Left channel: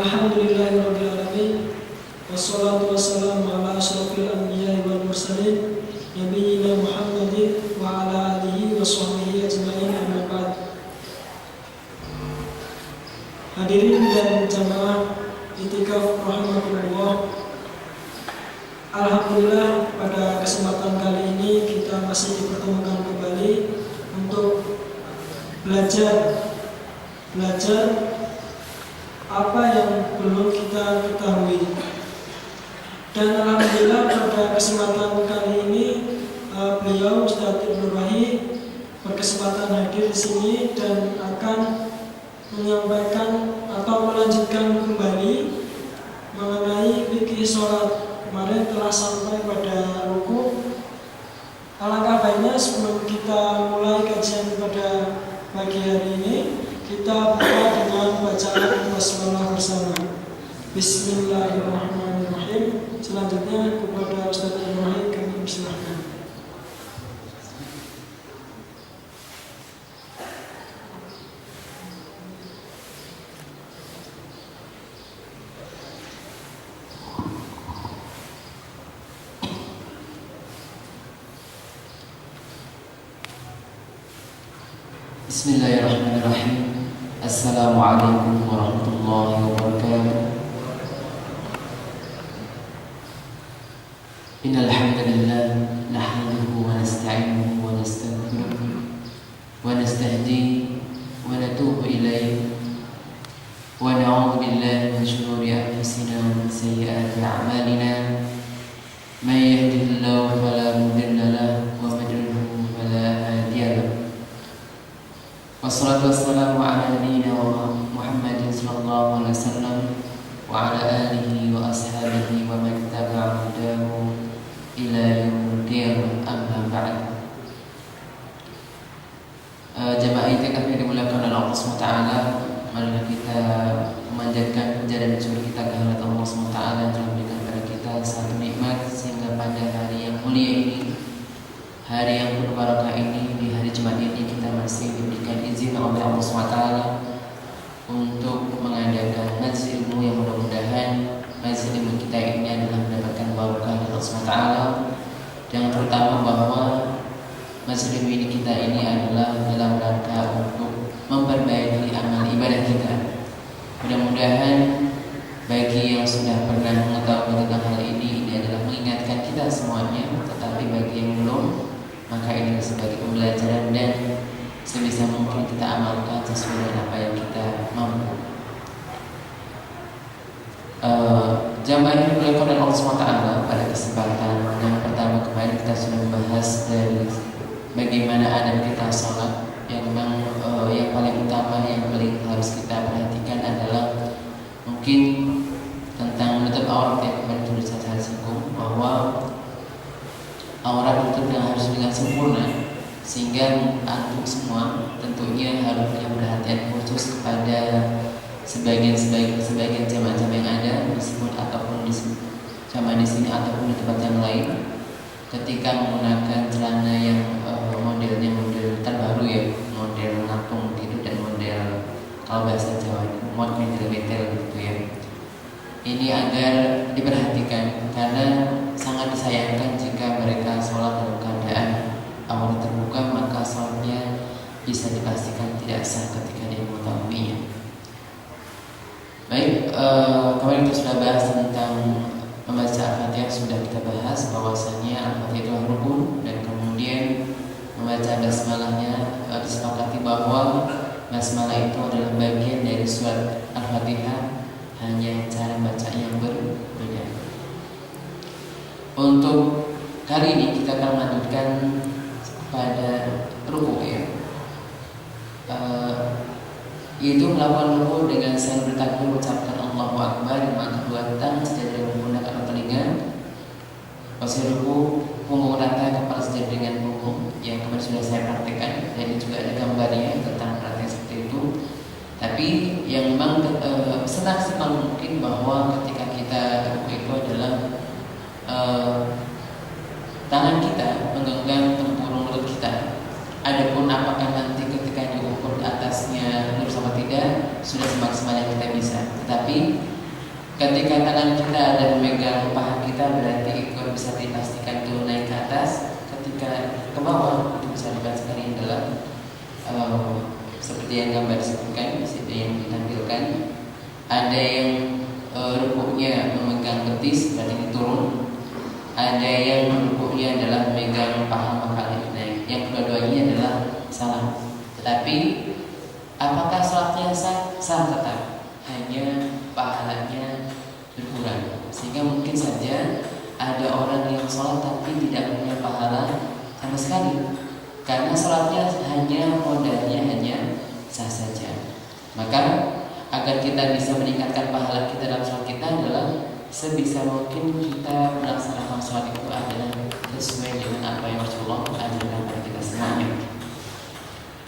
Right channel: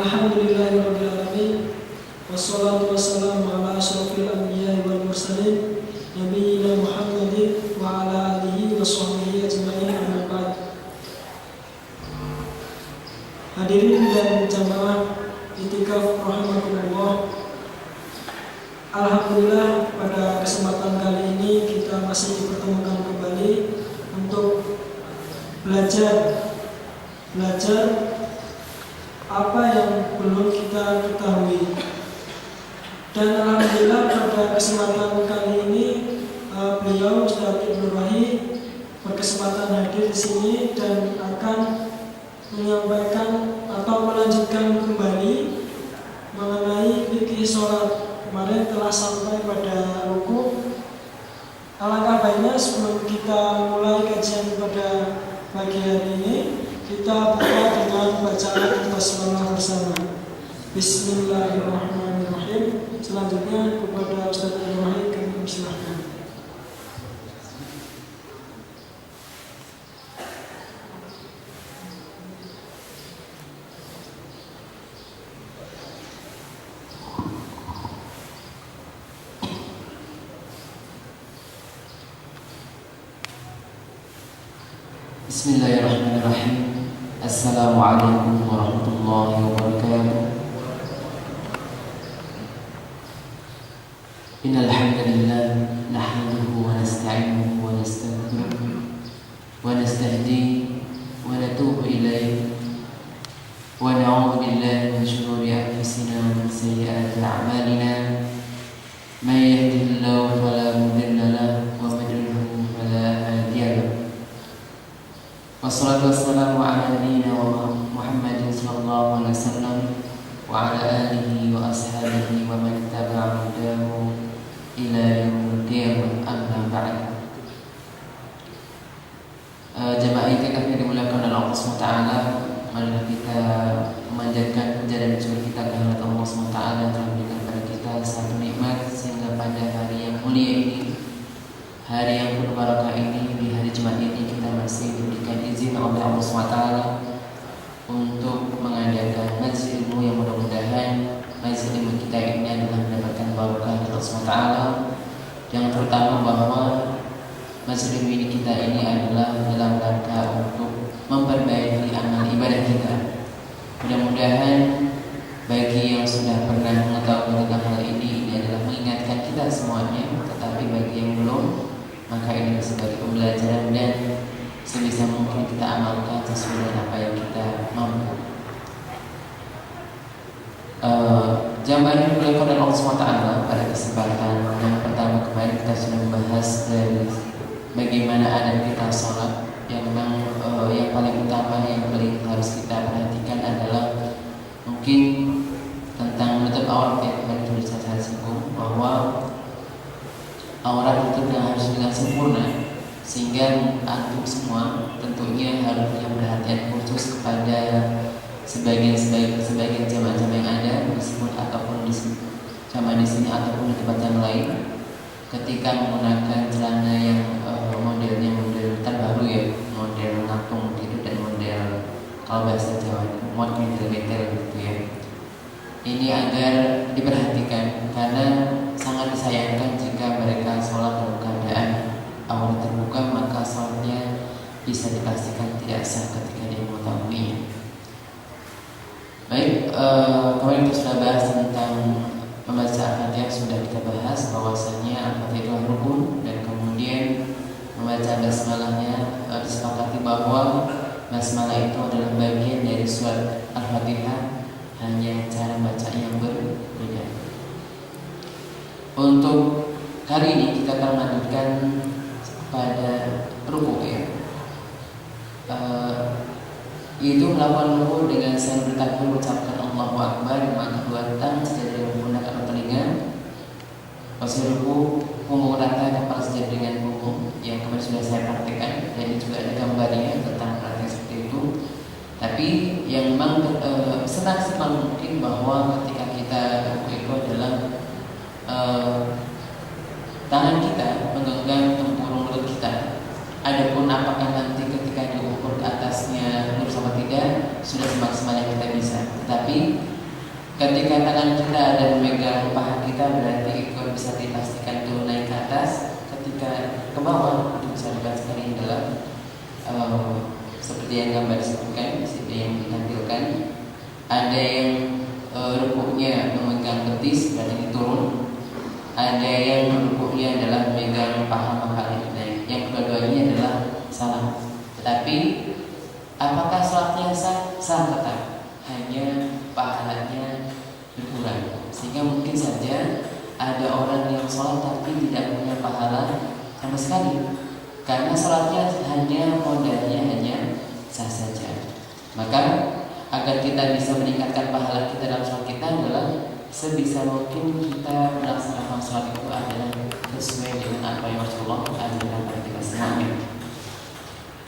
Alhamdulillahirabbil alamin. Wassalatu wassalamu ala asyrofil anbiya'i wal mursalin nabiyina Muhammadin wa ala alihi wa sahbihi ajma'in, amma ba'd. Hadirin dan jamaah I'tikaf rahimakumullah. Alhamdulillah, pada kesempatan kali ini kita masih dipertemukan kembali untuk belajar apa yang belum kita ketahui. Dan alhamdulillah pada kesempatan kali ini beliau Ustaz Ibnu Wahid berkesempatan hadir di sini dan akan menyampaikan atau melanjutkan kembali mengenai fikih sholat. Kemarin telah sampai pada rukuk. Alangkah baiknya sebelum kita mulai kajian pada pagi hari ini, kita buka dengan bacaan basmalah bersama. Bismillahirrahmanirrahim. Selanjutnya kepada Ustaz Ibrahim kami persilahkan. Bismillahirrahmanirrahim. Assalamualaikum warahmatullahi wabarakatuh. Innal hamdalillah nahmaduhu wa nasta'inuhu wa nastaghfiruh wa nastahdihi wa natubu ilayhi wa na'udzu billahi min shururi anfusina wa min sayyiati a'malina. May yahdihillahu fala mudilla lahu wa may yudlil fala hadiya lahu. Wassalatu wassalamu ala nabiyyina Muhammadin sallallahu alaihi wasallam wa ala alihi wa ashabihi wa man tabi'a hudahu ila yaumil qiyamah, amma ba'd. Jamaah i'tikaf yang dimuliakan oleh Allah SWT, mari kita memanjatkan puja dan syukur kita kehadirat Allah SWT yang telah memberikan kepada kita satu nikmat sehingga pada hari yang mulia ini, hari yang penuh barakah ini, di hari Jumat ini kita masih diberikan izin oleh Allah SWT untuk mengadakan majlis ilmu yang mudah-mudahan majlis ilmu kita ini adalah mendapatkan barakah dari Allah SWT. Yang terutama bahwa majlis ilmu ini kita ini adalah dalam rangka untuk memperbaiki amal ibadah kita. Mudah-mudahan bagi yang sudah pernah mengetahui tentang hal ini adalah mengingatkan kita semuanya, tetapi bagi yang belum, maka ini sebagai pembelajaran dan sebisa mungkin kita amalkan sesuai dengan apa yang kita mampu. Jamaah yang dimuliakan oleh Allah SWT, pada kesempatan yang pertama kemarin kita sudah membahas dari bagaimana adab kita sholat. Yang memang yang paling utama yang paling harus kita perhatikan adalah mungkin tentang menutup aurat, yang kemarin sudah saya singgung bahwa aurat itu harus dengan sempurna, sehingga antum semua tentunya harus punya perhatian khusus kepada sebagian jamaah yang ada disebut ataupun di jamaah di sini ataupun di tempat yang lain, ketika menggunakan celana yang modelnya model terbaru ya, model ngapung gitu, dan model kalau bahasa Jawa itu mod meter gitu ya. Ini agar diperhatikan karena sangat disayangkan jika mereka sholat dalam keadaan aurat terbuka, maka sholatnya bisa dipastikan tidak sah ketika dia mengetahuinya. Baik, kemarin kita sudah bahas tentang membaca Al-Fatihah, sudah kita bahas bahwasanya Al-Fatihah itu rukun, dan kemudian membaca basmalahnya disepakati bahwa basmalah itu adalah bagian dari surat Al-Fatihah, hanya cara bacanya yang berbeda. Untuk kali ini kita akan melanjutkan pada rukuk ya, yaitu melakukan rukuk dengan sambil bertakbir mengucapkan Allahu Akbar dengan kedua tangan sejajar menggunakan telinga. Posisi rukuk punggung rata, kepala sejajar dengan punggung, yang kemarin sudah saya praktekkan, dan juga ada gambarnya tentang praktek seperti itu. Tapi yang memang senang mungkin bahwa ketika kita rukuk itu adalah tangan kita menggenggam tempurung lutut kita. Adapun apakah nanti ketika diukur atasnya lurus sama tidak, sudah semaksimal yang kita bisa. Tetapi Ketika tangan kita ada memegang paha kita, berarti itu bisa dipastikan turun naik ke atas. Ketika ke bawah itu bisa dipastikan adalah seperti yang gambar disebutkan di situ yang ditampilkan. Ada yang rukuknya memegang betis, berarti ini turun. Ada yang rukuknya adalah memegang paha maka naik. Yang kedua-duanya adalah salah. Tetapi apakah sholatnya sah? Sah tetap, hanya pahalanya berkurang. Sehingga mungkin saja ada orang yang sholat tapi tidak punya pahala sama sekali, karena sholatnya hanya modalnya hanya sah saja. Maka agar kita bisa meningkatkan pahala kita dalam sholat kita adalah sebisa mungkin kita melaksanakan sholat itu adalah sesuai dengan apa yang Rasulullah ajarkan kepada kita semuanya.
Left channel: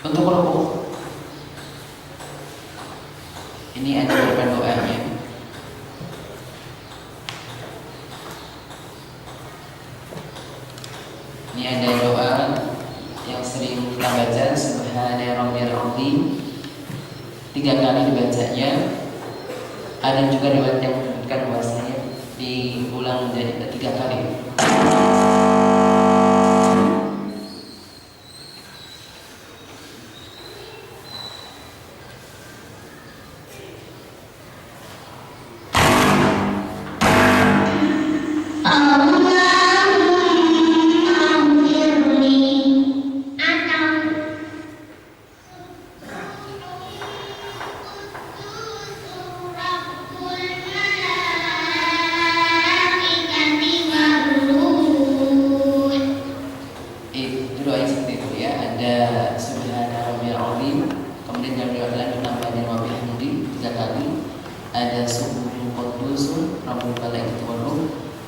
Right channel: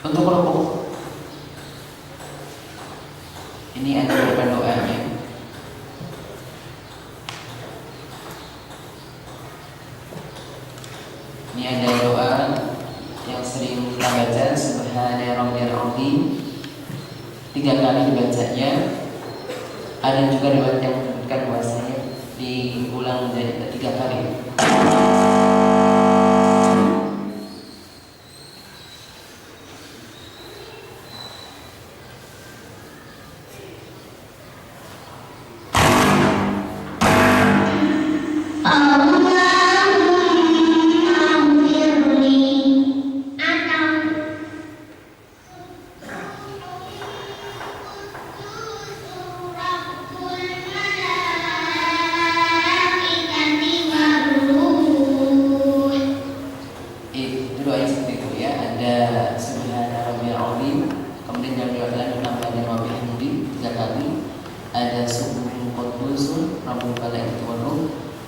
Untuk rukuk ini ada beberapa doanya. Ini ada doa yang sering kita baca, Subhana Rabbiyal Azim, 3 kali dibacanya. Ada juga riwayat yang menyebutkan bahwasanya diulang menjadi 3 kali.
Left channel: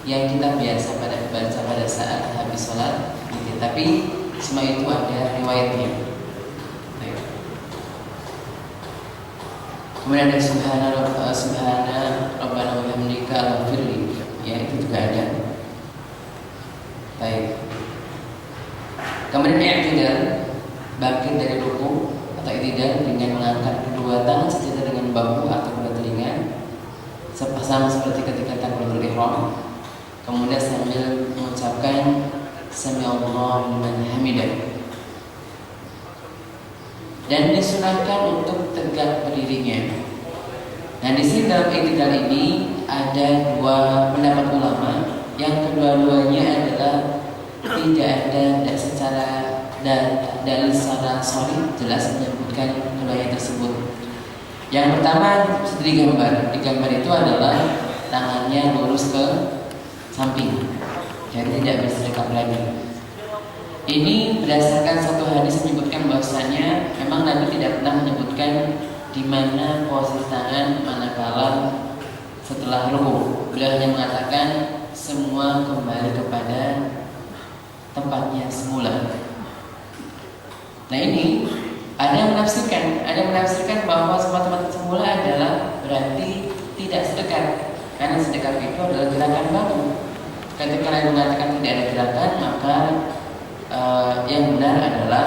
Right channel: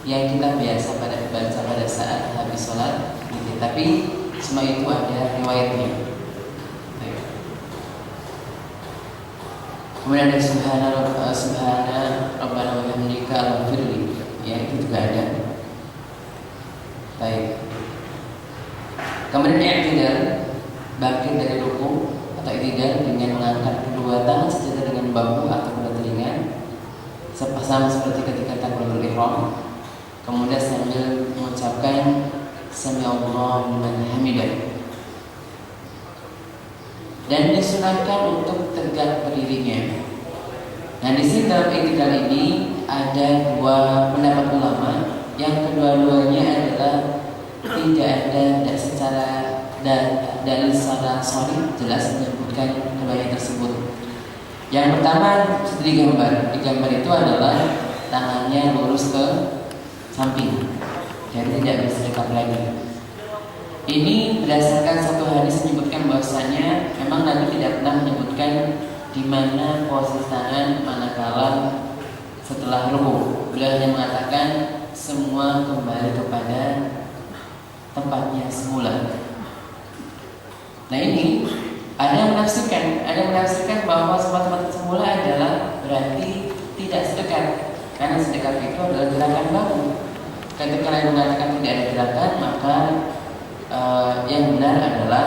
Yang kita biasa pada baca pada saat habis sholat gitu. Tapi semua itu ada riwayatnya. Kemudian ada Subhana Rabbana wa bihamdika al-firli, ya itu juga ada. Baik. Kemudian i'tidal, bangkit dari ruku atau i'tidal dengan mengangkat kedua tangan sejajar dengan bahu atau kedua telinga, sama seperti ketika takbiratul ihram. Kemudian sambil mengucapkan Sami'allahu liman hamidah. Dan disunahkan untuk tegak berdirinya. Nah, di sini dalam i'tidal ini ada 2 pendapat ulama. Yang kedua-duanya adalah tidak ada secara dalil secara sahih jelas menyebutkan keduanya tersebut. Yang pertama digambar itu adalah tangannya lurus ke samping, jadi tidak bersedekap lagi. Ini berdasarkan satu hadis menyebutkan bahwasanya memang Nabi tidak pernah menyebutkan di mana posisi tangan manakala setelah ruku. Beliau hanya mengatakan semua kembali kepada tempatnya semula. Nah ini ada yang menafsirkan bahwa tempat semula adalah berarti tidak sedekat, karena sedekat itu adalah gerakan baru. Ketika kalian mengatakan tidak ada gerakan, maka yang benar adalah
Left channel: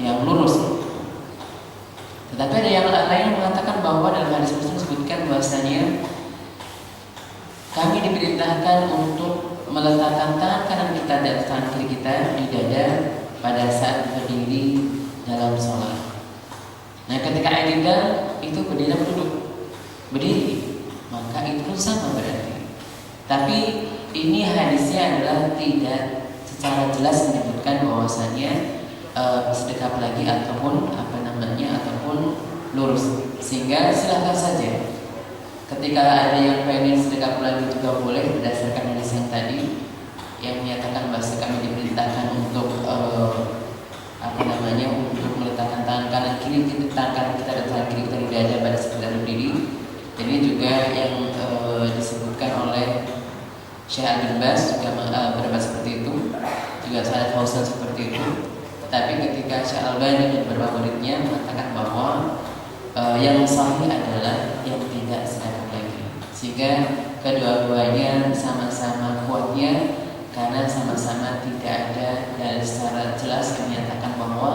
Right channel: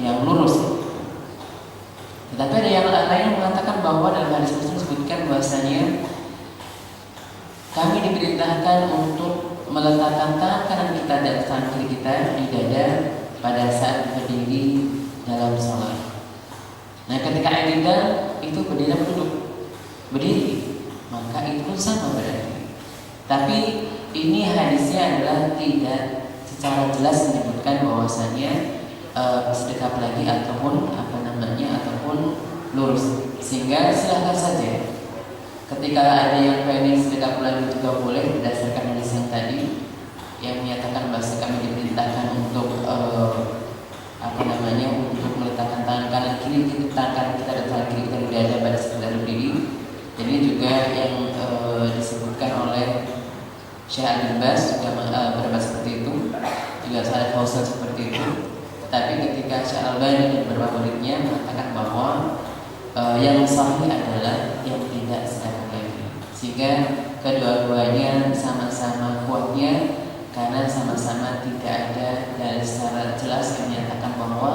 yang lurus. Tetapi ada yang lain yang mengatakan bahwa dalam hadis tersebut disebutkan bahwasanya kami diperintahkan untuk meletakkan tangan kanan kita dan tangan kiri kita di dada pada saat berdiri dalam sholat. Nah, ketika i'tidal itu berdiri atau duduk? Berdiri, maka itu sama berarti. Tapi ini hadisnya adalah tidak secara jelas menyebutkan bahwasanya sedekap lagi ataupun ataupun lurus. Sehingga silakan saja. Ketika ada yang pengen sedekap lagi juga boleh berdasarkan hadis yang tadi yang menyatakan bahwa kami diperintahkan untuk untuk meletakkan tangan kanan kiri tangan kita dan tangan kiri kita berada pada sekedar berdiri. Ini juga yang disebutkan oleh Syekh Abdul Bas juga berpendapat seperti itu, juga Syekh Fauzan seperti itu. Tetapi ketika Syekh Al-Albani dan beberapa muridnya mengatakan bahwa yang sahih adalah yang tidak sedekap lagi, sehingga kedua-duanya sama-sama kuatnya karena sama-sama tidak ada dari secara jelas yang menyatakan bahwa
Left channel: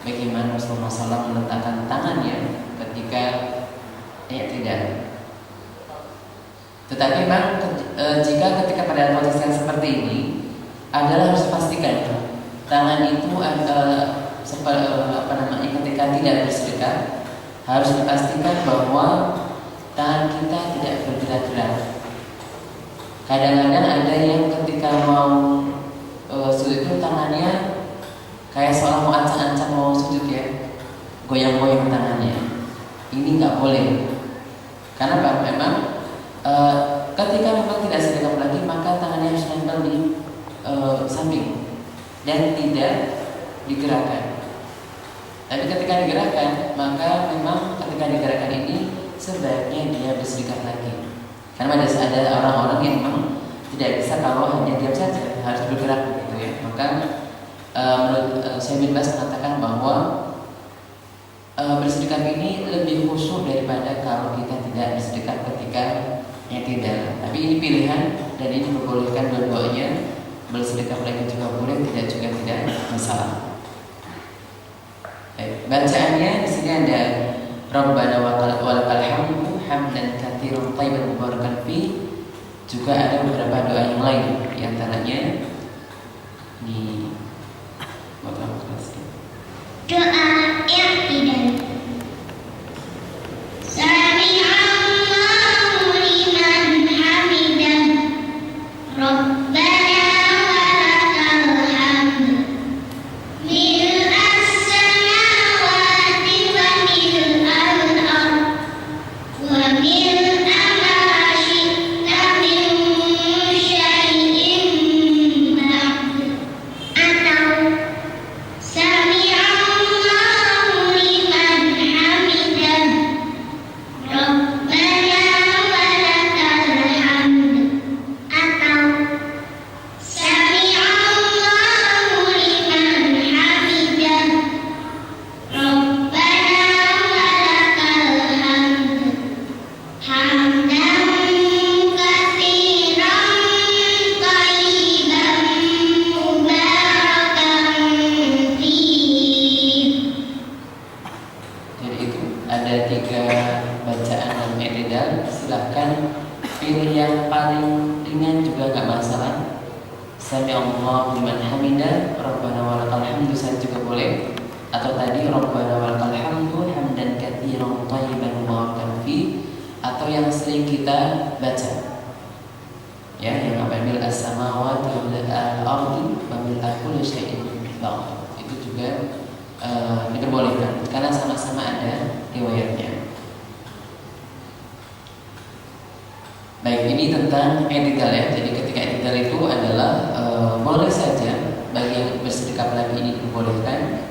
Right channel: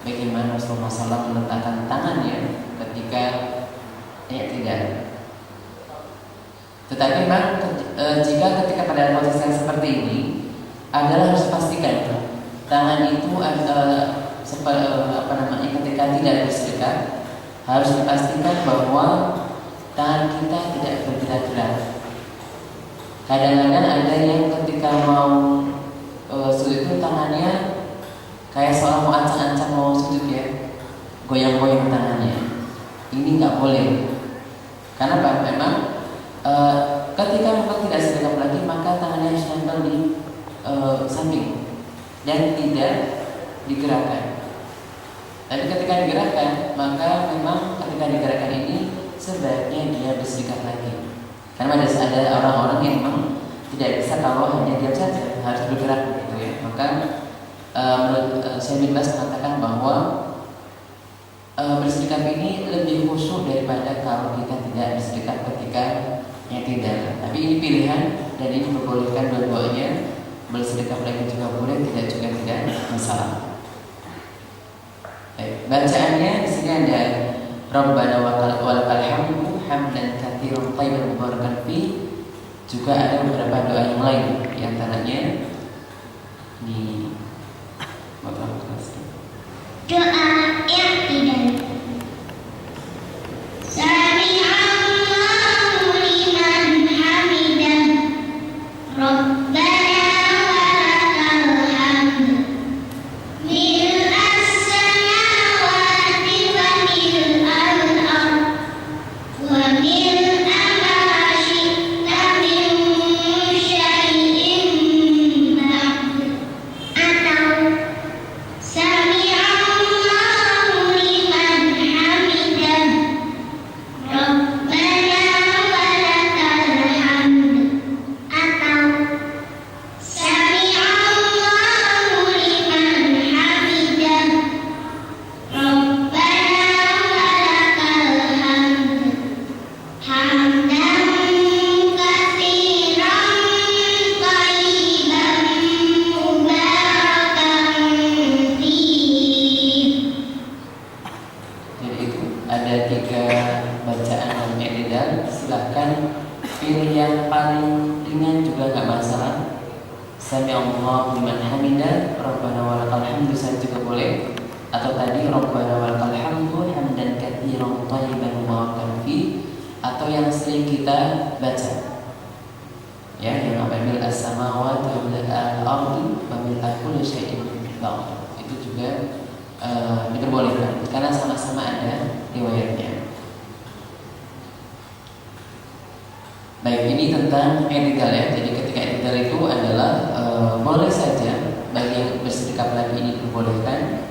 bagaimana Rasulullah SAW meletakkan tangannya ketika tidak. Tetapi memang jika ketika pada posisi yang seperti ini adalah harus pastikan tangan itu ketika tidak bersedekat harus dipastikan bahwa tangan kita tidak bergerak-gerak. Kadang-kadang ada yang ketika mau sujud itu tangannya kayak seolah mau ancang-ancang mau sujud ya, goyang-goyang tangannya. Ini nggak boleh. Karena memang ketika memang tidak sedekat lagi maka tangannya harus nempel di samping dan tidak digerakkan. Tapi ketika digerakkan maka memang ketika digerakkan ini sebaiknya dia bersedekat lagi. Karena ada orang-orang yang memang tidak bisa kalau hanya diam saja, harus bergerak begitu ya. Maka menurut Syekh bin Baz mengatakan bahwa bersedekat ini lebih khusyuk daripada kalau kita tidak bersedekat ketika i'tidal. Tapi ini pilihan dan ini diperbolehkan dua-duanya. Bersedekah lagi juga boleh, tidak juga tidak masalah. Baik, bacaannya di sini ada Rabbana walakal hamdu hamdan katsiran thayyiban mubarakan fi. Juga ada beberapa doa yang lain, di antaranya di doa i'tidal. Sami'allahu liman hamidah. Rabbana diperbolehkan karena sama-sama ada riwayatnya. Baik, ini tentang i'tidal ya. Jadi ketika i'tidal itu adalah boleh saja bagi yang bersedekap lagi ini diperbolehkan.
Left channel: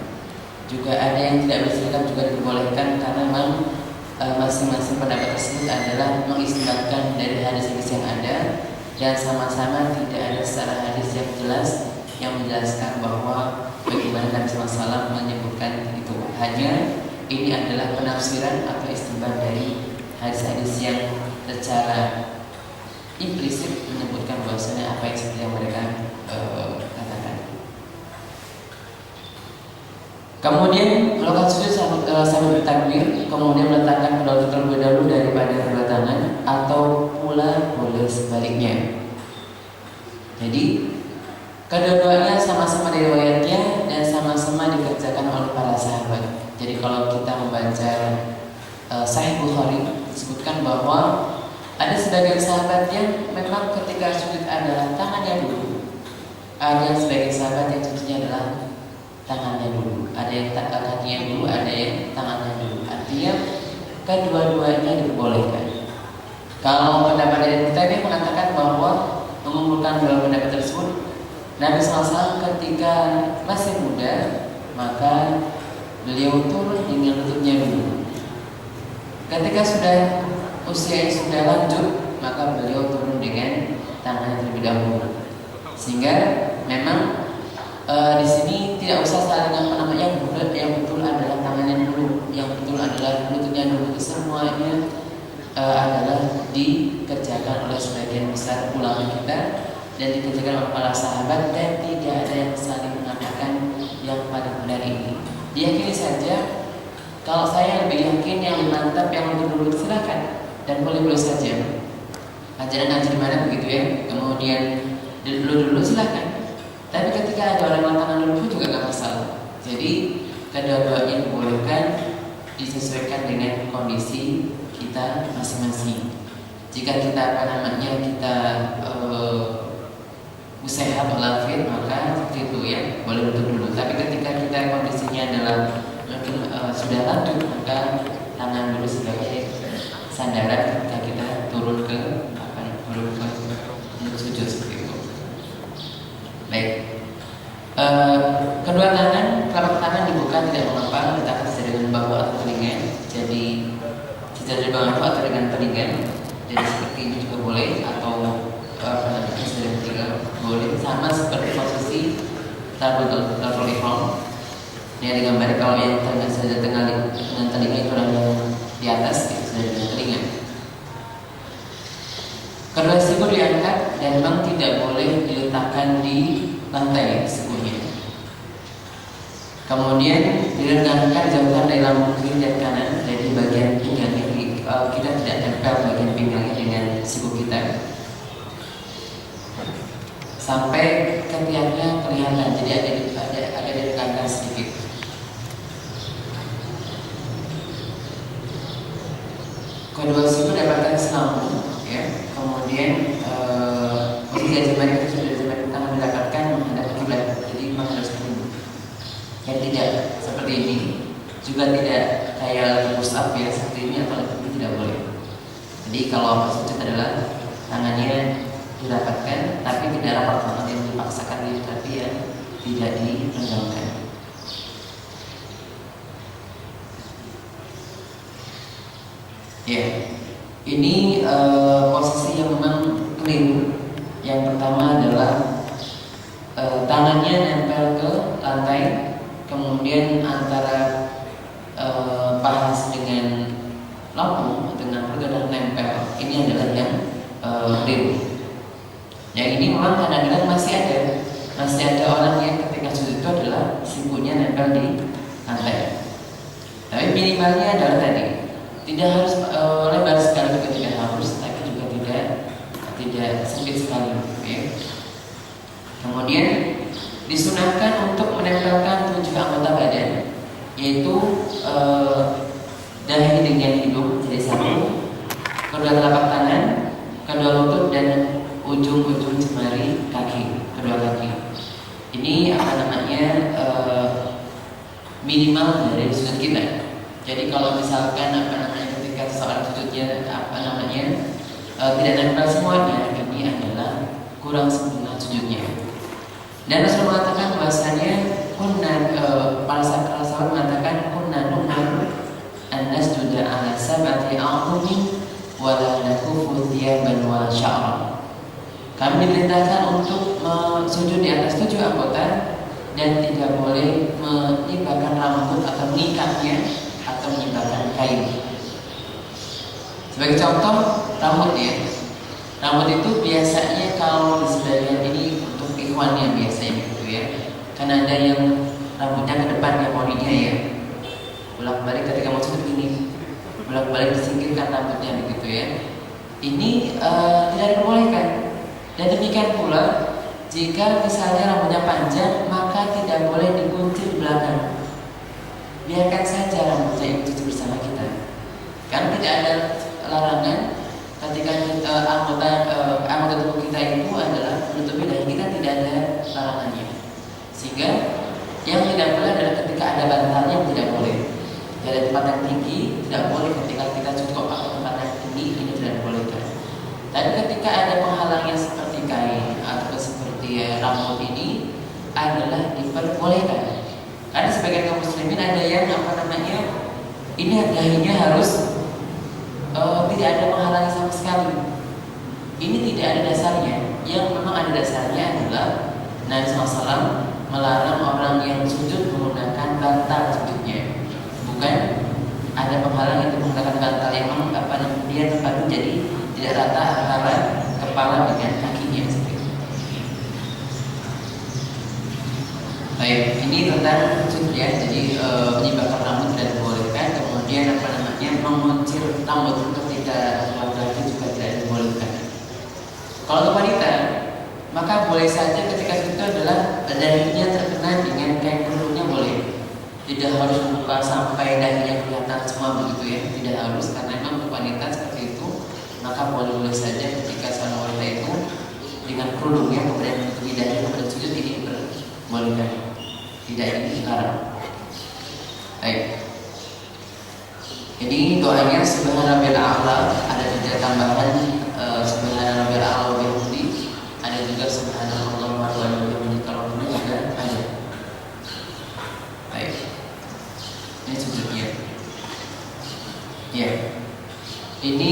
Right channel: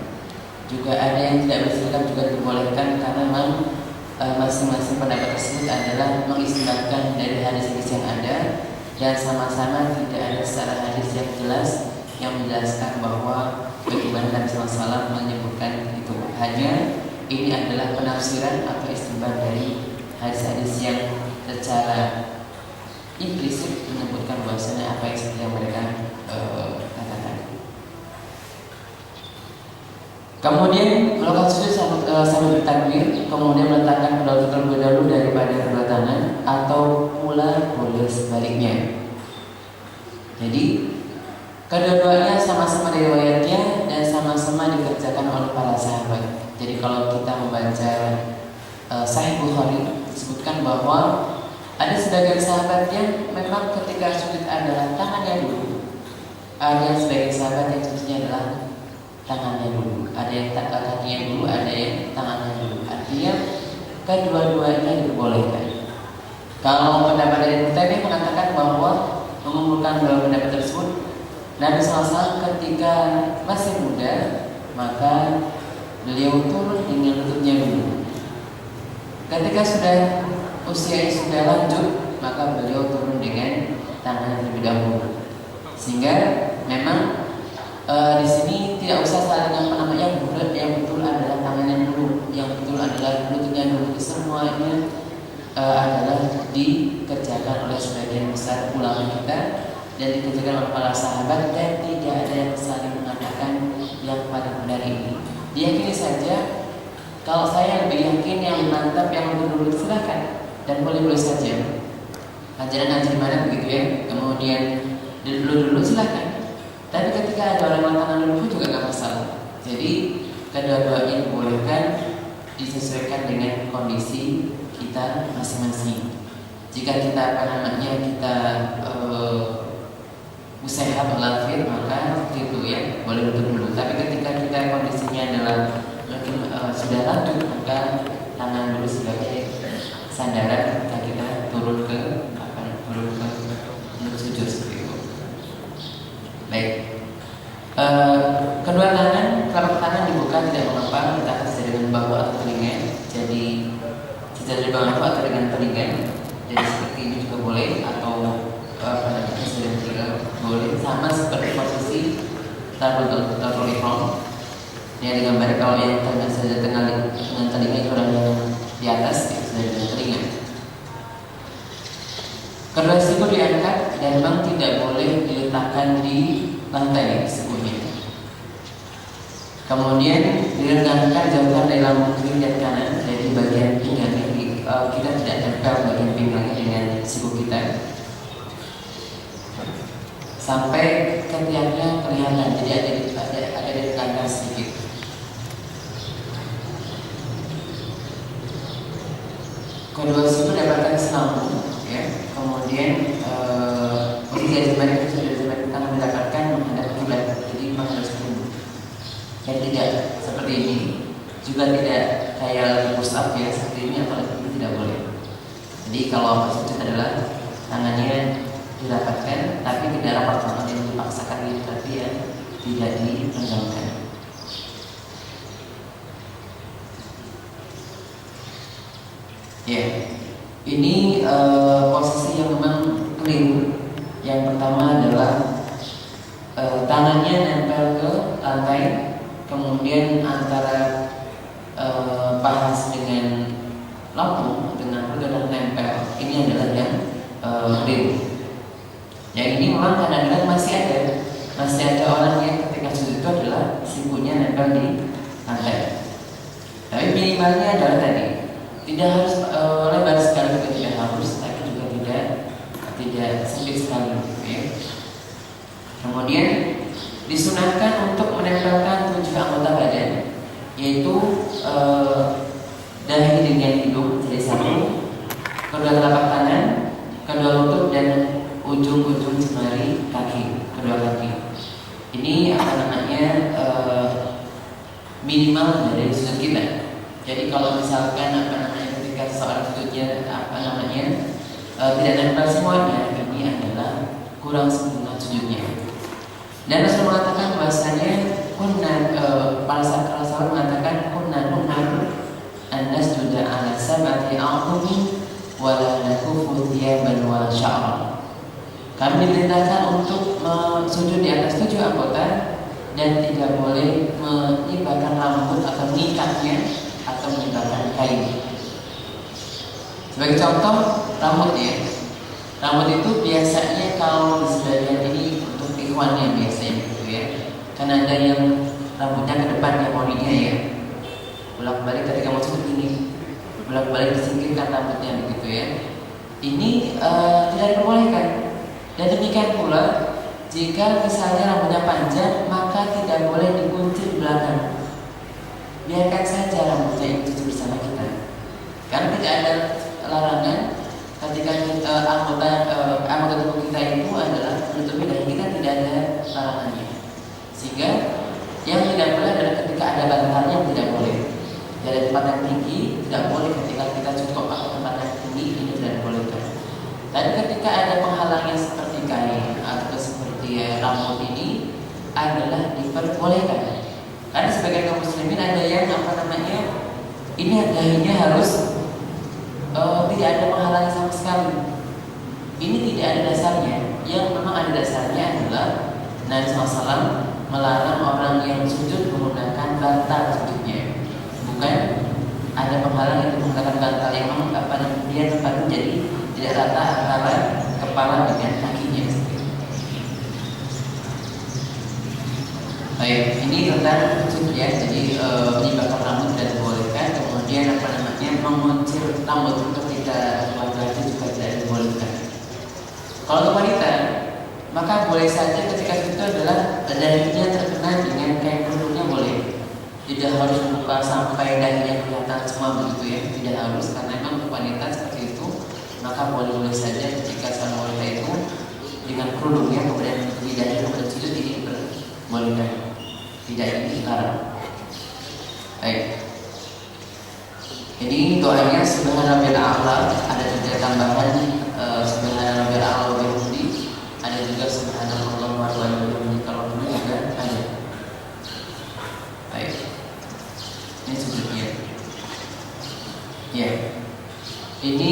Juga ada yang tidak bersedekap juga diperbolehkan karena memang masing-masing pendapat tersebut adalah mengistilahkan dari hadis-hadis yang ada dan sama-sama tidak ada secara hadis yang jelas yang menjelaskan bahwa bagaimana Nabi SAW menyebutkan itu. Hanya ini adalah penafsiran atau istinbat dari hadis-hadis yang secara implisit menyebutkan bahwasanya apa yang seperti yang mereka katakan. Kemudian melakukan sujud sambil bertakbir, kemudian meletakkan kedua terlebih dahulu daripada kedua tangan, atau pula boleh sebaliknya. Jadi kedua-duanya sama-sama riwayatnya dan sama-sama dikerjakan oleh para sahabat. Jadi kalau kita membaca Sahih Bukhari disebutkan bahwa ada sebagian sahabat yang memang ketika sujud adalah tangannya dulu. Ada sebagian sahabat yang sujudnya adalah tangannya dulu. Ada yang kakinya dulu, ada yang tangannya dulu. Artinya kedua-duanya diperbolehkan. Kalau pendapat dari kita ini mengatakan bahwa mengumpulkan dua pendapat tersebut, Nabi SAW ketika masih muda maka beliau turun dengan lututnya dulu. Ketika sudah usianya sudah lanjut maka beliau turun dengan tangan terlebih dahulu. Sehingga memang di sini tidak usah saling yang betul adalah tangannya dulu, yang betul adalah lututnya dulu. Semuanya adalah dikerjakan oleh sebagian besar ulama kita dan dikerjakan oleh para sahabat, dan tidak ada yang saling mengatakan yang paling benar ini. Diyakini saja. Kalau saya lebih yakin yang mantap yang lebih dulu, silakan dan boleh-boleh saja. ajaran ngaji di mana begitu ya. Kemudian dulu silahkan. Tapi ketika ada orang mengatakan dulu juga nggak masalah. Jadi kedua-dua ini dibolehkan disesuaikan dengan kondisi kita masing-masing. Jika kita kita sehat walafiat maka itu ya boleh duduk dulu. Tapi ketika kita kondisinya adalah mungkin sudah lanjut maka tangan dulu sebagai sandaran ketika kita turun ke untuk sujud seperti itu. Baik. Kedua tangan, telapak tangan dibuka tidak mengapa, letakkan sejajar dengan bahu atau telinga. Jadi sejajar dengan bahu atau dengan telinga. Jadi seperti ini juga boleh atau sejajar juga boleh. Sama seperti posisi tabul ihram. Yang digambar kalau yang sejajar dengan telinga itu orang yang di atas itu sejajar dengan telinga. Kedua siku diangkat dan memang tidak boleh diletakkan di lantai sikunya. Kemudian diregangkan jauhkan dari lambung kiri dan kanan, jadi bagian pinggang ini kita tidak tempel bagian pinggangnya dengan siku kita sampai ketiaknya kelihatan, jadi ada diregangkan sedikit. Kedua siku dapatkan selambung, ya. Kemudian posisi jari jemari tangan didapatkan menghadap kiblat, jadi menghadap sebelum. Dan tidak seperti ini, juga tidak kayak push up ya seperti ini, atau ini tidak boleh. Jadi kalau maksudnya adalah tangannya didapatkan, tapi tidak rapat banget yang dipaksakan diri, tapi ya tidak dipenjamkan. Ya, ini posisi yang memang keliru. Yang pertama adalah tangannya nempel ke lantai, kemudian antara paha dengan lambung dengan pergelangan nempel. Ini adalah yang keliru. Yang ini memang kadang-kadang masih ada orang yang ketika sujud itu adalah sikunya nempel di lantai. Tapi minimalnya adalah tadi, tidak harus lebar sekali, juga tidak harus, tapi juga tidak sempit sekali. Ya. Kemudian disunahkan untuk menempelkan 7 anggota badan, yaitu dahi dengan hidung jadi satu, kedua telapak tangan, kedua lutut dan ujung-ujung jemari kaki, kedua kaki. Ini minimal dari sujud kita. Jadi kalau misalkan ketika seorang sujudnya tidak nempel semuanya, ini adalah kurang sempurna sujudnya. Dan Rasul mengatakan bahwasanya para sahabat mengatakan kunna an-nasjuda ala sab'ati a'dhumin wa la nakufu thiyaban wa sya'ran. Kami diperintahkan untuk sujud di atas 7 anggota dan tidak boleh menyibarkan rambut atau mengikatnya atau menyibarkan kain. Sebagai contoh, rambut ya. Rambut itu biasanya kalau di sebagian ini untuk ikhwannya biasanya gitu ya. Karena ada yang rambutnya ke depan yang moninya ya. Bolak-balik ketika mau sujud ini, bolak-balik disingkirkan rambutnya begitu ya. Ini tidak diperbolehkan. Dan demikian pula jika misalnya rambutnya panjang, maka tidak boleh digunting di belakang. Biarkan saja rambutnya itu bersama kita. Karena tidak ada larangan ketika anggota tubuh kita itu adalah menutupi dahi kita, tidak ada larangannya. Sehingga yang tidak boleh adalah ketika ada bantalnya tidak boleh. Ada tempat yang tinggi tidak boleh, ketika kita cukup atau tempat yang tinggi ini tidak dibolehkan. Tapi ketika ada penghalangnya seperti kain atau seperti rambut ini adalah diperbolehkan. Karena sebagai kaum muslimin ada yang ini dahinya harus tidak ada penghalangi sama sekali. Ini tidak ada dasarnya. Yang memang ada dasarnya adalah Nabi SAW melarang orang yang sujud menggunakan bantal sujudnya. Bukan ada penghalang yang menggunakan bantal yang memang dia tempatnya jadi tidak rata antara kepala dengan kakinya. Baik, ini tentang sujud ya. Jadi menyibarkan rambut dan dibolehkan. Kemudian menguncir rambut ketika laki-laki juga tidak dibolehkan. Kalau untuk wanita, maka boleh saja ketika itu adalah dahinya terkena dengan kain kerudungnya boleh. Tidak harus membuka sampai dahinya kelihatan semua begitu ya, tidak harus, karena memang untuk wanita seperti itu, maka boleh saja ketika sang wanita itu dengan kerudungnya kemudian di dahi kemudian sujud, ini diperbolehkan, tidak ini dilarang. Baik. Jadi doanya Subhana Rabbil A'la, ada juga tambahan Subhana Rabbil A'la wa bihamdi, ada juga Subhanallah wa bihamdi, kalau dulu juga ada. Baik. Ini sujudnya. Ya. Ini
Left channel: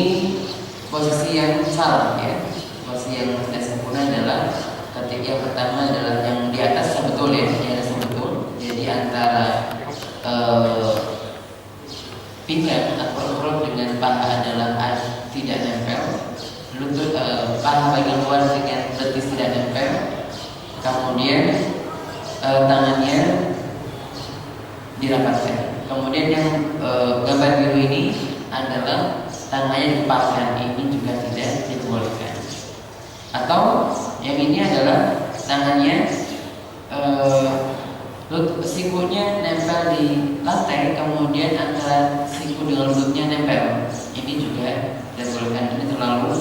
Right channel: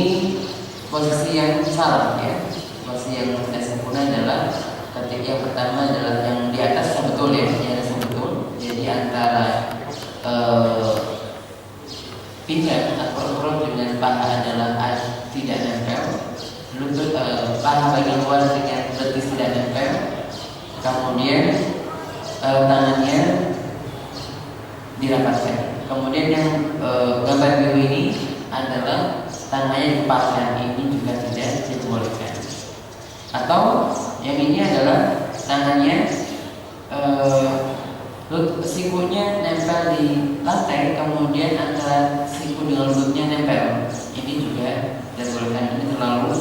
posisi yang salah ya. Posisi yang tidak sempurna adalah ketika yang pertama adalah yang di atas yang betul ya, di atas yang betul. Jadi antara pinggang atau perut dengan paha adalah tidak nempel, lutut paha bagian luar dengan betis tidak nempel, kemudian tangannya dirapatkan. Kemudian yang gambar biru ini adalah tangannya dipasang, ini juga tidak dibolehkan. Atau yang ini adalah tangannya sikunya nempel di lantai, kemudian antara siku dengan lututnya nempel, ini juga dibolehkan, ini terlalu.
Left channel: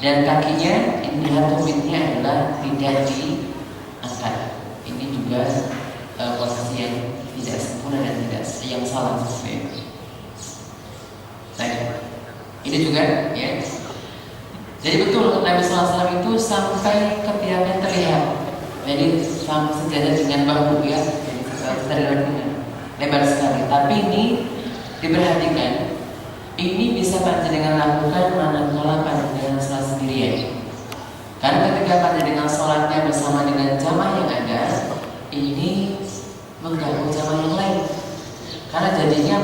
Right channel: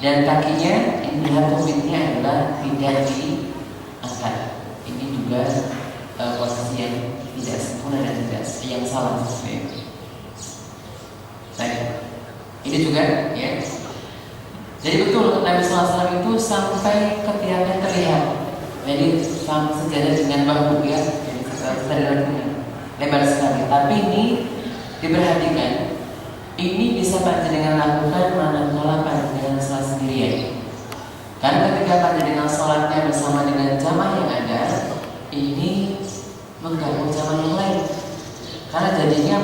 Dan kakinya, ini lihat tumitnya adalah tidak diangkat, ini juga posisi yang tidak sempurna dan tidak yang salah. Baik, ini juga ya. Jadi betul Nabi SAW itu sampai ketiaknya terlihat. Jadi sejajar dengan bahu ya, lebar sekali. Tapi ini diperhatikan, ini bisa panjenengan lakukan manakala panjenengan sholat sendirian. Karena ketika panjenengan sholatnya bersama dengan jamaah yang ada, ini mengganggu jamaah yang lain. Karena jadinya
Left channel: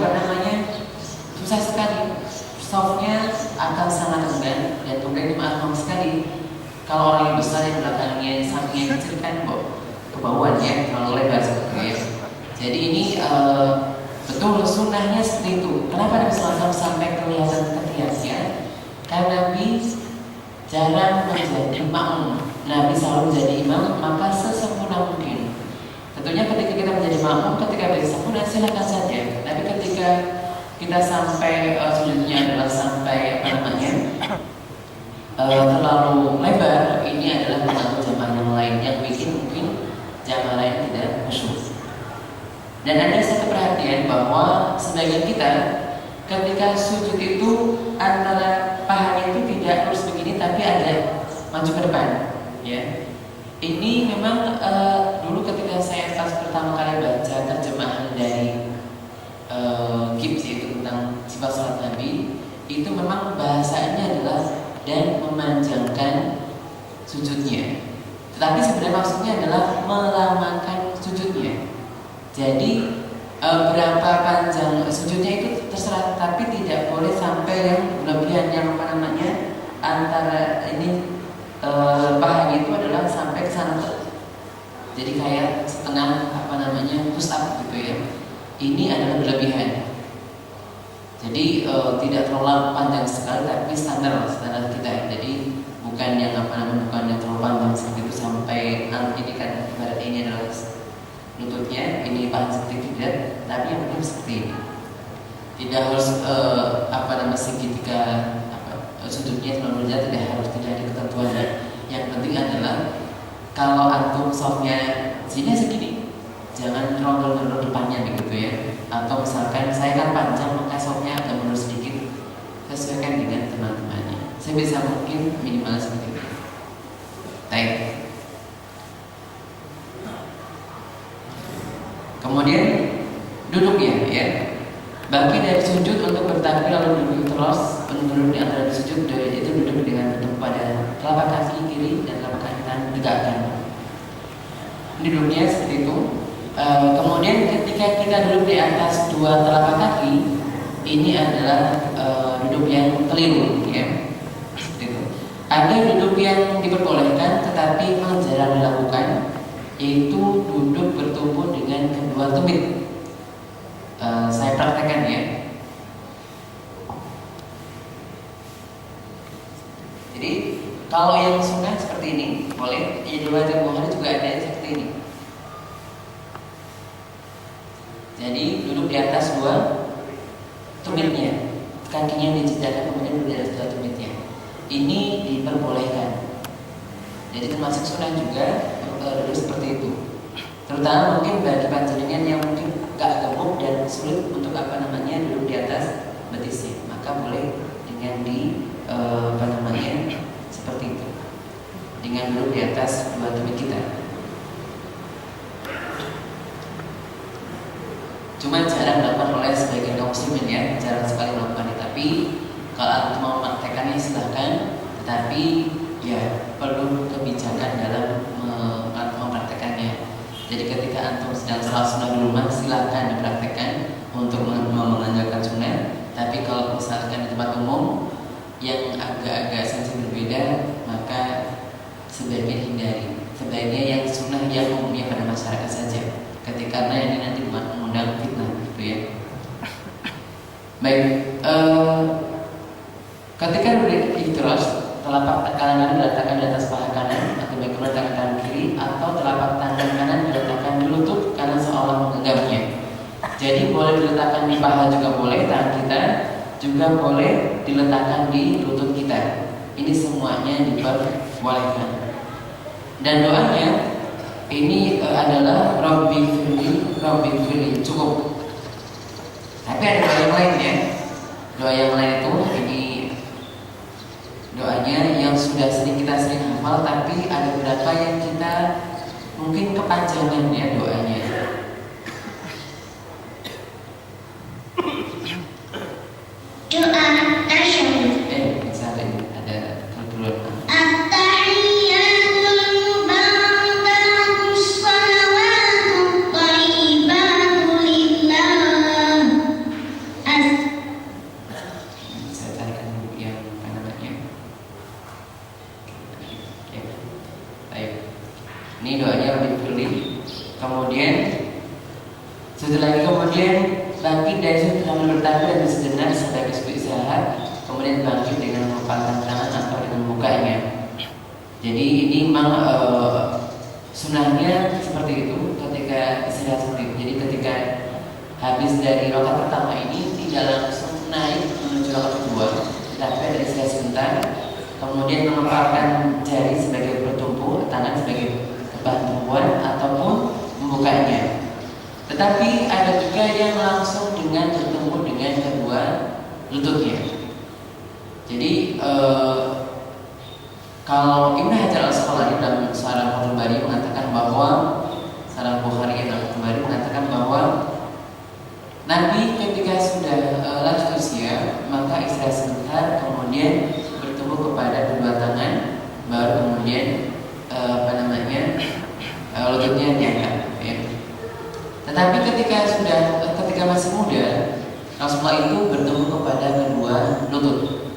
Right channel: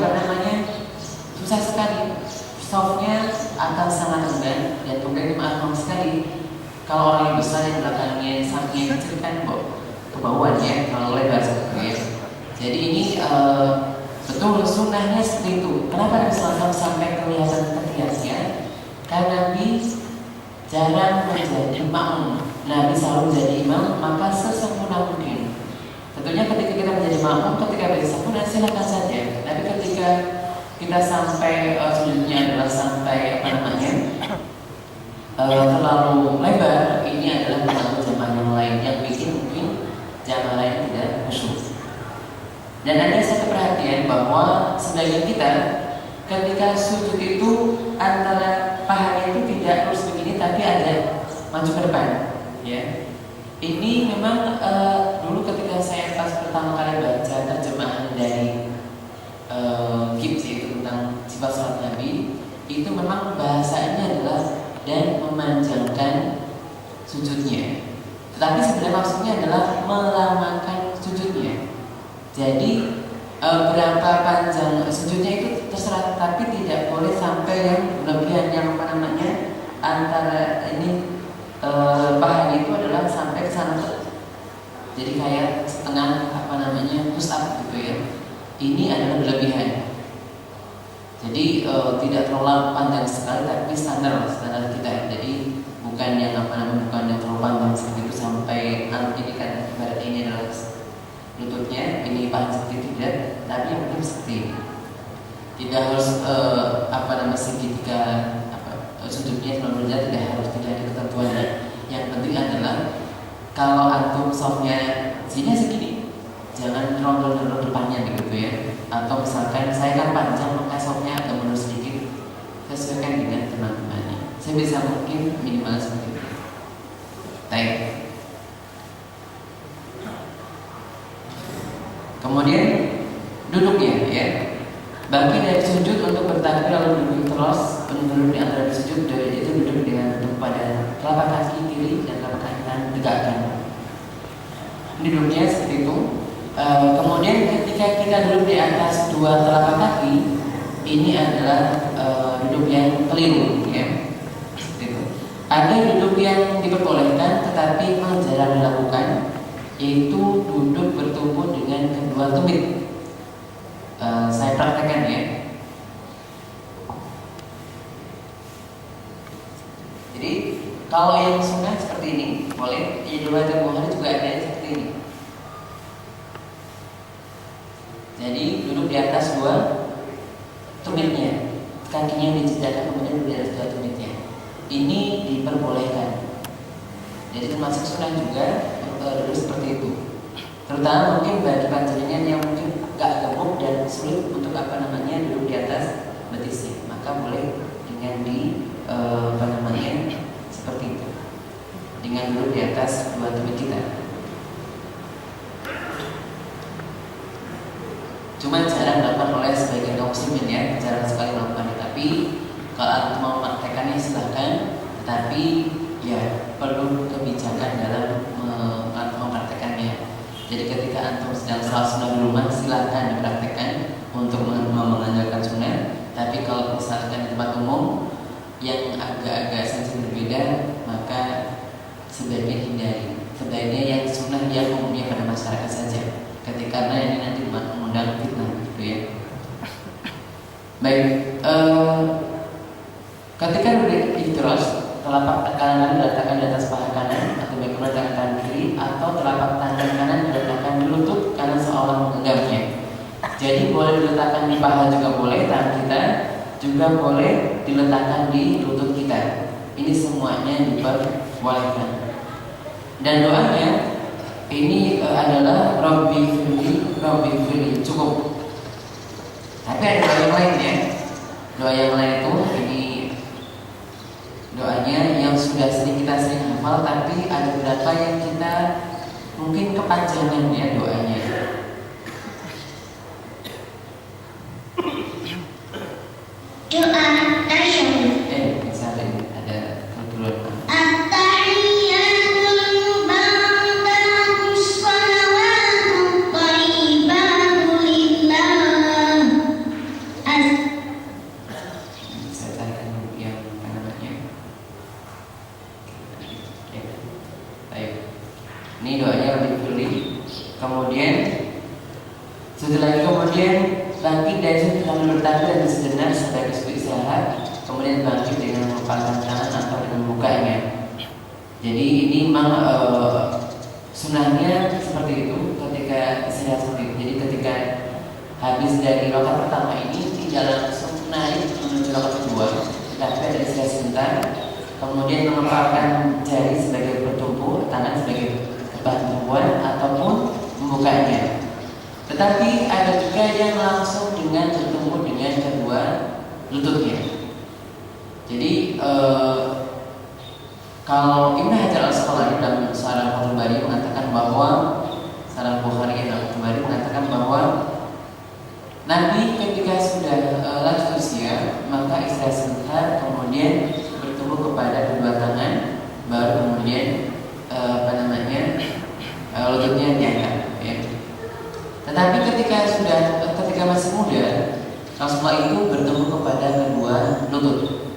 susah sekali. Softnya akan sangat rendah dan kemudian maaf sekali. Kalau orang yang besar yang belakangnya sampingnya kecil kan ke bawah ya, kalau lebar seperti itu. Jadi ini betul sunnahnya seperti itu. Kenapa Nabi SAW sampai kelihatan ketiaknya? Karena Nabi jarang menjadi makmum. Nabi selalu menjadi imam, maka sesempurna mungkin. Tentunya ketika kita menjadi makmum, ketika bersempurna silakan saja. Tapi ketika kita sampai sujudnya adalah sampai terlalu lebar, ini adalah mengganggu jamaah yang lain, yang bikin mungkin jamaah lain tidak khusyuk. Dan ada satu perhatian bahwa sebagian kita ketika sujud itu antara pahanya itu tidak terus begini, tapi ada maju ke depan. Ya, ini memang dulu ketika saya pas pertama kali baca terjemahan dari Gibbs itu tentang sifat salat Nabi, itu memang bahasanya adalah dan memanjangkan sujudnya. Tetapi sebenarnya maksudnya adalah melamakan sujudnya. Jadi berapa panjang sujudnya itu terserah, tapi tidak boleh sampai yang berlebihan, yang antara ini pahanya itu adalah sampai ke sana. Jadi kayak setengah push up gitu ya. Ini adalah berlebihan. Jadi tidak terlalu panjang sekali, tapi standar kita. Jadi bukan yang bukan yang terlalu panjang seperti itu sampai ini kan berarti ini adalah lututnya, ini paling sedikit, tapi yang penting seperti ini. Tidak harus segitiga sudutnya terlalu rendah, tidak harus, tidak ada ketentuannya. Yang penting adalah kalau antum softnya sini segini, jangan terlalu depannya begitu ya. Atau misalkan saya kan panjang, maka softnya agak mundur sedikit, sesuaikan dengan teman-temannya. Saya bisa mungkin minimal seperti itu. Baik. Kemudian duduknya ya. Bangkit dari sujud untuk bertakbir lalu duduk terus, duduk di antara sujud, itu duduk dengan bentuk pada telapak kaki kiri dan telapak kaki kanan tegakkan. Duduknya seperti itu. Kemudian ketika kita duduk di atas dua telapak kaki, ini adalah duduk yang keliru ya. Seperti itu. Ada duduk yang diperbolehkan tetapi memang jarang dilakukan, yaitu duduk bertumpu dengan kedua tumit. Saya praktekkan ya. Jadi Kalau yang sunnah seperti ini boleh. Yang riwayat Bukhari juga ada seperti ini. Jadi duduk di atas dua tumitnya, kakinya dijejakkan kemudian duduk di atas dua tumitnya. Ini diperbolehkan. Jadi termasuk sunnah juga duduk seperti itu. Terutama mungkin bagi panjenengan yang mungkin gak gemuk dan sulit untuk duduk di atas betisnya, maka boleh dengan seperti itu, dengan duduk di atas dua tumit kita. Cuma jarang dilakukan oleh sebagian kaum muslimin ya, jarang sekali melakukannya. Tapi kalau antum mau mempraktekannya silahkan, tetapi ya perlu kebijakan dalam mempraktekannya. Jadi ketika antum sedang salat sunnah di rumah, silahkan dipraktekkan untuk mengajarkan sunnah. Tapi kalau misalkan di tempat umum yang agak-agak sensitif berbeda, maka sebaiknya hindari. Sebaiknya yang sunnah yang umumnya pada masyarakat saja. Karena ini nanti mengundang fitnah, gitu ya. Baik, ketika berdiri iftirosh, telapak kanan diletakkan di atas paha kanan, atau baik meletakkan tangan kiri, atau telapak tangan kanan diletakkan di lutut karena seolah menggenggamnya. Jadi boleh diletakkan di paha juga boleh, tangan kita juga boleh diletakkan di lutut kita. Ini semuanya diperbolehkan. Dan doanya ini adalah Rabbi firli, cukup. Tapi ada doa yang lain ya. Doa yang lain itu ini doanya yang sudah kita sering hafal, tapi ada beberapa yang kita mungkin kepanjangan ya doanya. Doa tasyahud. Misalnya ada keperluan. At-tahiyyatul mubarakatus shalawatut thayyibatu lillah. Saya carikan yang namanya. Ya. Baik. Ini doanya lebih dulu. Kemudian setelah itu bangkit dari sudut sambil bertanda dan sejenak sebagai sudut istirahat. Kemudian bangkit dengan mengepalkan tangan atau dengan membukanya. Jadi ini memang sunnahnya seperti itu ketika istirahat seperti itu. Jadi ketika habis dari rakaat pertama ini tidak langsung naik menuju rakaat kedua, tetapi ada istirahat sebentar. Kemudian mengepalkan jari sebagai bertumpu, tangan sebagai bahan tumpuan ataupun membukanya. Tetapi ada juga yang langsung dengan bertemu dengan kedua lututnya. Jadi kalau Ibnu Hajar Al-Asqalani dalam Syarah Fathul Bari mengatakan bahwa Nabi ketika sudah lanjut usia maka istirahat sebentar, kemudian bertemu kepada kedua tangan, baru kemudian lututnya diangkat. Ya. Tetapi ketika masih muda, Rasulullah itu bertemu kepada kedua lutut.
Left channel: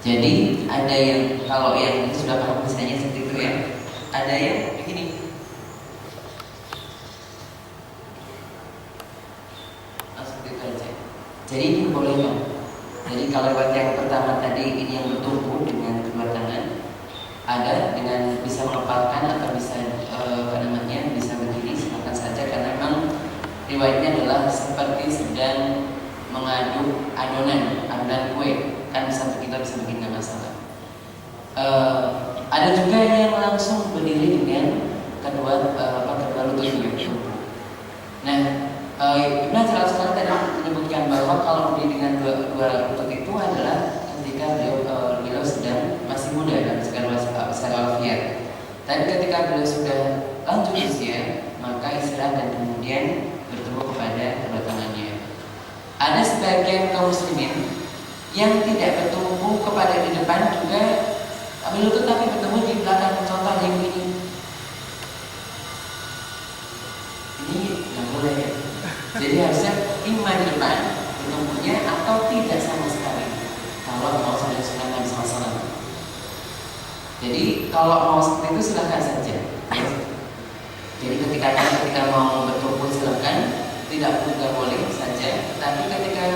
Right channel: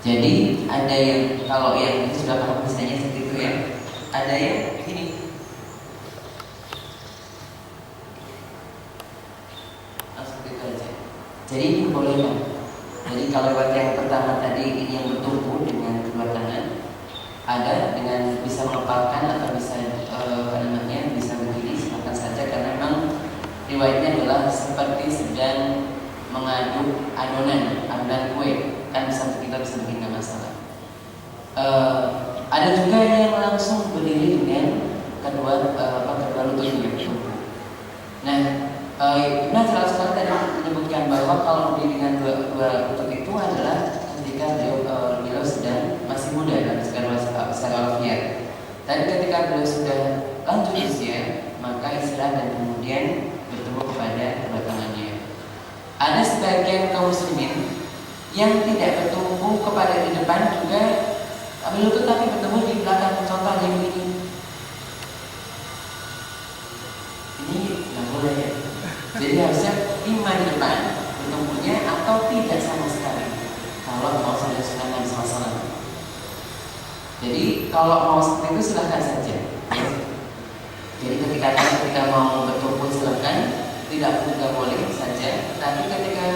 Jadi ada yang kalau yang itu sudah paham misalnya seperti itu ya. Ada yang begini. Langsung itu aja. Jadi ini dibolehkan. Jadi kalau buat yang pertama tadi ini yang bertumpu dengan kedua tangan, ada dengan bisa mengepalkan atau bisa bisa begini, silakan saja karena memang riwayatnya adalah seperti sedang mengaduk adonan kue, kan kita bisa bikin nggak masalah. Ada juga yang langsung berdiri dengan kedua lututnya. Nah, Ibnu Hajar Al-Asqalani tadi menyebutkan bahwa kalau berdiri dengan dua lutut itu adalah ketika beliau sedang masih muda dan secara walafiat. Tapi ketika beliau sudah lanjut usia, maka istirahat dan kemudian bertemu kepada kedua tangannya. Ada sebagian kaum muslimin yang tidak bertumpu kepada di depan juga berlutut tapi bertemu di belakang, contoh yang ini. Ini nggak boleh ya. Jadi harusnya lima di depan bertumpunya atau tidak sama sekali. Kalau mau saja sunnah Nabi SAW. Jadi kalau mau seperti itu silahkan saja. Jadi ketika mau bertumpu silahkan, tidak boleh saja. Tapi ketika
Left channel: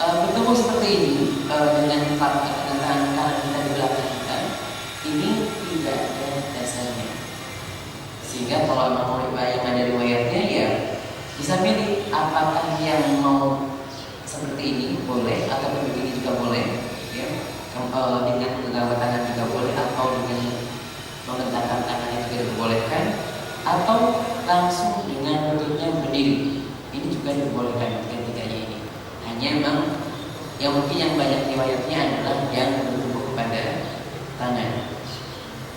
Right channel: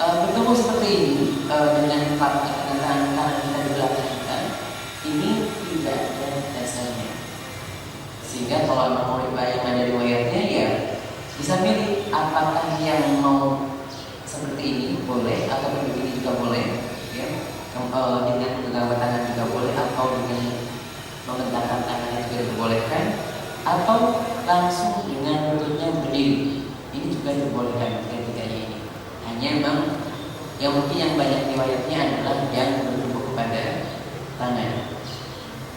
bertemu seperti ini dengan tangan kanan kita di belakang kita, ini tidak ada dasarnya. Sehingga kalau memang yang ada riwayatnya ya bisa pilih apakah yang mau seperti ini boleh atau begini juga boleh, ya. Dengan menggawa tangan juga boleh atau dengan mengentakkan tangan juga dibolehkan, atau langsung dengan lututnya berdiri. Ini juga dibolehkan ketiganya ini. Hanya memang yang mungkin yang banyak riwayatnya adalah yang bertumbuh kepada tangan.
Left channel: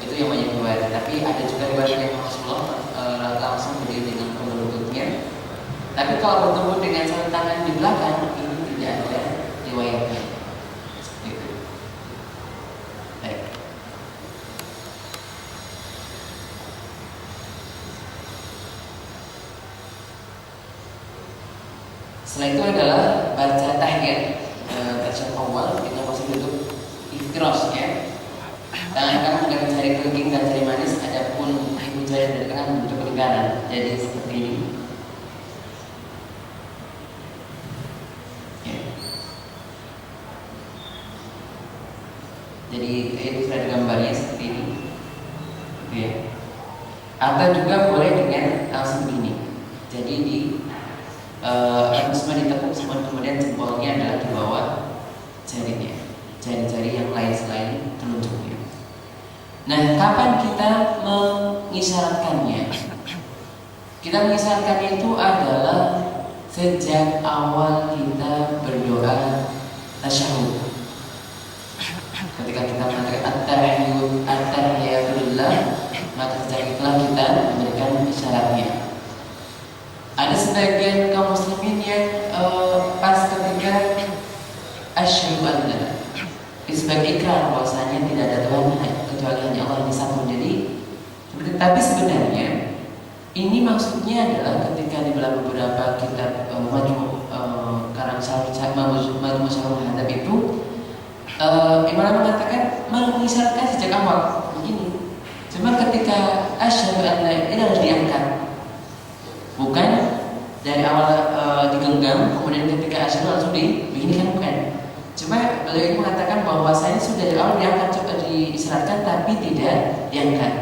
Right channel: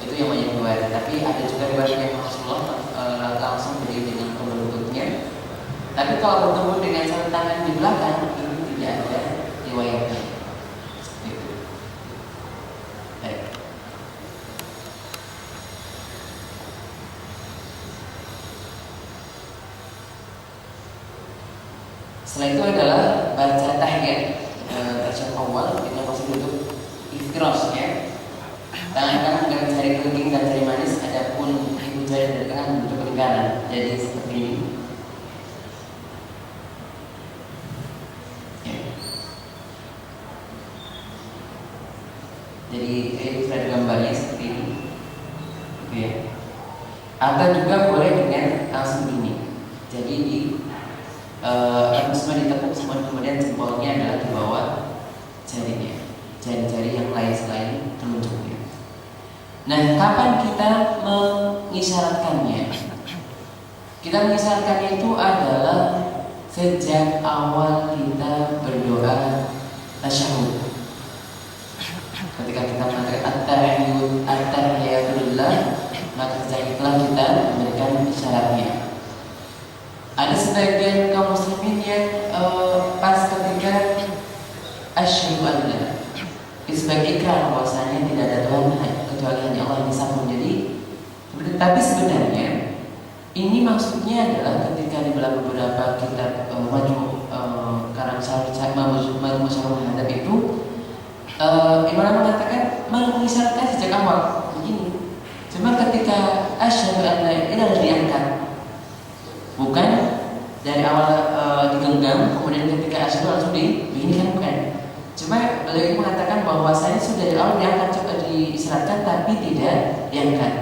Itu yang banyak riwayat. Tapi ada juga riwayat yang Rasulullah langsung berdiri dengan kedua lututnya. Tapi kalau bertemu dengan satu tangan di belakang, ini tidak ada riwayatnya. Gitu. Baik. Setelah itu adalah baca tahiyat. Tahiyat awal kita masih duduk iftirosh, ya. Tangan kanan dengan jari kelingking dan jari manis, adapun ibu jari dari kanan untuk pelingkaran. Jadi seperti ini. Ya. Jadi itu sudah gambarnya seperti ini. Ya. Atau juga boleh dengan langsung ini. Jadi di semua ditekuk, semua kemudian jempolnya adalah di bawah jarinya, jari-jari yang lain selain telunjuknya. Nah, kapan kita mengisyaratkannya? Kita mengisyaratkannya itu adalah sejak awal kita berdoa tasyahud. Ketika kita mengatakan at-tahiyatulillah, maka sejak itulah kita memberikan isyaratnya. Ada sebagian kaum muslimin yang pas ketika asyhadu an la sebagai ikrar bahwasanya tidak ada Tuhan kecuali hanya Allah yang satu. Jadi, tapi sebenarnya ini maksudnya adalah ketika di dalam beberapa kitab karang Majmu' Syarah Hadab itu Imam mengatakan mengisyaratkan sejak awal begini. Cuma ketika asyhadu an la ini harus diangkat. Bukan dari awal digenggam, kemudian ketika asyhadu langsung begini, bukan. Cuma beliau mengatakan bahwa saya sudah dari awal diangkat, coba diisyaratkan tapi tidak diangkat.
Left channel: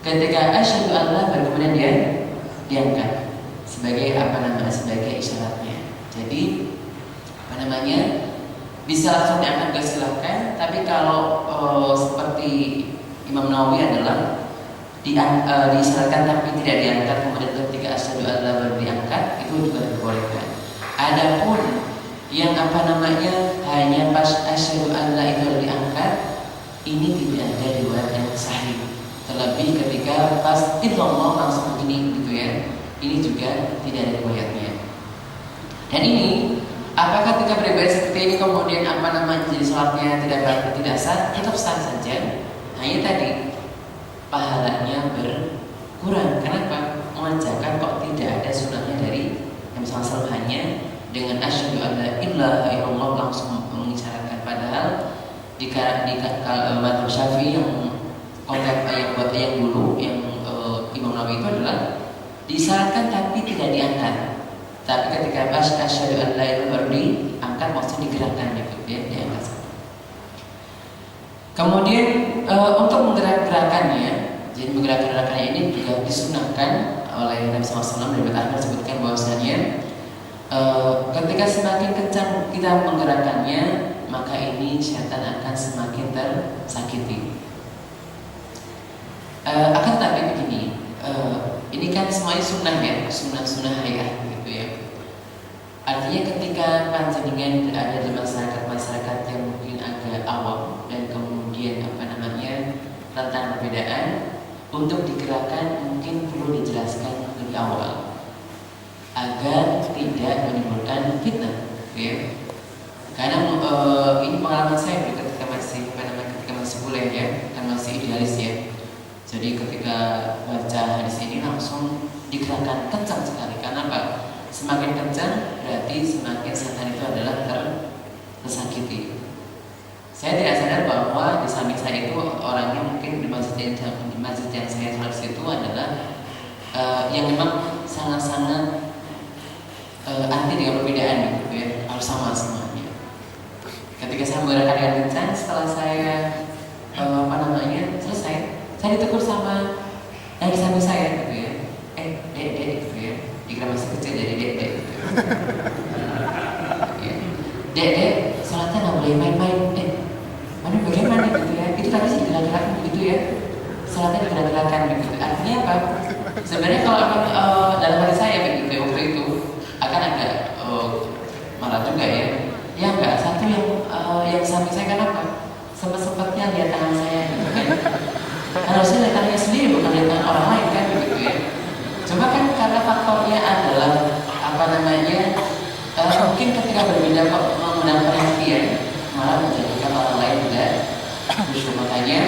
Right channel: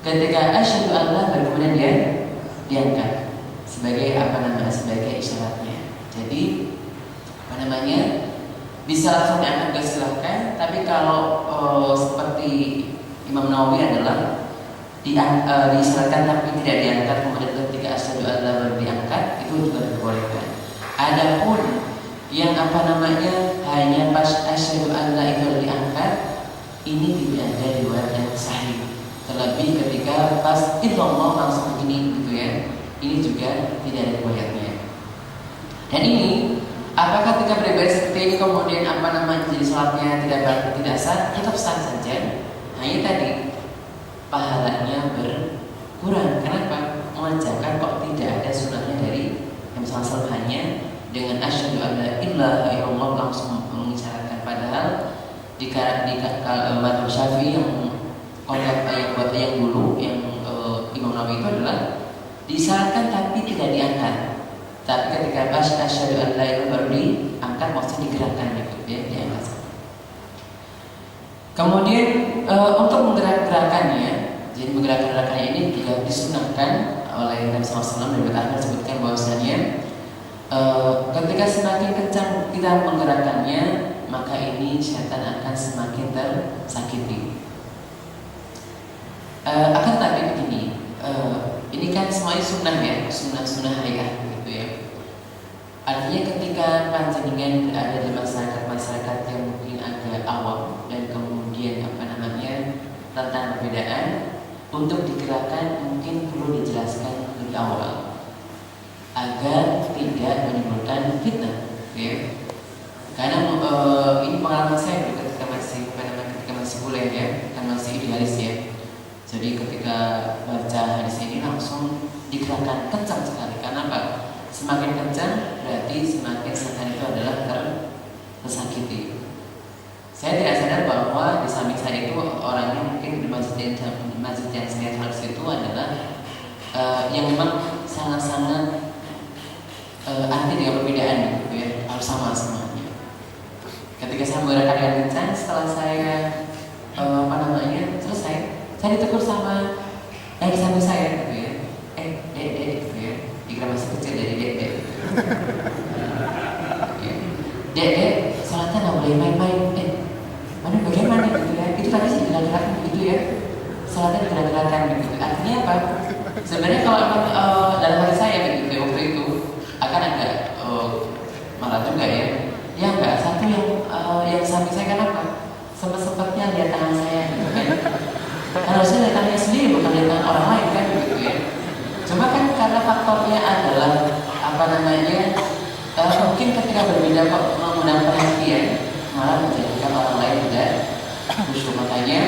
Ketika asyhadu Allah baru kemudian dia diangkat sebagai sebagai isyaratnya. Jadi bisa langsung diangkat silahkan. Tapi kalau seperti Imam Nawawi adalah diisyaratkan tapi tidak diangkat, kemudian ketika asyhadu an la baru diangkat, itu juga dibolehkan. Adapun yang hanya pas asyhadu an la itu diangkat, ini tidak ada riwayat yang sahih. Terlebih ketika pas illallah langsung begini gitu ya, ini juga tidak ada riwayatnya. Dan ini apakah ketika beribadah seperti ini kemudian jadi sholatnya tidak sah? Tetap sah saja. Hanya tadi pahalanya berkurang. Kenapa? Mengajarkan kok tidak ada sunnahnya dari Nabi SAW, hanya dengan asyhadu an la ilaha illallah langsung mengisyaratkan. Padahal di mazhab Syafi'i yang yang dulu yang Imam Nawawi itu adalah disyaratkan tapi tidak diangkat. Tapi ketika asyhadu an la ilaha baru diangkat, maksudnya digerakkan gitu ya, diangkat. Kemudian untuk menggerak-gerakannya, jadi menggerak-gerakannya ini juga disunahkan oleh Nabi SAW. Dari Akhbar disebutkan bahwasanya ketika semakin kencang kita menggerakkannya, maka ini syaitan akan semakin tersakiti. Akan tapi begini, ini kan semuanya sunnah ya, sunnah hayat gitu ya. Artinya ketika panjenengan berada di masyarakat yang mungkin agak awam dan kemudian tentang perbedaan, untuk digerakkan mungkin perlu dijelaskan lebih awal agar tidak menimbulkan fitnah, ya. Karena ini pengalaman saya ketika masih kuliah ya, kan masih idealis ya. Jadi ketika baca hadis ini langsung digerakkan kencang sekali. Karena apa? Semakin kencang berarti semakin setan itu adalah tersakiti. Saya tidak sadar bahwa di samping saya itu orangnya mungkin di masjid yang saya sholat itu adalah yang memang sangat-sangat anti dengan perbedaan gitu ya, harus sama semuanya. Ketika saya menggerakkan dengan kencang, setelah saya selesai, saya ditegur sama yang di samping saya gitu ya. Dek gitu ya. Jika masih kecil jadi dek gitu. Dek, sholatnya nggak boleh main-main. Mana bagaimana gitu ya? Itu tadi sih gerak-gerakan gitu ya. Sholatnya gerak-gerakan gitu. Artinya apa? Sebenarnya kalau dalam hati saya begitu waktu itu akan agak marah juga ya. Ya enggak, satu yang samping saya kan apa? Sempat-sempatnya lihat tangan saya gitu kan. Harusnya lihat tangannya sendiri bukan lihat tangan orang lain kan gitu ya. Cuma kan karena faktornya adalah mungkin ketika berbeda kok mengundang perhatian malah menjadikan orang lain tidak khusyuk. Makanya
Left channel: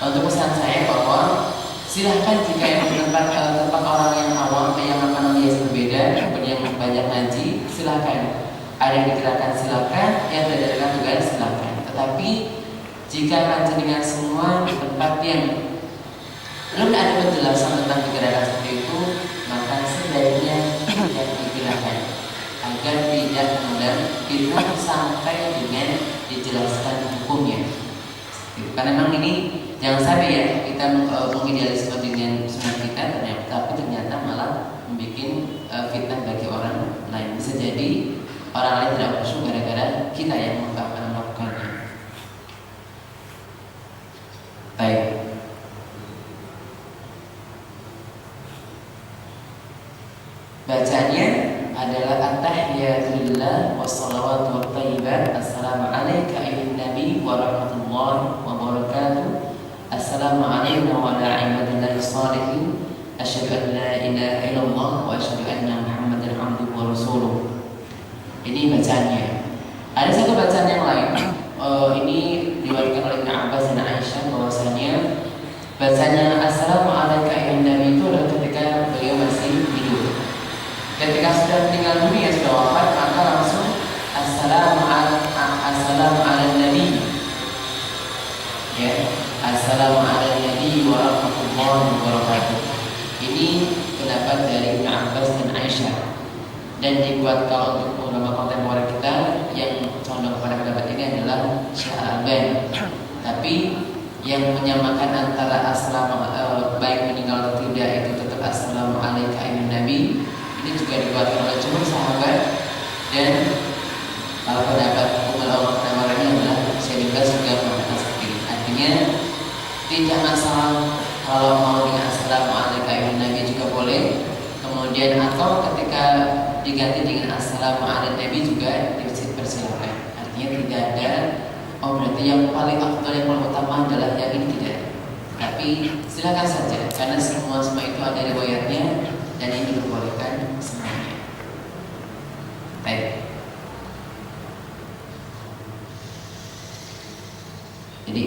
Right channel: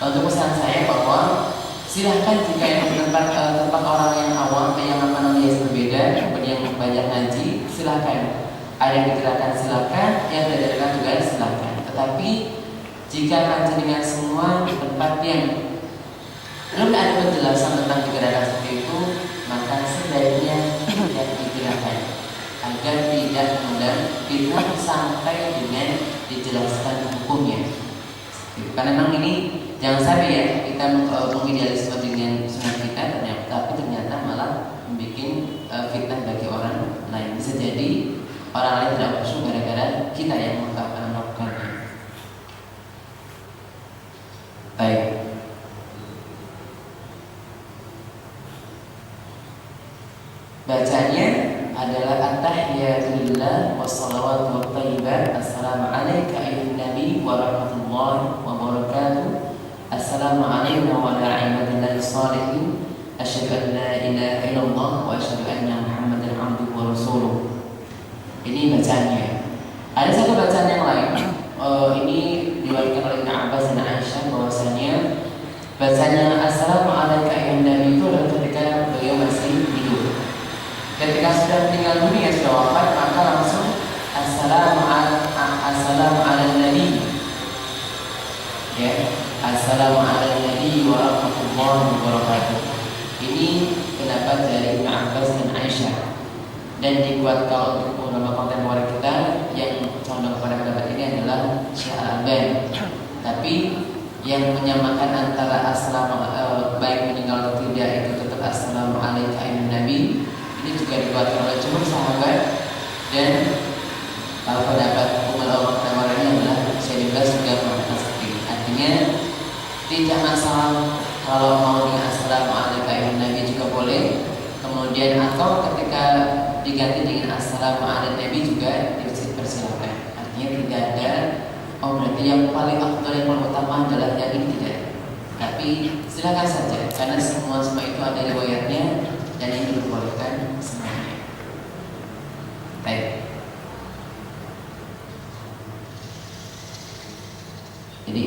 untuk pesan saya bahwa silahkan jika yang tempat orang yang awam yang berbeda, kemudian yang belajar ngaji, silahkan. Ada yang digerakkan silahkan, yang tidak digerakkan juga silahkan. Tetapi jika ngaji dengan semua di tempat yang belum ada penjelasan tentang gerakan seperti itu, maka sebaiknya tidak digerakkan agar tidak mengundang fitnah sampai dengan dijelaskan hukumnya. Karena memang ini jangan sampai ya kita mengidealisme dengan sunnah kita, tapi ternyata malah membuat fitnah bagi orang lain. Bisa jadi orang lain tidak khusyuk gara-gara kita yang melakukannya. Baik. Bacanya adalah at-tahiyatulillah wassalawatu wattayyibat. Assalamu alayka ayyuhan nabi wa rahmatullahi wa barakatuh. Assalamu alayna wa ala ibadillahi shalihin. Asyhadu an la ilaha illallah wa asyhadu anna Muhammadan abduhu wa rasuluh. Ini bacaannya. Ada satu bacaan yang lain. Ini diriwayatkan oleh Ibnu Abbas dan Aisyah bahwasanya bacanya Assalamu alayka ayyuhan nabi itu adalah ketika beliau masih hidup. Ketika sudah meninggal dunia, sudah wafat, maka langsung Assalamu ala nabi. Ya, Assalamu ala nabi wa rahmatullahi wa barakatuh. Ini pendapat dari Ibnu Abbas dan Aisyah dan dikuatkan untuk ulama kontemporer kita yang condong kepada pendapat ini adalah Syekh Al-Albani. Tapi yang menyamakan antara baik meninggal atau tidak itu tetap Assalamu alayka ayyuhan nabi. Ini juga dikuatkan oleh jumhur sahabat dan kalau pendapat ulama kontemporer adalah Syekh Ibn juga mengatakan seperti ini. Artinya tidak masalah kalau mau dengan Assalamu alayka ayyuhan nabi juga boleh. Kemudian atau ketika diganti dengan Assalamu ala nabi juga dipersilakan. Artinya tidak ada berarti yang paling afdal, yang paling utama adalah yang ini tidak. Tapi silakan saja karena semua itu ada riwayatnya dan ini diperbolehkan semuanya. Baik. Jadi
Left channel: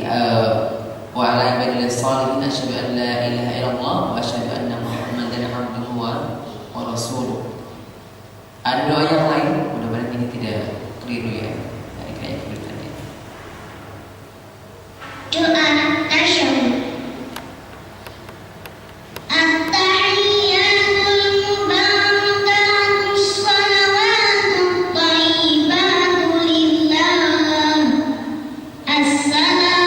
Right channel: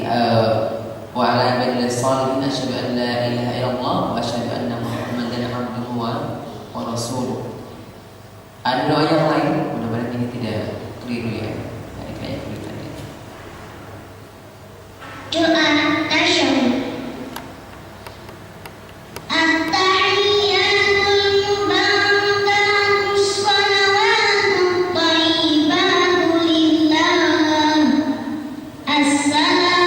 wa ala ibadillahi shalihin asyhadu an la ilaha illallah wa asyhadu anna Muhammadan abduhu wa rasuluh. Ada doa yang lain, mudah-mudahan ini tidak keliru ya. Kayak keliru tadi. Doa tasyahud. Assalamu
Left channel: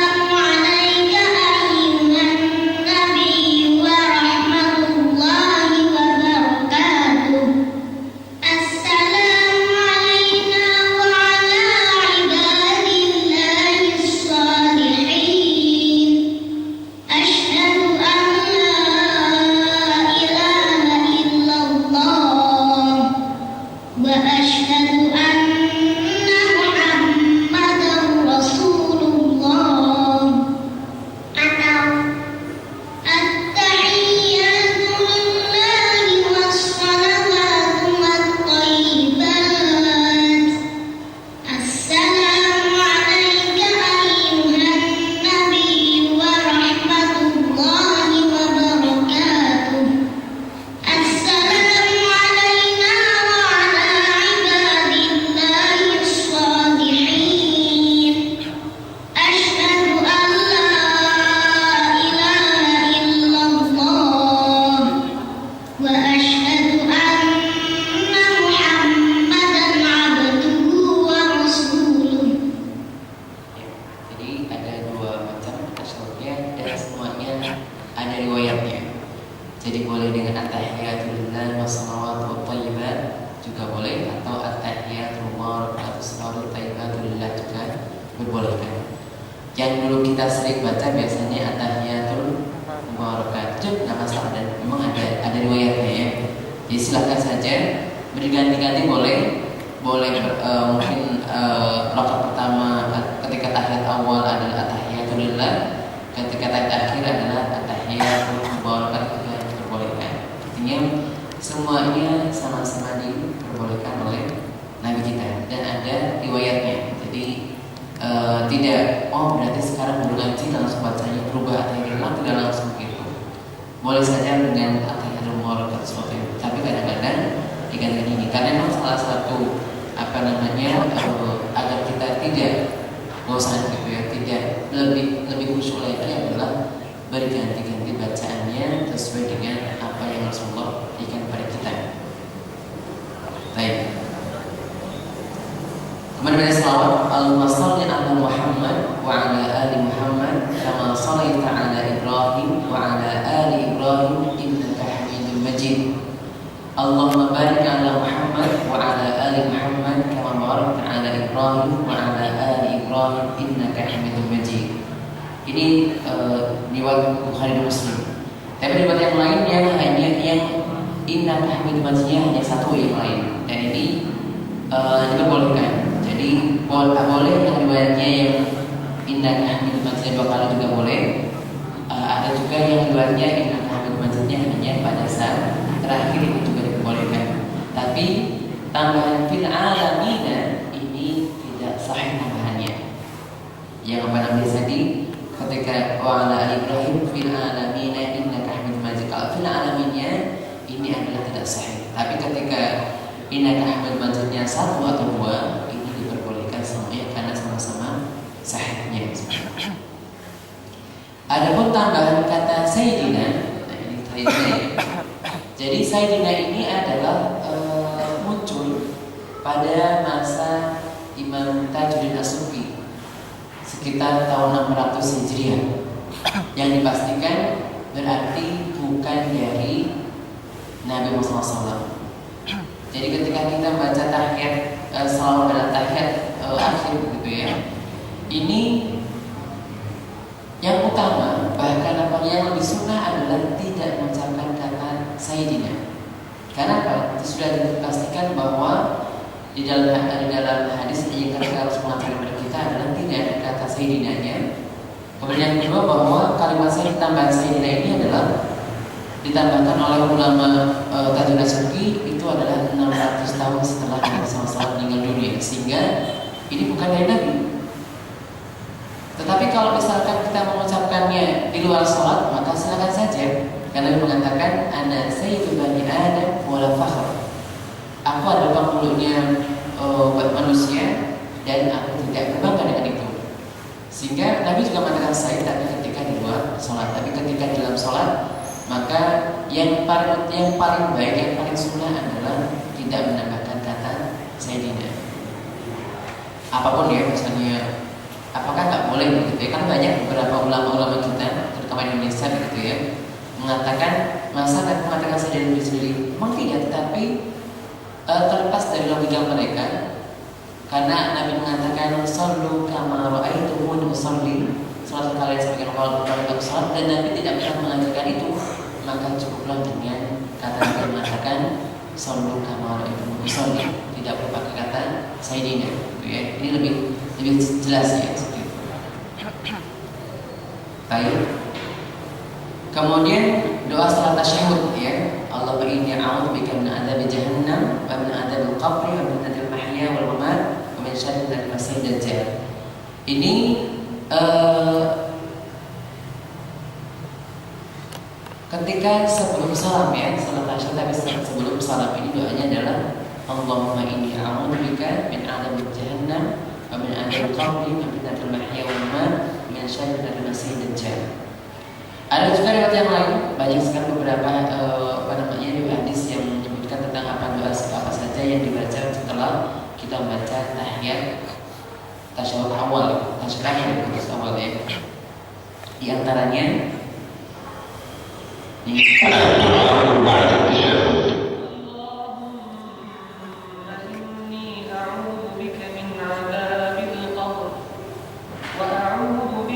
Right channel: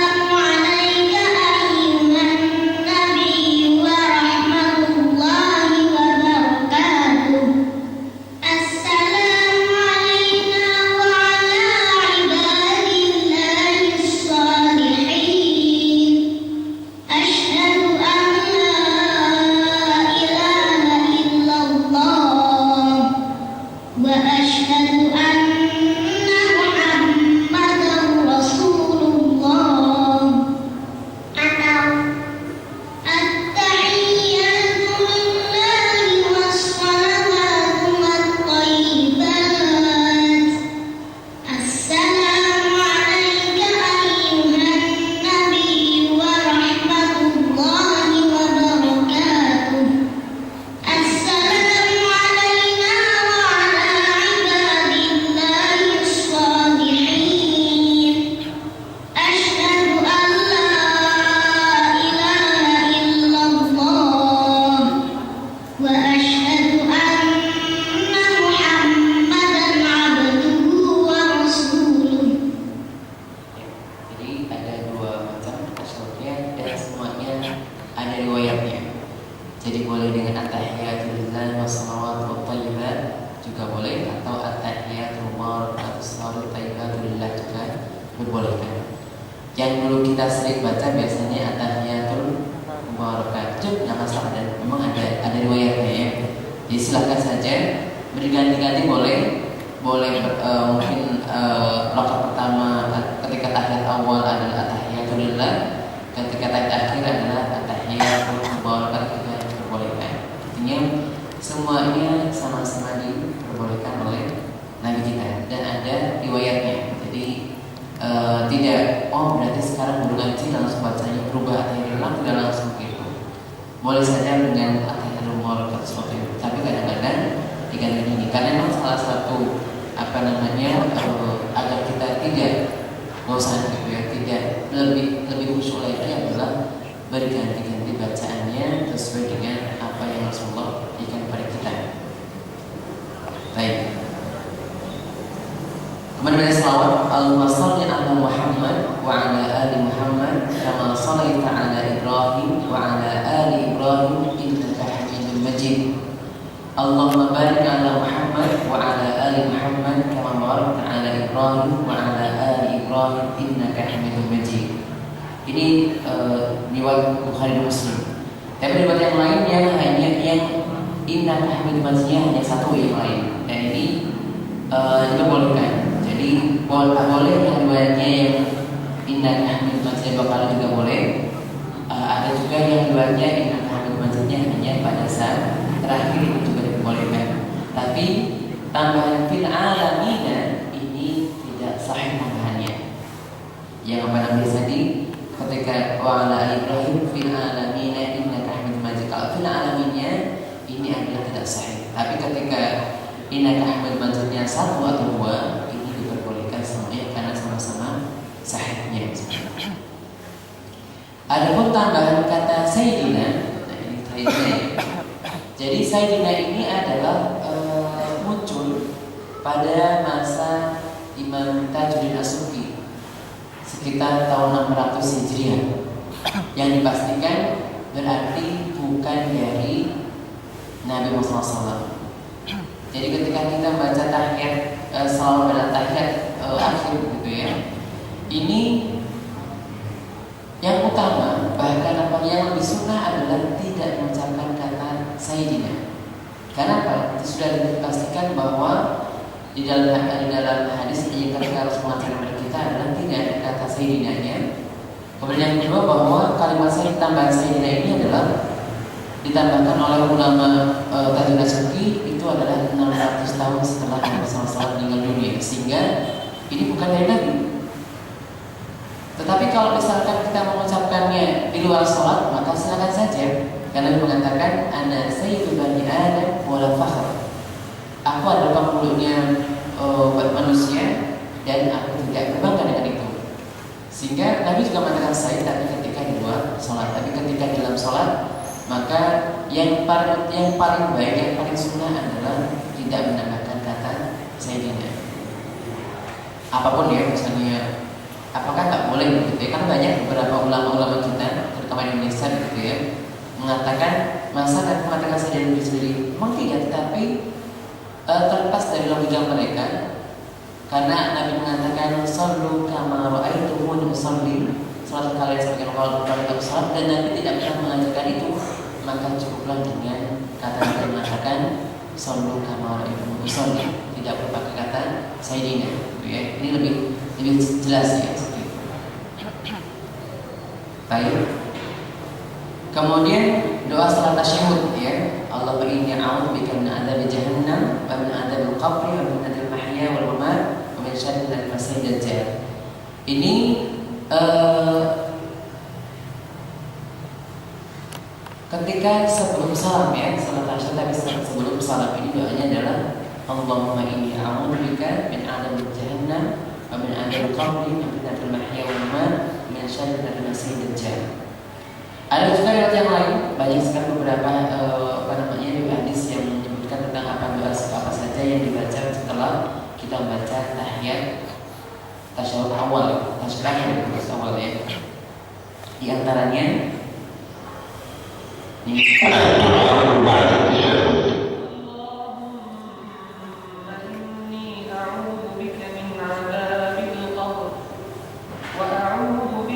Yang dulu kita sering baca biasanya at-tahiyatul mubarakatuh, nggak masalah, dan memang ada riwayatnya ya. Jadi silakan saja berganti-ganti boleh mungkin rakaat pertama ketika tahiyat awal adalah at-tahiyatul lillah, ketika tahiyat akhir adalah at-tahiyatul mubarakatuh, yang diperbolehkan. Artinya semuanya sama-sama diperbolehkan oleh Nabi kita dan ada riwayatnya. Jadi tidak berarti sekarang baru ngaji langsung bacanya berubah at-tahiyatul, tidak langsung gitu. Boleh saja dengan at-tahiyatul mubarakatuh seperti itu. Tapi kadang-kadang diganti ini karena memang salah satu agar kita tidak bosan gitu ya, tidak lebih khusyuk lagi adalah berganti-ganti bacaannya sesuai dengan apa yang Rasulullah berikan pada kita. Baik. Kemudian ada salawat Allahumma shalli ala Muhammad wa ala ali Muhammad kama shallaita ala Ibrahim wa ala ali Ibrahim innaka Hamidum Majid. Allahumma barik ala Muhammad wa ala ali Muhammad kama barakta ala Ibrahim wa ala ali Ibrahim innaka Hamidum Majid. Ini riwayat Bukhari dan Muslim. Tapi riwayat yang lain yang hanya yang innaka Hamidum Majid hanya satu yang lain. Dan ini diperbolehkan. Jadi boleh yang riwayatnya yang innaka Hamidum Majid bakal juga boleh. Ada juga yang riwayatnya innaka Hamidum Majidnya hanya pada saat terakhir itu juga diperbolehkan. Tapi tambahan fil alamina ini tidak sahih tambahannya. Yang apa namanya tadi ketika wa ala ali Ibrahim fil alamina innaka Hamidum Majid, kalau fil alaminnya ini adalah tidak sahih. Tapi ketika innaka Hamidum Majidnya satu atau dua ini diperbolehkan semuanya karena sama-sama sahihnya. Adapun tambahan kata sayyidina, jadi sayyidina ini adalah muncul pada masa Imam Tajuddin As-Subki sekitar tahun 600 Hijriah, yang dipastikan berarti bukan dari Nabi Muhammad SAW. Jadi ketika kita membaca tahiyat salawat pada tahiyat akhir gitu ya, ini yang utama, bahkan apa yang lebih sunnah adalah tidak mengucapkan kata sayyidina. Karena apa? Itu sudah dipastikan bahwa di dalam hadis yang harus mengatakan kepada kita adalah tidak ada kata sayyidinanya. Kemudian yang kedua bahwa kalimat tambahan sayyidina ini adalah ditambahkan oleh ulama Tajuddin As-Subki itu adalah 600 tahun setelah Nabi SAW meninggal dunia, sehingga ini bukan dari Nabi. Tetapi kalau misalkan kita mengucapkannya di luar sholat, maka silakan saja. Karena Nabi mengatakan ana sayyidu bani Adam wala fakhr. Aku adalah pemulungnya manusia dan aku tidak berbangga dengan itu. Sehingga Nabi juga mengatakan saya tapi ketika di luar sholat. Tapi ketika di dalam sholat, maka yang paling baik, yang paling sunnah adalah tidak menambahkan kata sayyidina. Apapun ya, misalnya apakah nggak boleh begitu ya? Kan banyak beberapa ulama-ulama kita, terutama di Indonesia gitu ya, mengatakan masa Nabi mengatakan sayyidina sendiri. Memang tidak, tapi terlepas dari logika mereka, karena Nabi mengatakan sallu kama ra'aitumuni usalli, salat kalian sebagai orang yang salat, dan Nabi tidak pernah mengajarkan itu, maka cukuplah dengan kata Nabi mengatakan sallu kama ra'aitumuni usalli, tidak perlu pakai kata sayyidina gitu ya. Ini lebih jelas ya. Baik. Kemudian doa salat tasyahud ya. Allahumma inni a'udzubika min adzabi jahannam wa min adzabil qabri wa min adzabil mahya wal mamat wa min syarri al-masih dajjal. Ini ketika sebelum salam ya, salat tasyahud, tapi sebelum salam ini doanya adalah Allahumma inni a'udzubika min adzabi jahannam wa min adzabil qabri wa min adzabil mahya wal mamat wa min syarri al-masih dajjal. Ada juga riwayat yang lain, banyak sekali beberapa hadis yang menyebutkan tentang apa doa apa saja yang dibaca setelah kita membaca tahiyat tasyahud awal, tasyahud awal ya. Di antaranya ini inni a'udzubika min 'adzabil qabr wa a'udzu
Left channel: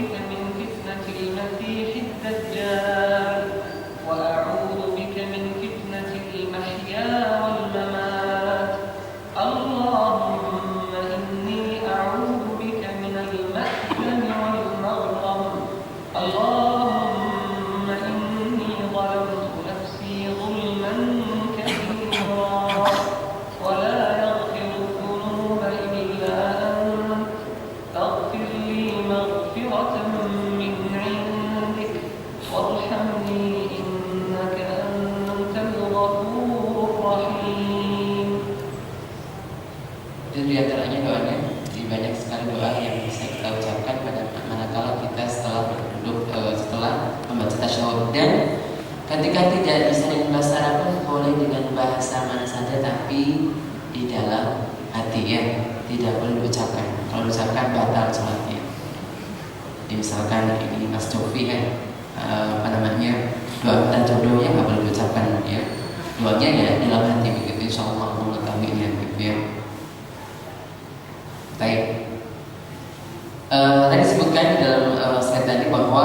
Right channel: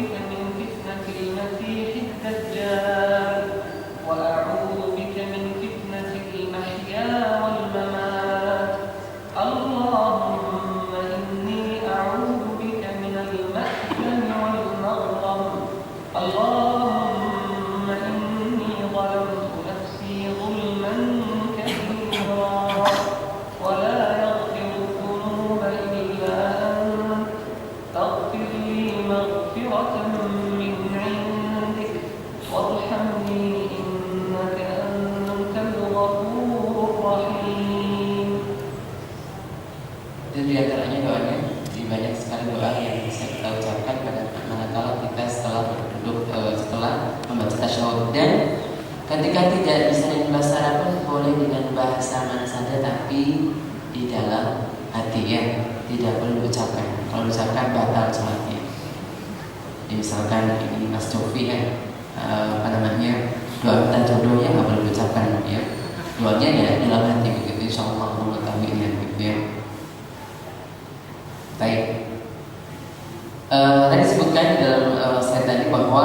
ketika tidak bisa dengan bahasa Arab pun boleh dengan bahasa mana saja, tapi di dalam hati ya, tidak perlu diucapkan. Kalau diucapkan batal sholatnya. Misalkan ini Mas Jovi ya, doa minta jodohnya nggak boleh diucapkan ya, doanya ya di dalam hati begitu, insya Allah mengetahuinya gitu ya. Baik. Tadi disebutkan di dalam slide tadi bahwa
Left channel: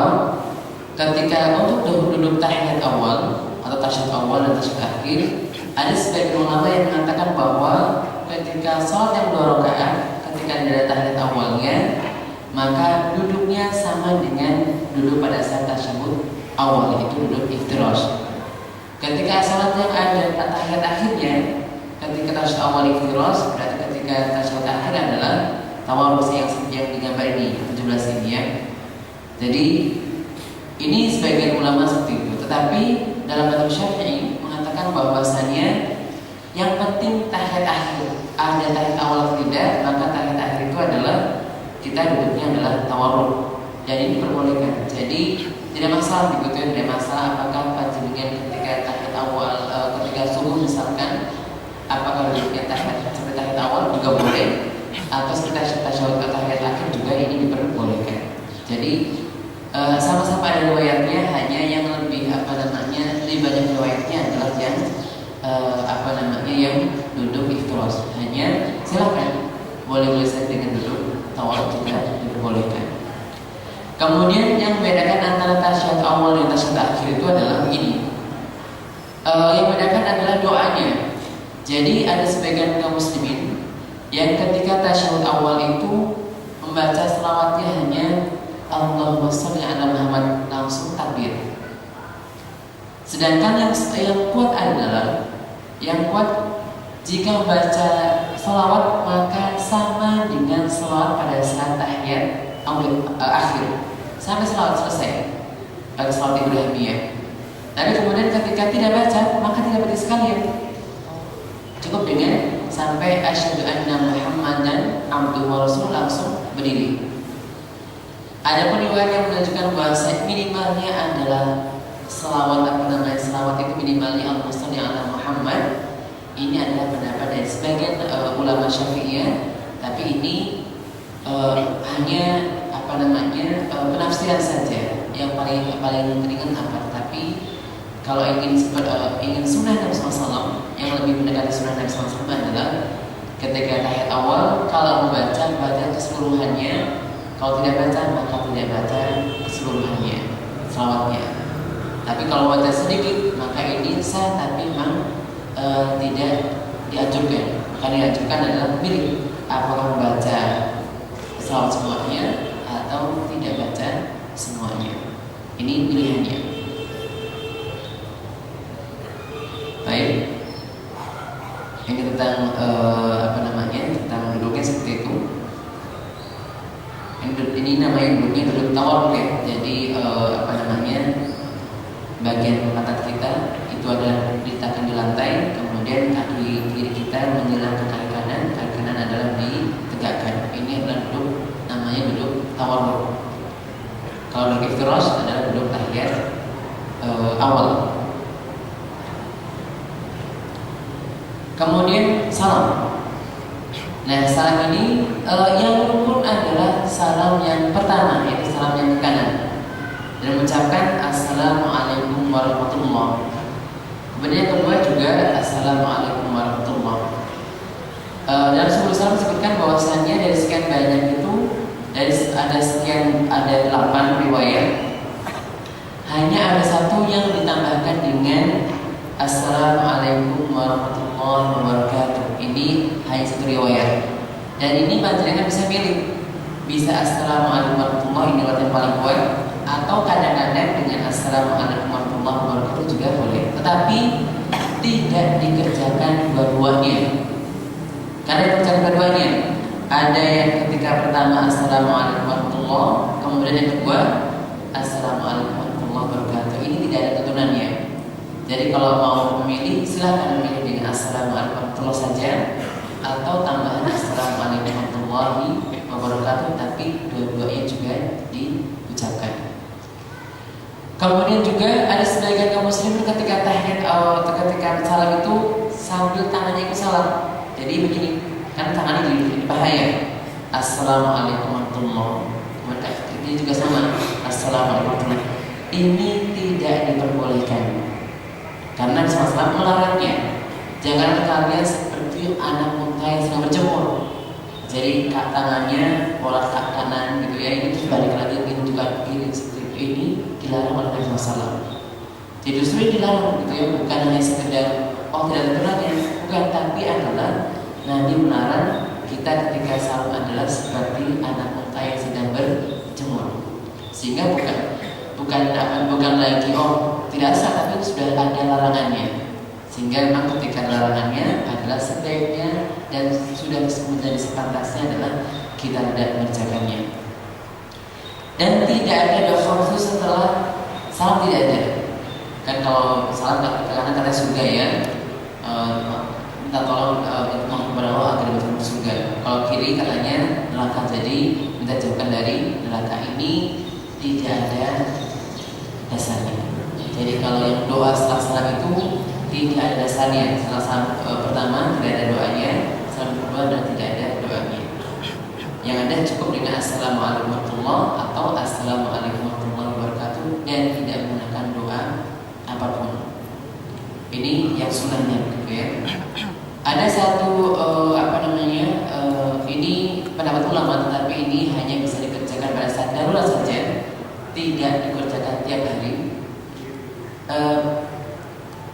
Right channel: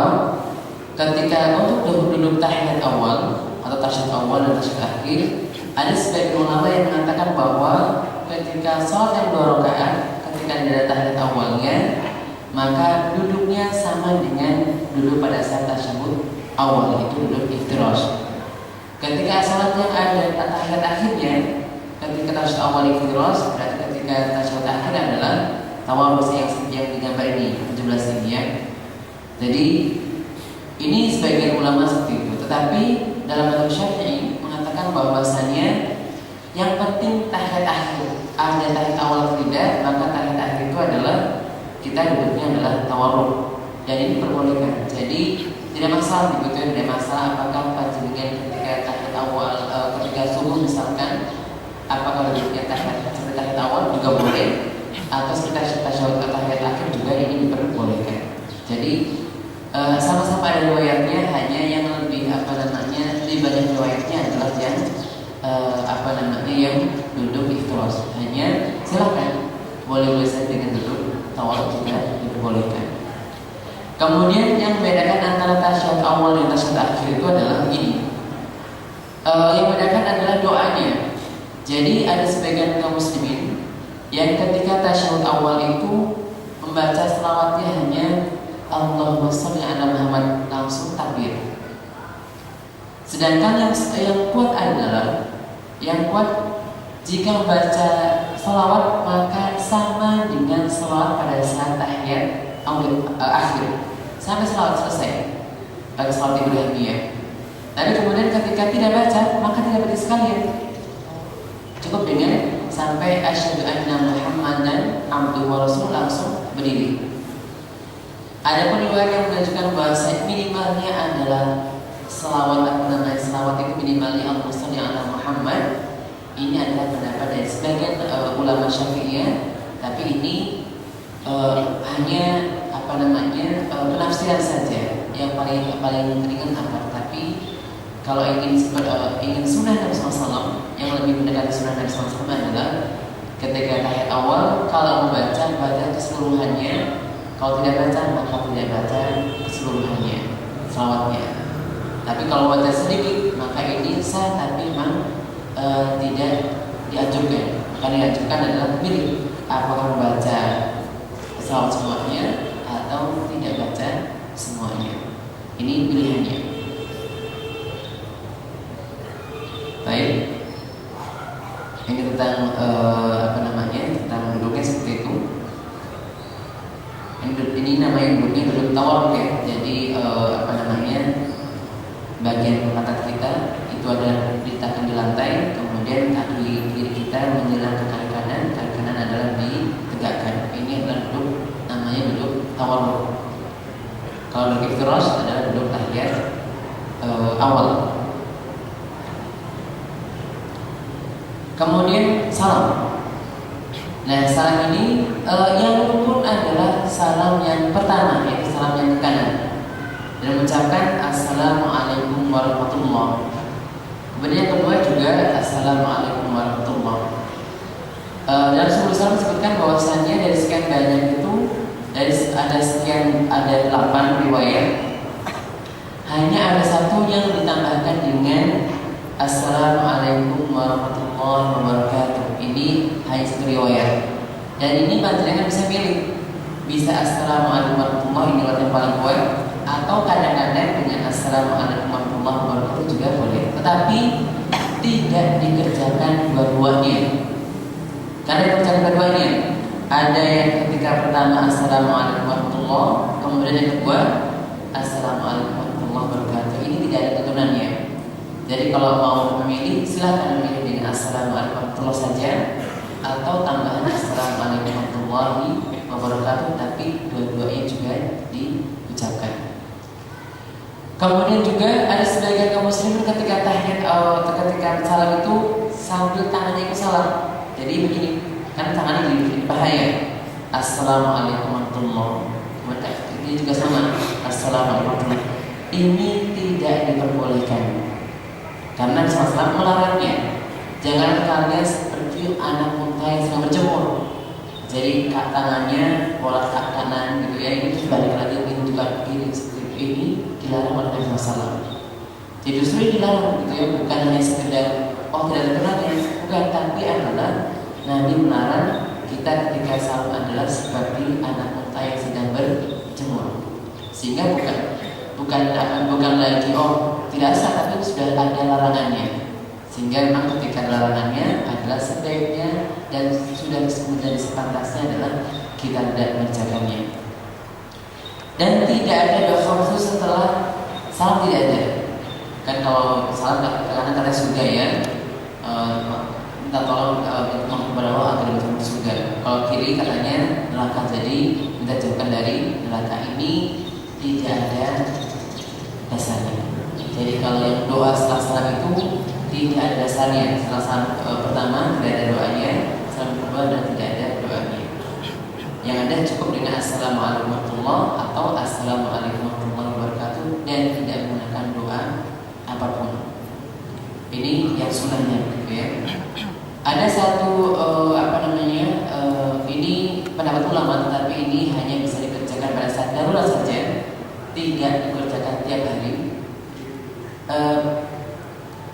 ketika untuk duduk tahiyat awal atau tasyahud awal dan tasyahud akhir, ada sebagian ulama yang mengatakan bahwa ketika sholat yang 2 rakaat, ketika ada tahiyat awalnya, maka duduknya sama dengan duduk pada saat tasyahud awal, itu duduk iftirash. Ketika sholat yang ada tahiyat akhirnya, ketika tasyahud awal iftirash, berarti ketika tasyahud akhir adalah tawarrus yang digambar ini 17 ini ya. Jadi ini sebagian ulama seperti itu. Tetapi dalam mazhab Syafi'i mengatakan bahwasannya yang penting tahiyat akhir. Ada tahiyat awal atau tidak, maka tahiyat akhir itu adalah kita duduknya adalah tawarruk. Dan ini diperbolehkan. Jadi tidak masalah begitu ya, tidak masalah apakah panjenengan ketika tahiyat awal, ketika subuh misalkan, apakah duduknya seperti tahiyat awal juga boleh, atau seperti tasyahud tahiyat akhir juga ini diperbolehkan. Jadi sama-sama ada riwayatnya, hanya yang lebih lebih banyak riwayatnya adalah yang yang duduk iftirash. Hanya silakan boleh saja dengan duduk tawarruk juga diperbolehkan. Kemudian yang membedakan antara tasyahud awal dan tasyahud akhir itu adalah ini. Yang membedakan adalah doanya. Jadi ada sebagian kaum muslimin yang ketika tasyahud awal itu membaca selawatnya hanya Allahumma sholli ala Muhammad, langsung takbir. Sedangkan yang kuat adalah jika membaca selawat maka sama dengan selawat pada saat tahiyat akhir sampai selawat selesai, pada selawat Ibrahimiyah. Tapi kemudian ketika tidak baca maka tidak berarti sekalian, cukup dengan sampai asyhadu anna Muhammadan abduhu wa rasuluh langsung berdiri. Ada pun riwayat yang menunjukkan bahwa minimalnya adalah selawat itu minimalnya al-muslim yang ala Muhammad. Ini adalah pendapat dari sebagian ulama Syafi'iyah, tapi ini hanya penafsiran saja. Yang paling ringan apa? Tapi kalau ingin sunnah Nabi SAW, yang lebih mendekati sunnah Nabi SAW adalah ketika tahiyat awal kalau baca keseluruhannya. Kalau tidak baca maka tidak baca keseluruhannya selawatnya. Tapi kalau baca sedikit maka ini sah, tapi memang tidak dianjurkan. Maka dianjurkan adalah pilih apakah membaca selawat semuanya atau tidak baca semuanya. Ini pilihannya. Baik. Ini tentang tentang duduknya seperti itu. Ini namanya duduk tawarruk ya. Jadi bagian pantat kita itu adalah diletakkan di lantai, kemudian kaki kiri kita menyilang ke kaki kanan adalah ditegakkan. Ini adalah namanya duduk tawarruk. Kalau duduk iftirash adalah duduk tahiyat awal. Kemudian salam. Nah, salam ini yang rukun adalah salam yang pertama, yaitu salam yang ke kanan, dan mengucapkan Assalamualaikum warahmatullahi. Kemudian yang kedua juga Assalamualaikum warahmatullahi. Dalam sebuah salam disebutkan bahwasannya dari sekian banyak itu, ada 8 riwayat, hanya ada satu yang ditambahkan dengan Assalamualaikum warahmatullahi wabarakatuh. Ini hanya satu riwayat. Dan ini panjenengan bisa pilih, bisa Assalamualaikum warahmatullahi, ini yang paling kuat, atau kadang-kadang dengan Assalamualaikum warahmatullahi wabarakatuh juga boleh. Tetapi tidak dikerjakan dua-duanya. Karena dikerjakan dua-duanya, ada yang ketika pertama Assalamualaikum warahmatullahi, kemudian yang kedua Assalamualaikum warahmatullahi wabarakatuh. Ini tidak ada tuntunannya. Jadi kalau mau memilih, silahkan memilih dengan Assalamualaikum warahmatullahi saja, atau tambahan Assalamualaikum warahmatullahi wabarakatuh, tapi dua-duanya juga diucapkan. Kemudian juga ada sebagian kaum muslimin ketika tahiyat atau ketika salam itu sambil tangannya ikut salam. Jadi begini, kan tangannya jadi bahaya. Assalamualaikum warahmatullahi wabarakatuh. Ini juga sama. Assalamualaikum warahmatullahi wabarakatuh. Ini tidak diperbolehkan. Karena Rasulullah melarangnya. Jangan kalian seperti anak unta yang sedang berjemur. Jadi tangannya bola ke kanan gitu ya, ini balik lagi juga kiri seperti ini dilarang oleh Nabi SAW. Jadi justru dilarang gitu ya, bukan hanya sekedar tidak terkenalnya, bukan, tapi adalah Nabi melarang kita ketika salam adalah seperti anak unta yang sedang berjemur. Sehingga bukan lagi tidak sah, tapi sudah ada larangannya. Sehingga memang ketika larangannya adalah sebaiknya dan sudah menjadi sepantasnya adalah kita tidak mengerjakannya. Dan tidak ada doa khusus setelah salam, tidak ada. Kan kalau salam karena katanya surga ya, minta tolong kepada Allah agar diberikan surga. Kalau kiri katanya neraka, jadi minta jauhkan dari neraka. Ini tidak ada dasarnya. Jadi kalau yang doa setelah salam itu tidak ada dasarnya. Setelah salam pertama tidak ada doanya, salam kedua dan tidak ada doanya. Yang ada cukup dengan Assalamualaikum warahmatullahi atau Assalamualaikum warahmatullahi wabarakatuh dan tidak menggunakan doa apapun. Ini yang sunnahnya, gitu ya. Ada satu ini pendapat ulama, tetapi ini hanya bisa dikerjakan pada saat darurat saja, tidak dikerjakan tiap hari.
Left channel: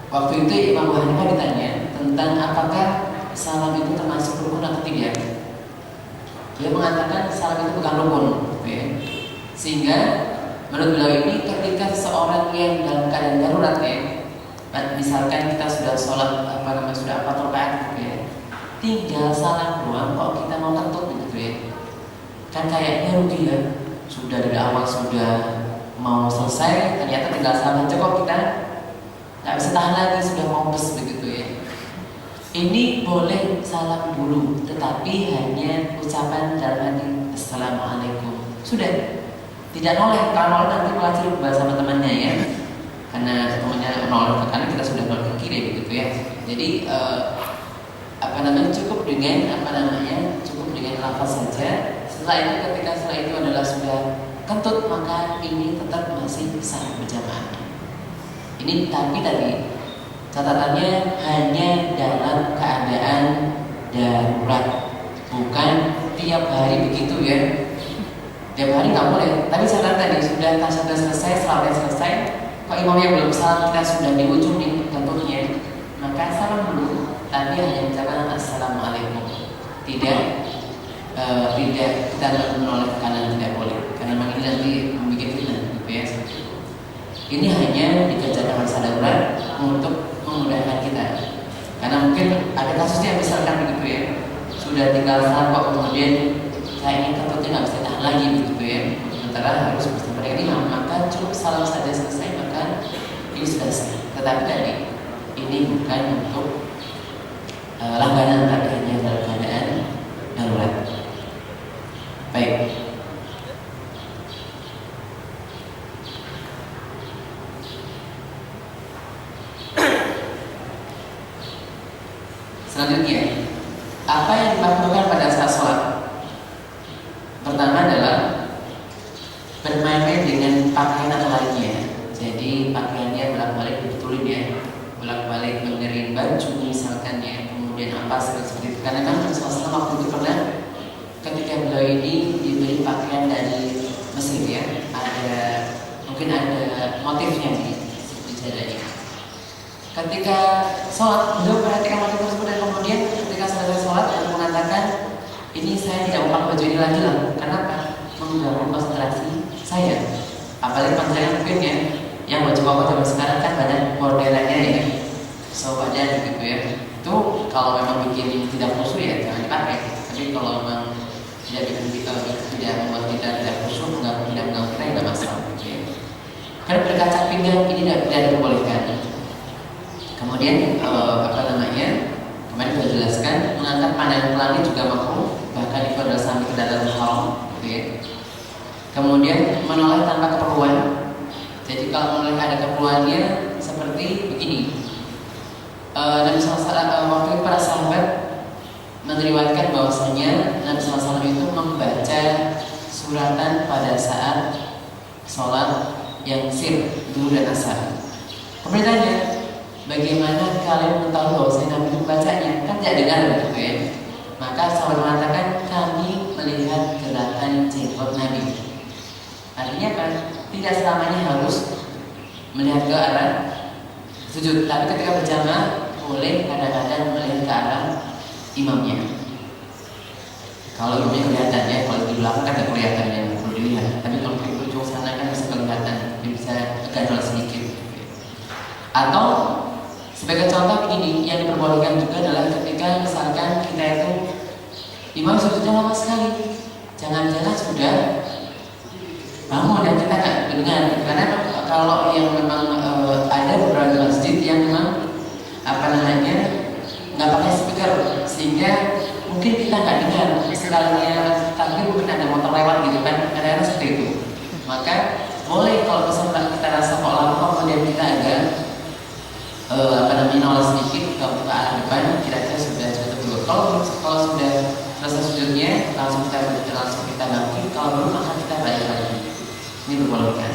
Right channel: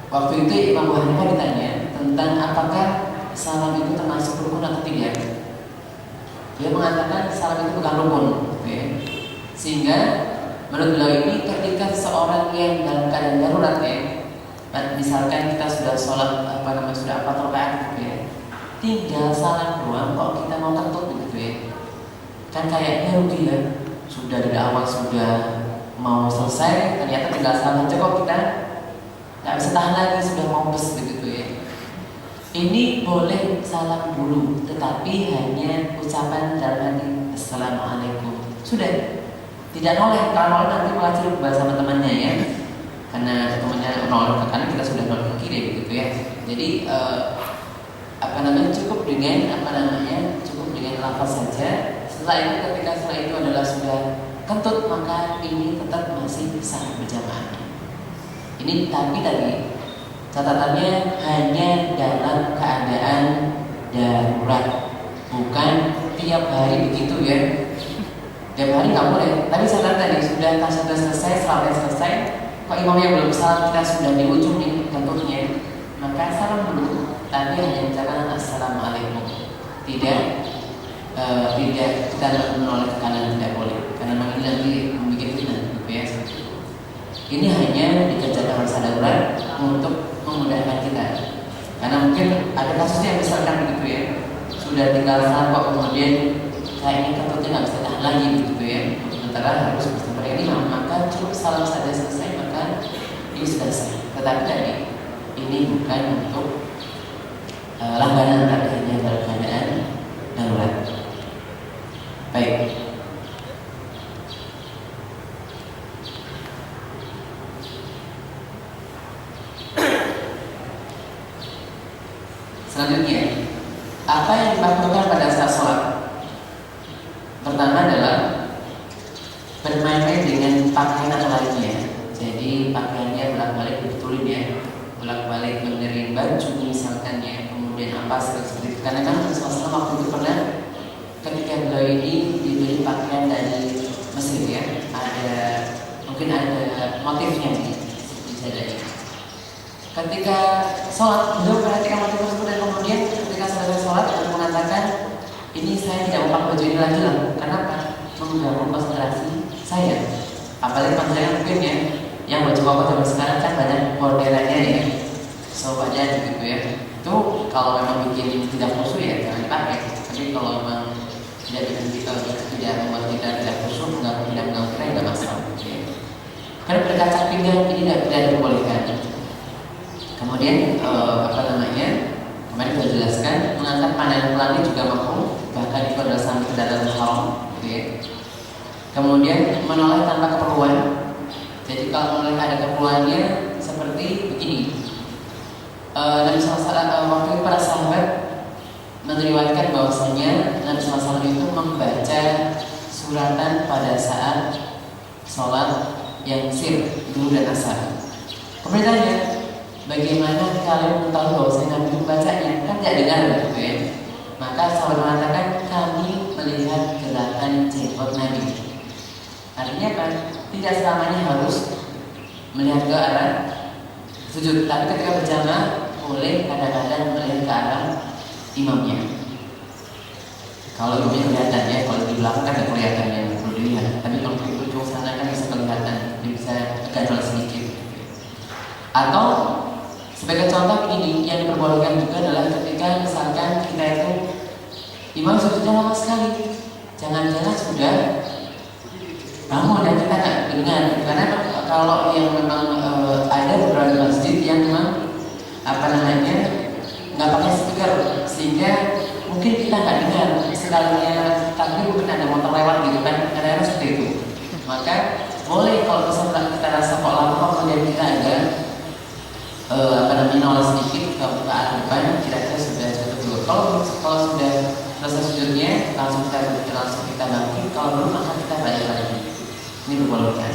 Waktu itu Imam Hanifah ditanya tentang apakah salam itu termasuk rukun atau tidak. Dia mengatakan salam itu bukan rukun, ya. Sehingga menurut beliau ini ketika seseorang yang dalam keadaan darurat ya, misalkan kita sudah sholat sudah 4 rakaat gitu ya, tinggal salam doang kok kita mau kentut gitu ya, kan kayaknya rugi ya. Sudah dari awal sudah mau selesai, ternyata tinggal salam aja kok kita nggak bisa tahan lagi, sudah mau bes begitu ya. Ini boleh salam dulu, tetapi hanya ucapan dalam hati Assalamualaikum. Sudah, tidak noleh. Kalau noleh nanti malah celup bahasa sama temannya ya. Karena temannya noleh ke kanan, kita sudah noleh ke kiri begitu ya. Jadi cukup dengan cukup dengan lafaz saja. Setelah itu adalah sudah kentut, maka ini tetap masih sah berjamaah. Ini tapi tadi catatannya hanya dalam keadaan darurat, bukan tiap hari begitu ya. Tiap hari nggak boleh. Tadi catatan tadi sudah selesai, salatnya selesai, kok imamnya belum salam, kita sudah di ujung nih kentutnya, maka salam dulu, tapi hanya ucapan Assalamualaikum. Tidak kita menoleh ke kanan, tidak boleh, karena memang ini nanti membuat fitnah ya. Ini hanya dikerjakan masa darurat untuk memudahkan kita. Karena mungkin ada kasusnya misalkan begitu ya, sudah tinggal salam kok kemudian kayaknya kentutnya nggak bisa tahan lagi begitu ya, sementara harus bersama ini, maka cukup salam saja selesai, maka ini sudah selesai. Tetapi tadi ini bukan untuk langganan, adanya dalam keadaan darurat. Baik. Selanjutnya, apa yang dilakukan pada saat sholat? Pertama adalah bermain-main dengan pakaian atau lainnya. Jadi pakaiannya bolak-balik dibetulin ya, bolak-balik benerin baju misalkan ya, kemudian apa seperti itu. Karena kan Rasulullah waktu itu pernah ketika beliau ini diberi pakaian dari Mesir ya, mungkin ada motifnya nih bisa jadi. Ketika sholat, beliau perhatikan motif tersebut dan kemudian ketika selesai sholat beliau mengatakan, ini saya tidak mau pakai baju ini lagi lah. Kenapa? Mengganggu konsentrasi saya. Apalagi konsentrasi mungkin ya, yang baju koko zaman sekarang kan banyak modelannya ya, sobatnya gitu ya. Itu kalau memang bikin tidak khusyuk ya jangan dipakai. Tapi kalau memang tidak membuat kita tidak khusyuk, tidak mengganggu kita, tidak masalah. Ya. Karena berkaca pinggang ini tidak diperbolehkan. Kemudian kemarin sudah jelaskan, mengangkat pandangan ke langit juga makruh, bahkan itu adalah sampai ke dalam haram. Okay. Kemudian menoleh tanpa keperluan, Jadi kalau mereka ada keperluannya seperti begini. Nabi SAW waktu itu para sahabat meriwayatkan bahwasanya Nabi SAW itu membaca suratan pada saat sholat yang sir dulu dan asar. Kemudian tanya, bagaimana kalian mengetahui bahwasanya Nabi membacanya? Kan tidak dengar gitu ya. Maka sahabat mengatakan kami melihat gerakan jenggot Nabi. Artinya apa? Tidak selamanya harus melihat ke arah sujud, tapi ketika berjamaah boleh kadang-kadang melihat ke arah imamnya. Kalau imamnya kelihatan ya, kalau di belakang kan tidak kelihatan yang perlu dilihat. Tapi kalau di ujung sana kan bisa kelihatan, bisa agak sedikit. Atau sebagai contoh ini yang diperbolehkan juga adalah ketika misalkan kita itu imam sujudnya lama sekali, jangan-jangan sudah bangun dan kita nggak dengar. Karena kalau yang memang ada beberapa masjid yang memang nggak pakai speaker, sehingga mungkin kita nggak dengar sekalinya takbir, mungkin ada motor lewat gitu kan, kadang-kadang seperti itu. Maka boleh kalau misalnya kita rasa kok lama kemudian kita agak noleh sedikit ke arah depan, kira-kira sudah cukup dulu. Kalau sudah selesai sujudnya langsung kita bangkit, kalau belum maka kita balik lagi. Ini dibolehkan.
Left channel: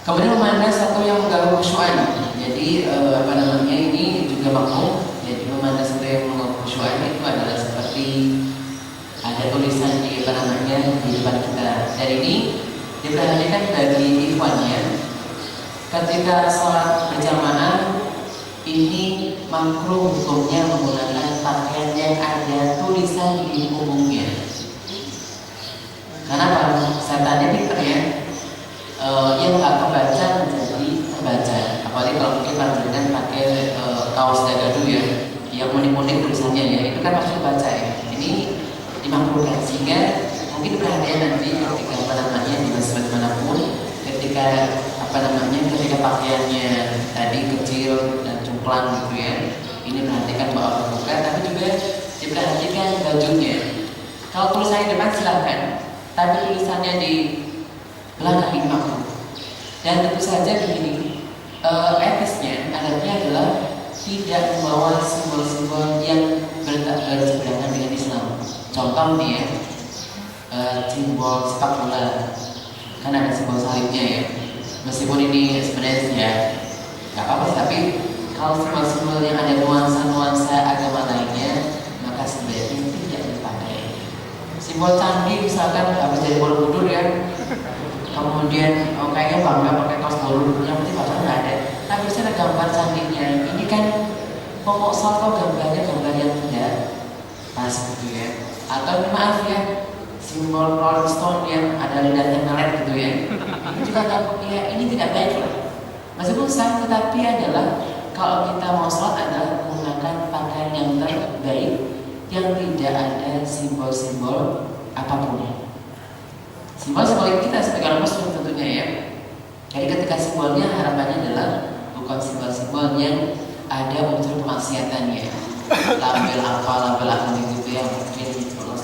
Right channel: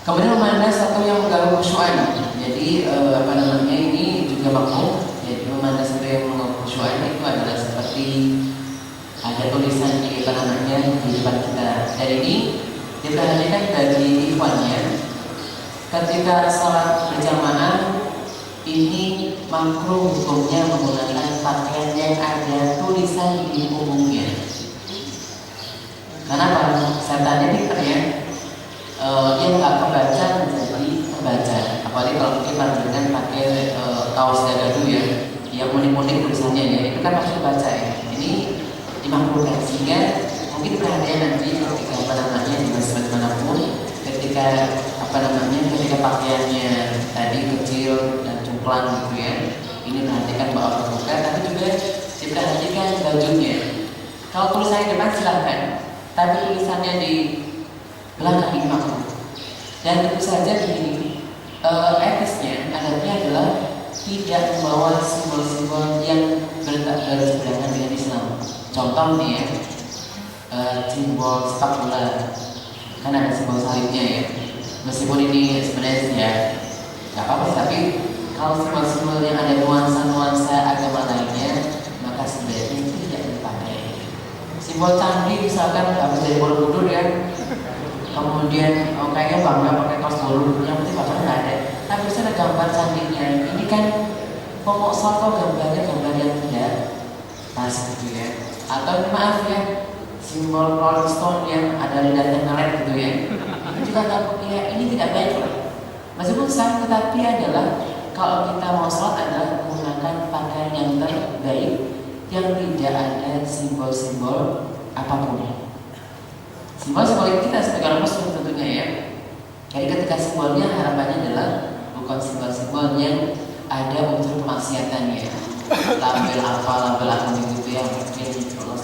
Kemudian memandang satu yang mengganggu khusyuan. Jadi ini juga makruh. Jadi memandang satu yang mengganggu khusyuan itu adalah seperti ada tulisan di depan kita. Dan ini diperhatikan bagi ikhwannya. Ketika sholat berjamaah ini makruh hukumnya menggunakan pakaian yang ada tulisan di punggungnya. Karena apa? Setannya pinter ya. Yang nggak kebaca menjadi kebaca. Apalagi kalau mungkin dengan pakai kaos dada dulu ya, yang unik-unik tulisannya ya, itu kan harus kebaca ya. Ini dimakruhkan, sehingga mungkin perhatian nanti ketika di masjid manapun, ketika ketika pakaiannya tadi kecil dan cumplang gitu ya, ini perhatikan bahwa terbuka, tapi juga diperhatikan bajunya. Kalau tulisannya depan silahkan, tapi tulisannya di belakang ini makruh. Dan tentu saja begini, etisnya adabnya adalah tidak membawa simbol-simbol yang berseberangan dengan Islam. Contoh nih ya, simbol sepak bola, kan ada simbol salibnya ya. Meskipun ini sebenarnya tidak apa-apa, tapi kalau simbol-simbol yang ada nuansa-nuansa agama lainnya, maka sebaiknya tidak dipakai. Simbol candi misalkan habis dari Borobudur ya, kemudian kayaknya bangga pakai kaos Borobudur, yang penting bahkan nggak ada. Tapi bisa ada gambar candinya. Ini kan pokok salvo gambarnya gambar yang tidak pas gitu ya. Atau maaf ya, simbol Rolling Stone yang ada lidahnya ngelet gitu ya. Juga ya, ini tidak baik lah. Meskipun sah, tetapi adalah kalau kita mau sholat adalah menggunakan pakaian yang terbaik yang tidak ada simbol-simbol apapun. Simbol-simbol kita sebagai muslim tentunya ya. Jadi ketika simbolnya harapannya adalah bukan simbol-simbol yang ada unsur kemaksiatannya. Label apa gitu ya, mungkin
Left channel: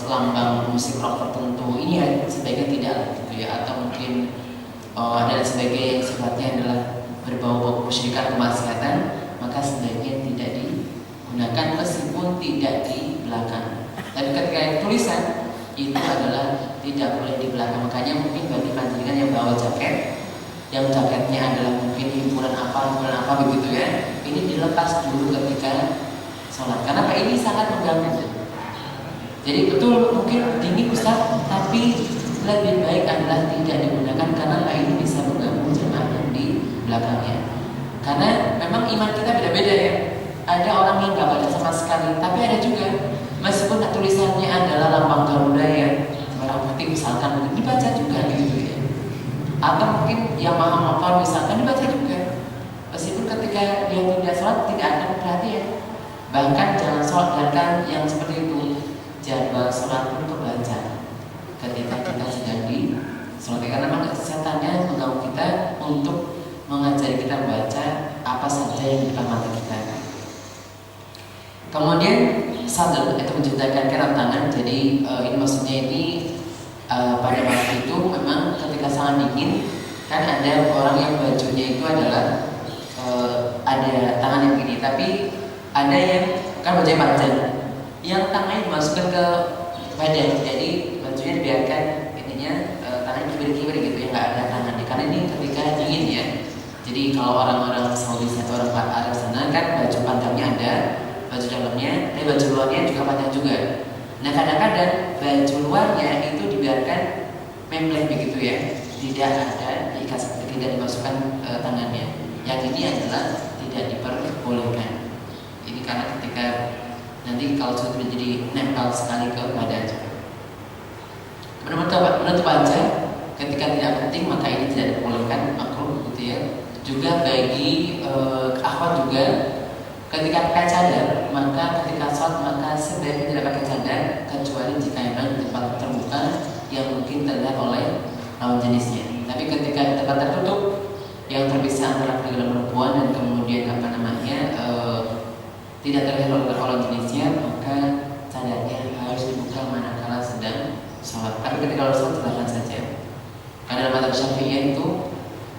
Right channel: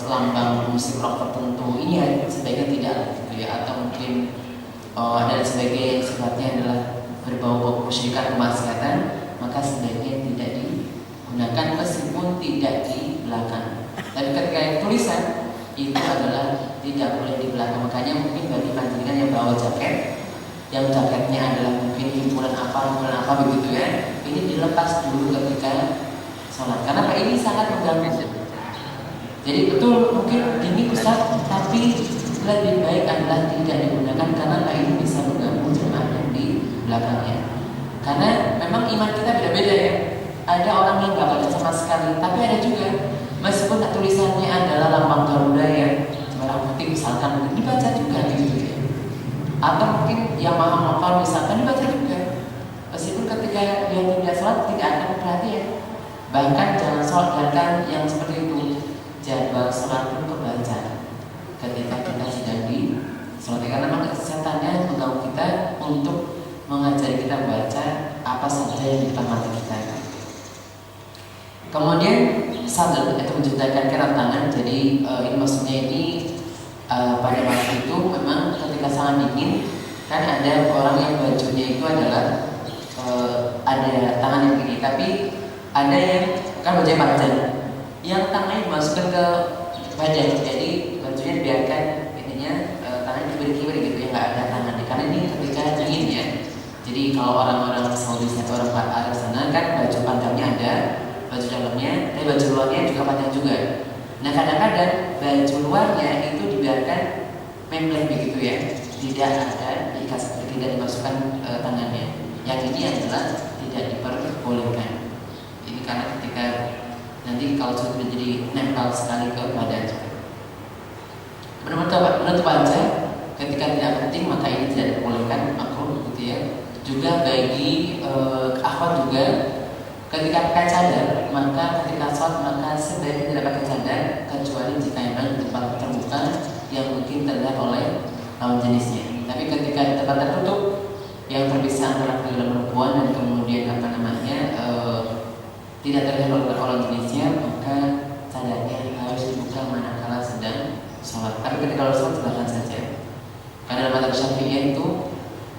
lambang musik rock tertentu, ini ya sebaiknya tidak gitu ya. Atau mungkin ada sebagai yang sifatnya adalah berbau kesyirikan kemaksiatan, maka sebaiknya tidak digunakan meskipun tidak di belakang. Dan ketika yang tulisan itu adalah tidak boleh di belakang. Makanya mungkin bagi panjenengan yang bawa jaket, yang jaketnya adalah mungkin hiburan apa begitu ya, ini dilepas dulu ketika sholat. Karena ini sangat mengganggu. Jadi betul mungkin gini Ustaz, tapi lebih baik adalah tidak digunakan karena ini bisa mengganggu jemaah yang di belakangnya. Karena memang iman kita beda-beda ya. Ada orang yang nggak baca sama sekali, tapi ada juga meskipun tulisannya adalah lambang Garuda ya, merah putih misalkan, dibaca juga gitu ya. Atau mungkin yang maha motor misalkan dibaca juga, meskipun ketika dia tidak sholat tidak ada perhatian. Bahkan jangan sholat belakang yang seperti itu, jadwal sholat pun kebaca ketika kita sedang di sholat, karena memang setannya mengganggu kita untuk mengajari kita membaca apa saja yang kita mati kita. Kemudian sadar itu menciptakan kerat tangan. Jadi ini maksudnya ini pada waktu itu memang ketika sangat dingin ada orang yang bajunya itu adalah ada tangan yang gini, tapi ada yang kan bajunya panjang, yang tangannya dimasukkan ke badan, jadi bajunya dibiarkan ininya tangannya kibir-kibir gitu ya, nggak ada tangannya. Karena ini ketika dingin ya. Jadi kalau orang-orang Saudi atau orang Arab sana kan baju panjangnya ada, baju dalamnya, tapi baju luarnya juga panjang juga. Nah kadang-kadang baju luarnya itu dibiarkan membleng begitu ya, tidak ada tidak dimasukkan tangannya. Yang ini adalah tidak diperbolehkan. Ini karena ketika nanti kalau sudah menjadi nempel sekali ke badan. Menutup aja ketika tidak penting maka ini tidak diperbolehkan, makruh gitu ya. Juga bagi akhwat juga ketika pakai cadar, maka ketika sholat maka sebaiknya tidak pakai cadar kecuali jika memang di tempat terbuka yang mungkin terlihat oleh lawan jenisnya. Tapi ketika di tempat tertutup yang terpisah antara pria dan perempuan dan kemudian tidak terlihat oleh lawan jenisnya, maka cadarnya harus dibuka manakala sedang sholat. Tapi ketika sholat silakan saja. Karena mazhab Syafi'iyah itu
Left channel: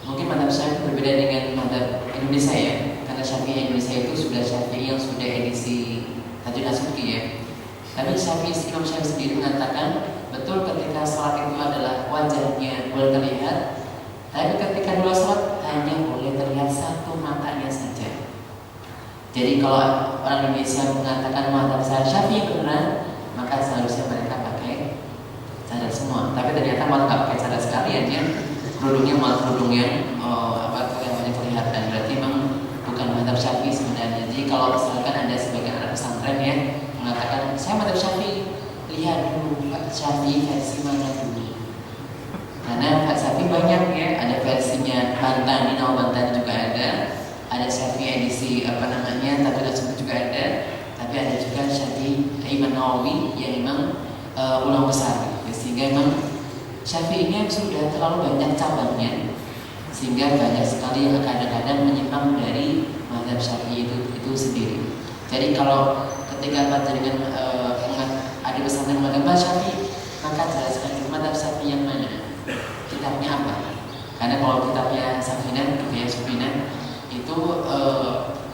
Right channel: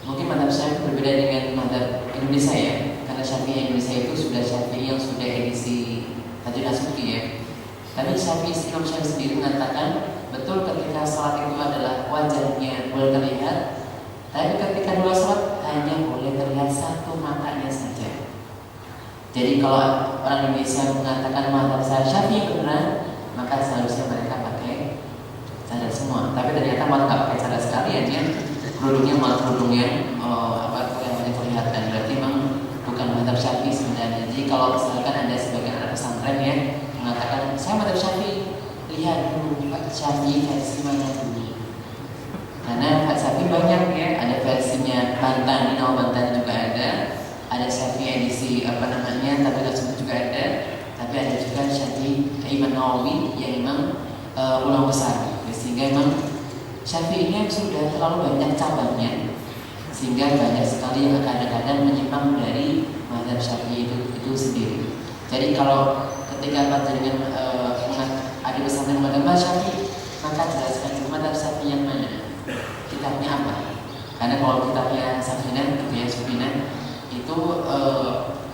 mungkin mazhab Syafi'i berbeda dengan mazhab Indonesia ya. Karena Syafi'i Indonesia itu sudah Syafi'i yang sudah edisi Tajwid Nasuki ya. Tapi Imam Syafi'i sendiri mengatakan betul ketika sholat itu adalah wajahnya boleh terlihat, tapi ketika dua sholat hanya boleh terlihat satu matanya saja. Jadi kalau orang Indonesia mengatakan mazhab Syafi'i benar, maka seharusnya mereka pakai cadar semua. Tapi ternyata malah nggak pakai cadar sekalian ya. Kerudungnya malah kerudung yang yang kelihatan. Berarti memang bukan mazhab Syafi'i sebenarnya. Jadi kalau misalkan ada sebagian anak pesantren ya mengatakan saya mazhab Syafi'i, lihat dulu Syafi'i versi mana dulu. Karena Syafi'i banyak ya, ada versinya Bantan, Minau Bantan juga ada Syafi'i edisi Tajwid Nasuki juga ada, tapi ada juga Syafi'i Imam Nawawi yang memang ulama besar. Sehingga memang Syafi'i ini sudah terlalu banyak cabangnya, sehingga banyak sekali yang kadang-kadang menyimpang dari mazhab Syafi'i itu sendiri. Jadi kalau ketika panjenengan ada pesantren mazhab Syafi'i, maka jelaskan mazhab Syafi'i yang mana, kitabnya apa. Karena kalau kitabnya Syafi'i itu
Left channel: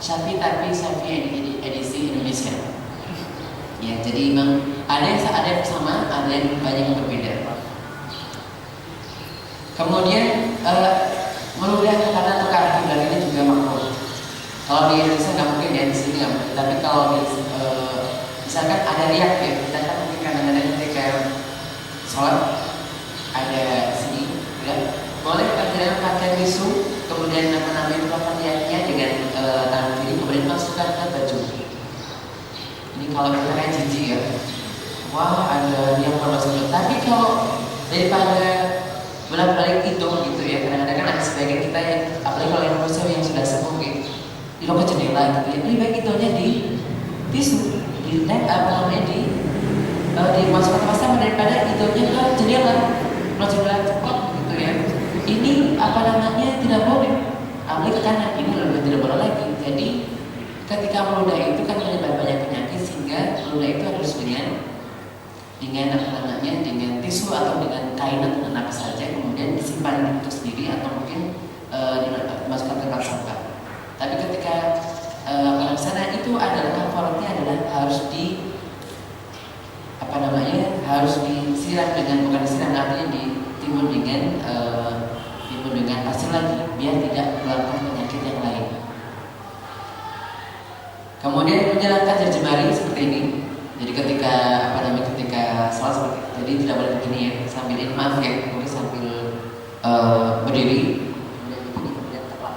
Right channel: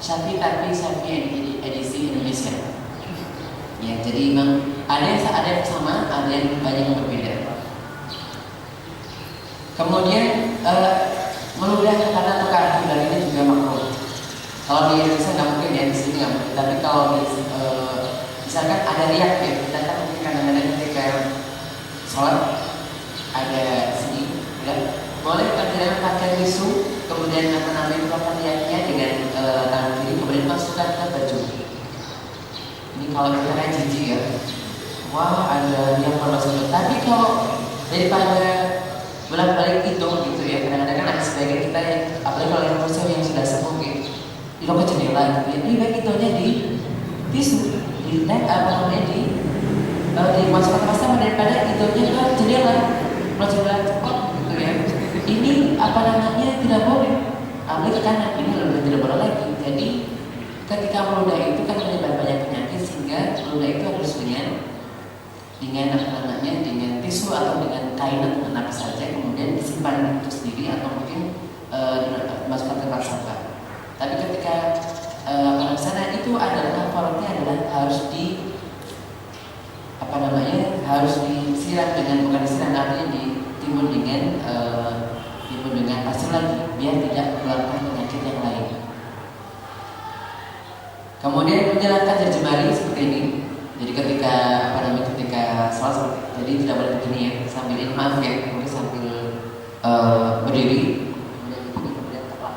Syafi'i tapi Syafi'i edisi Indonesia. Ya, jadi memang ada yang sama, ada yang banyak yang berbeda. Kemudian meludah karena tukar dan ini juga makruh. Kalau di Indonesia nggak mungkin ya, di sini nggak mungkin. Tapi kalau di misalkan ada riak ya, kita kan mungkin kadang-kadang ketika sholat ada sini, ya boleh kadang pakai tisu, kemudian melakukan riaknya dengan tangan kiri, kemudian masukkan ke baju. Ini kalau kita kayak jijik ya, wah ada yang masuk. Tapi kalau daripada bolak-balik hidung gitu ya, kadang-kadang kan ada sebagian kita yang apalagi kalau yang muslim yang sudah sepuh gitu, di ke jendela gitu ya, lebih baik hidungnya di tisu, dimasukkan ke pasar daripada hidungnya ke jendela cepat gitu ya. Ini tidak boleh, apalagi ke kanan, ini lebih tidak boleh lagi. Jadi ketika meludah itu kan menyebabkan banyak penyakit, sehingga meludah itu harus dengan tisu atau dengan kain atau dengan apa saja, kemudian disimpan untuk sendiri atau mungkin dimasukkan ke tempat sampah. Tapi ketika sana itu adalah kafaratnya adalah harus disiram dengan, bukan disiram, artinya ditimbun dengan pasir lagi biar tidak menularkan penyakit yang lain. Kemudian menjalankan jari jemari seperti ini. Jadi ketika sholat, jadi tidak boleh begini ya, sambil ini maaf ya, mungkin sambil berdiri, kemudian tepat.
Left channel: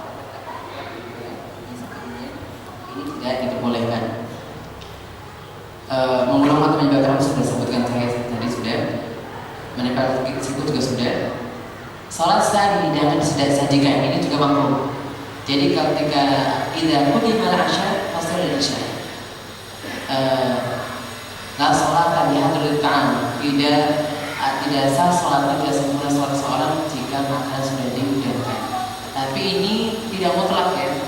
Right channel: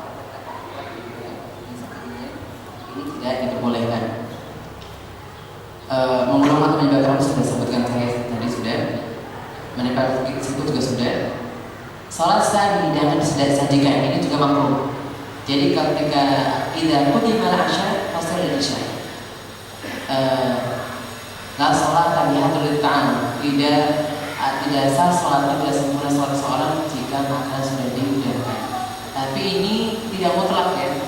Ini tidak diperbolehkan. Mengulung atau menyebabkan sudah disebutkan saya tadi sudah, menempel tersebut juga sudah. Sholat saat hidangan sudah disajikan, ini juga makruh. Jadi ketika idza qudima al-'asha fasal al-'isha. La sholat bihadratil ta'am. Tidak sah sholat, tidak sempurna sholat seorang jika makanan sudah dihidangkan. Tapi ini tidak mutlak ya.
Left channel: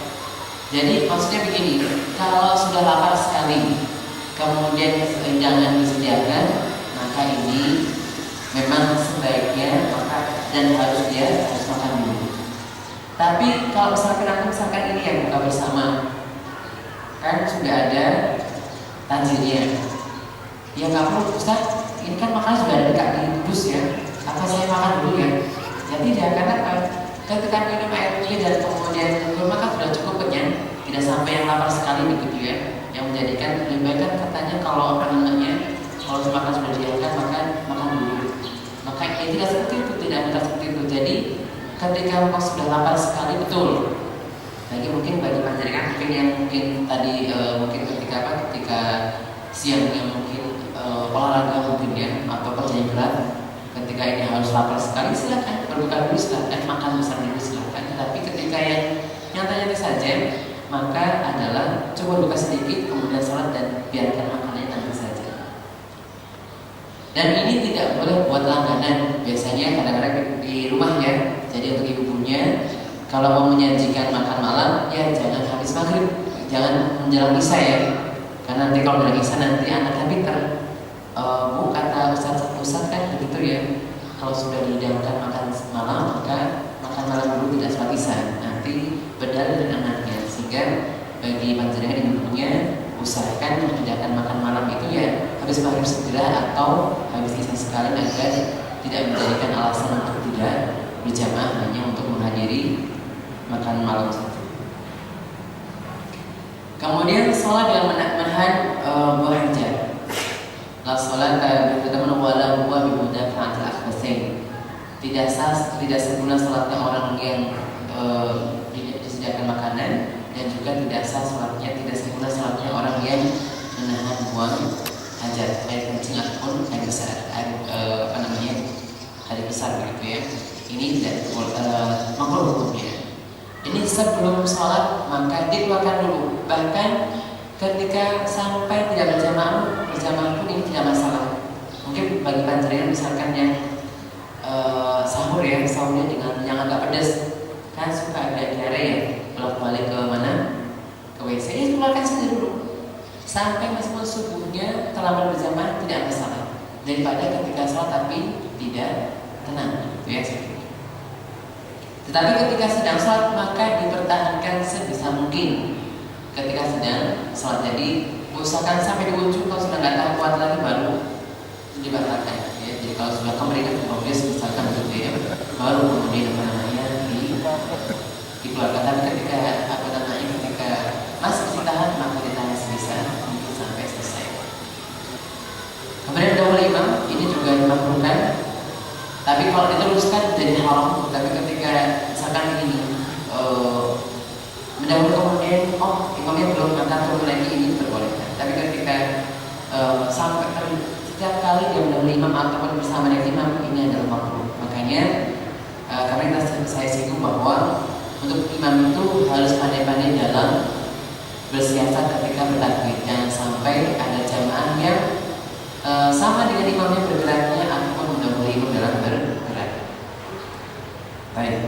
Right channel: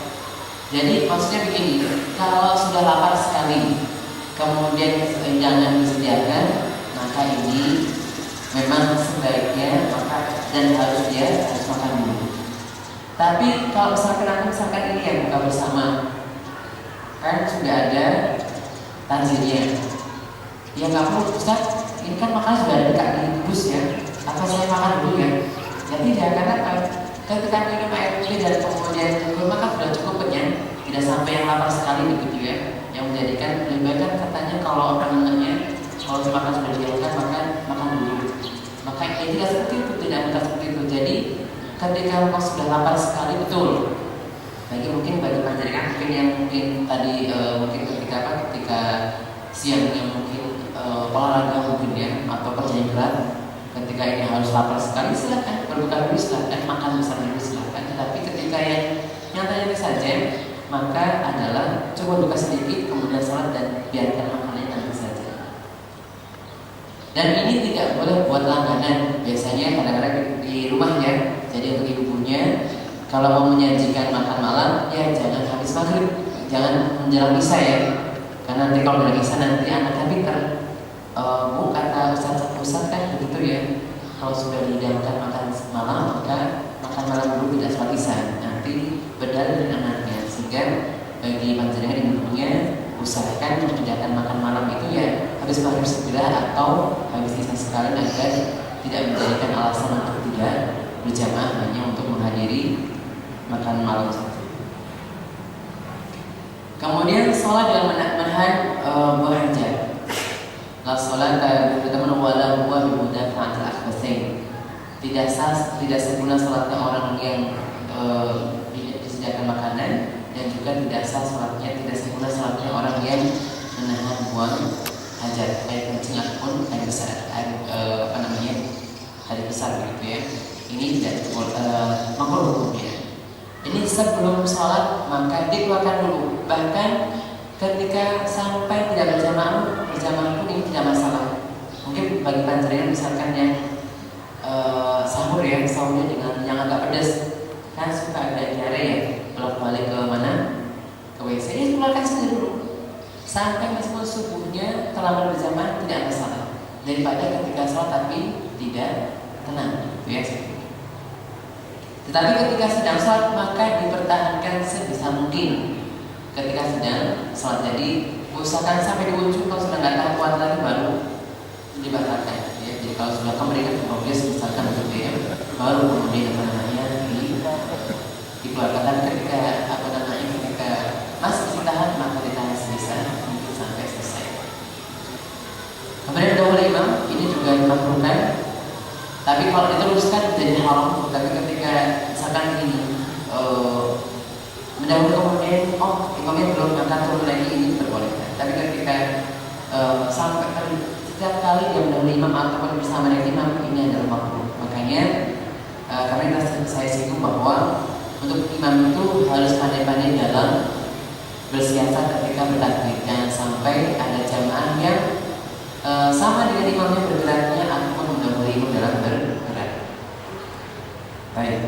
Jadi maksudnya begini, kalau sudah lapar sekali, kemudian hidangan disediakan, maka ini memang sebaiknya dan harus makan dulu. Tapi kalau misalkan ini ya buka bersama, kan sudah ada takjilnya. Ya nggak perlu Ustaz, ini kan makan sudah ada di bus ya. Apa saya makan dulu ya? Jadi ya karena ketika minum air putih dan kemudian makan sudah cukup kenyang, tidak sampai yang lapar sekali begitu ya. Yang menjadikan lebih baik kan katanya kalau kalau makan sudah diangkat makan dulu. Maka ini tidak seperti itu, tidak minta seperti itu. Jadi ketika engkau sudah lapar sekali betul. Lagi mungkin bagi panjenengan mungkin yang mungkin tadi mungkin ketika siangnya mungkin olahraga mungkin ya atau kerja berat, ketika ini harus lapar sekali silakan berbuka dulu, silakan makan besar dulu silakan. Tapi ketika yang nyatanya saja, maka adalah coba buka sedikit kemudian sholat dan biarkan makannya nanti saja. Dan ini tidak boleh buat langganan. Biasanya kadang-kadang di rumah ya. Jadi untuk ibunya kalau mau menyajikan makan malam ya jangan habis maghrib, jangan menjelang isya ya. Karena nanti kalau menjelang isya nanti anaknya pinter. Bu kata Ustaz kan begitu ya. Kalau sudah dihidangkan makan malam maka makan malam dulu tidak sholat isya. Nanti berdalil dengan anaknya. Sehingga bagi panjenengan ibunya usahakan mengerjakan makan malam itu ya habis maghrib segera atau habis isya sekali agar tidak menjadikan alasan untuk tidak berjamaah hanya untuk menghadiri makan malam saja. Kemudian sholat dalam menahan buah hajat. La sholat teman-teman wala buah bimudah fa'atil akhbasin. Tidak seguna sholatnya orang yang disediakan makanan dan juga tidak sah sholatnya, tidak seguna sholatnya orang yang menahan buang hajat, air kencing ataupun air besar, air besar begitu ya. Ini tidak makruh hukumnya. Ini sebelum sholat maka dikeluarkan dulu. Bahkan ketika sampai tidak berjamaah pun ini tidak masalah. Mungkin bagi panjenengan misalkan yang sahurnya dengan yang agak pedas, kan suka agak diare ya. Kalau kembali ke mana? Ke WC, ini keluarkan saja dulu. Sampai meskipun subuhnya terlambat berjamaah tidak masalah. Daripada ketika sholat tapi tidak tenang, ya. Tetapi ketika sedang sholat maka dipertahankan sebisa mungkin. Ketika sedang sholat, jadi usahakan sampai di ujung. Kalau sudah nggak tahan kuat lagi baru dibatalkan. Ya. Jadi kalau sudah kembali ke progres misalkan begitu ya, baru kemudian dikeluarkan. Dan ketika ketika masih ditahan maka ditahan sebisa mungkin sampai selesai. Kemudian dahulu imam ini juga dimakruhkan. Tapi kalau diteruskan jadi haram. Tapi ketika misalkan ini mendahului kemudian imamnya belum angkat turun lagi, ini diperbolehkan. Tapi ketika sampai setiap kali dia mendahului imam ataupun bersama dengan imam, ini adalah makruh. Makanya karena saya singgung bahwa untuk imam itu harus pandai-pandai dalam bersiasat ketika bertakbir. Jangan sampai ada jamaah yang sama dengan imamnya bergeraknya ataupun mendahului imam dalam bergerak. Baik.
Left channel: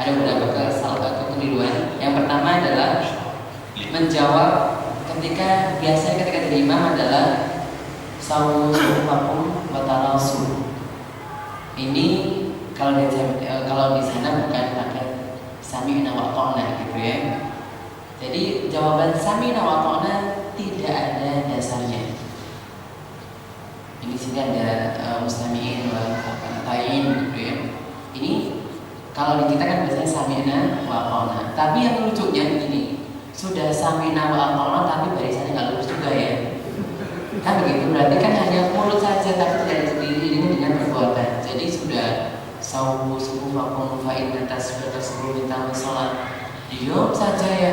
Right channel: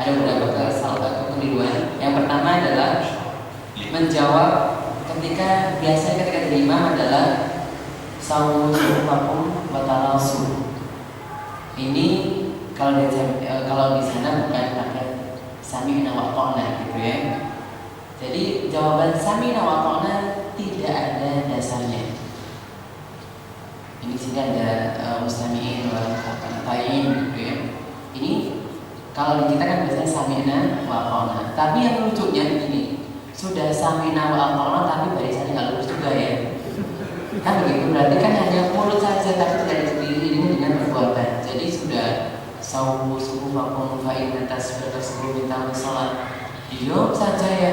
Ada beberapa kekeliruan. Yang pertama adalah menjawab ketika biasanya ketika jadi imam adalah sawu sufakum watalasu. Ini kalau di sana bukan pakai sami'na wa ata'na gitu ya. Jadi jawaban sami'na wa ata'na tidak ada dasarnya. Ini sini ada mustami'in wa ta'in gitu ya. Ini kalau di kita kan biasanya sami'na wa ata'na. Tapi yang lucunya begini, sudah sami'na wa ata'na tapi barisannya nggak lurus juga ya. Kan begitu, berarti kan hanya mulut saja tapi tidak diiringi dengan perbuatan. Jadi sudah sawu subuh maupun fa'in atas sudah tersebut minta sholat. Diam saja ya.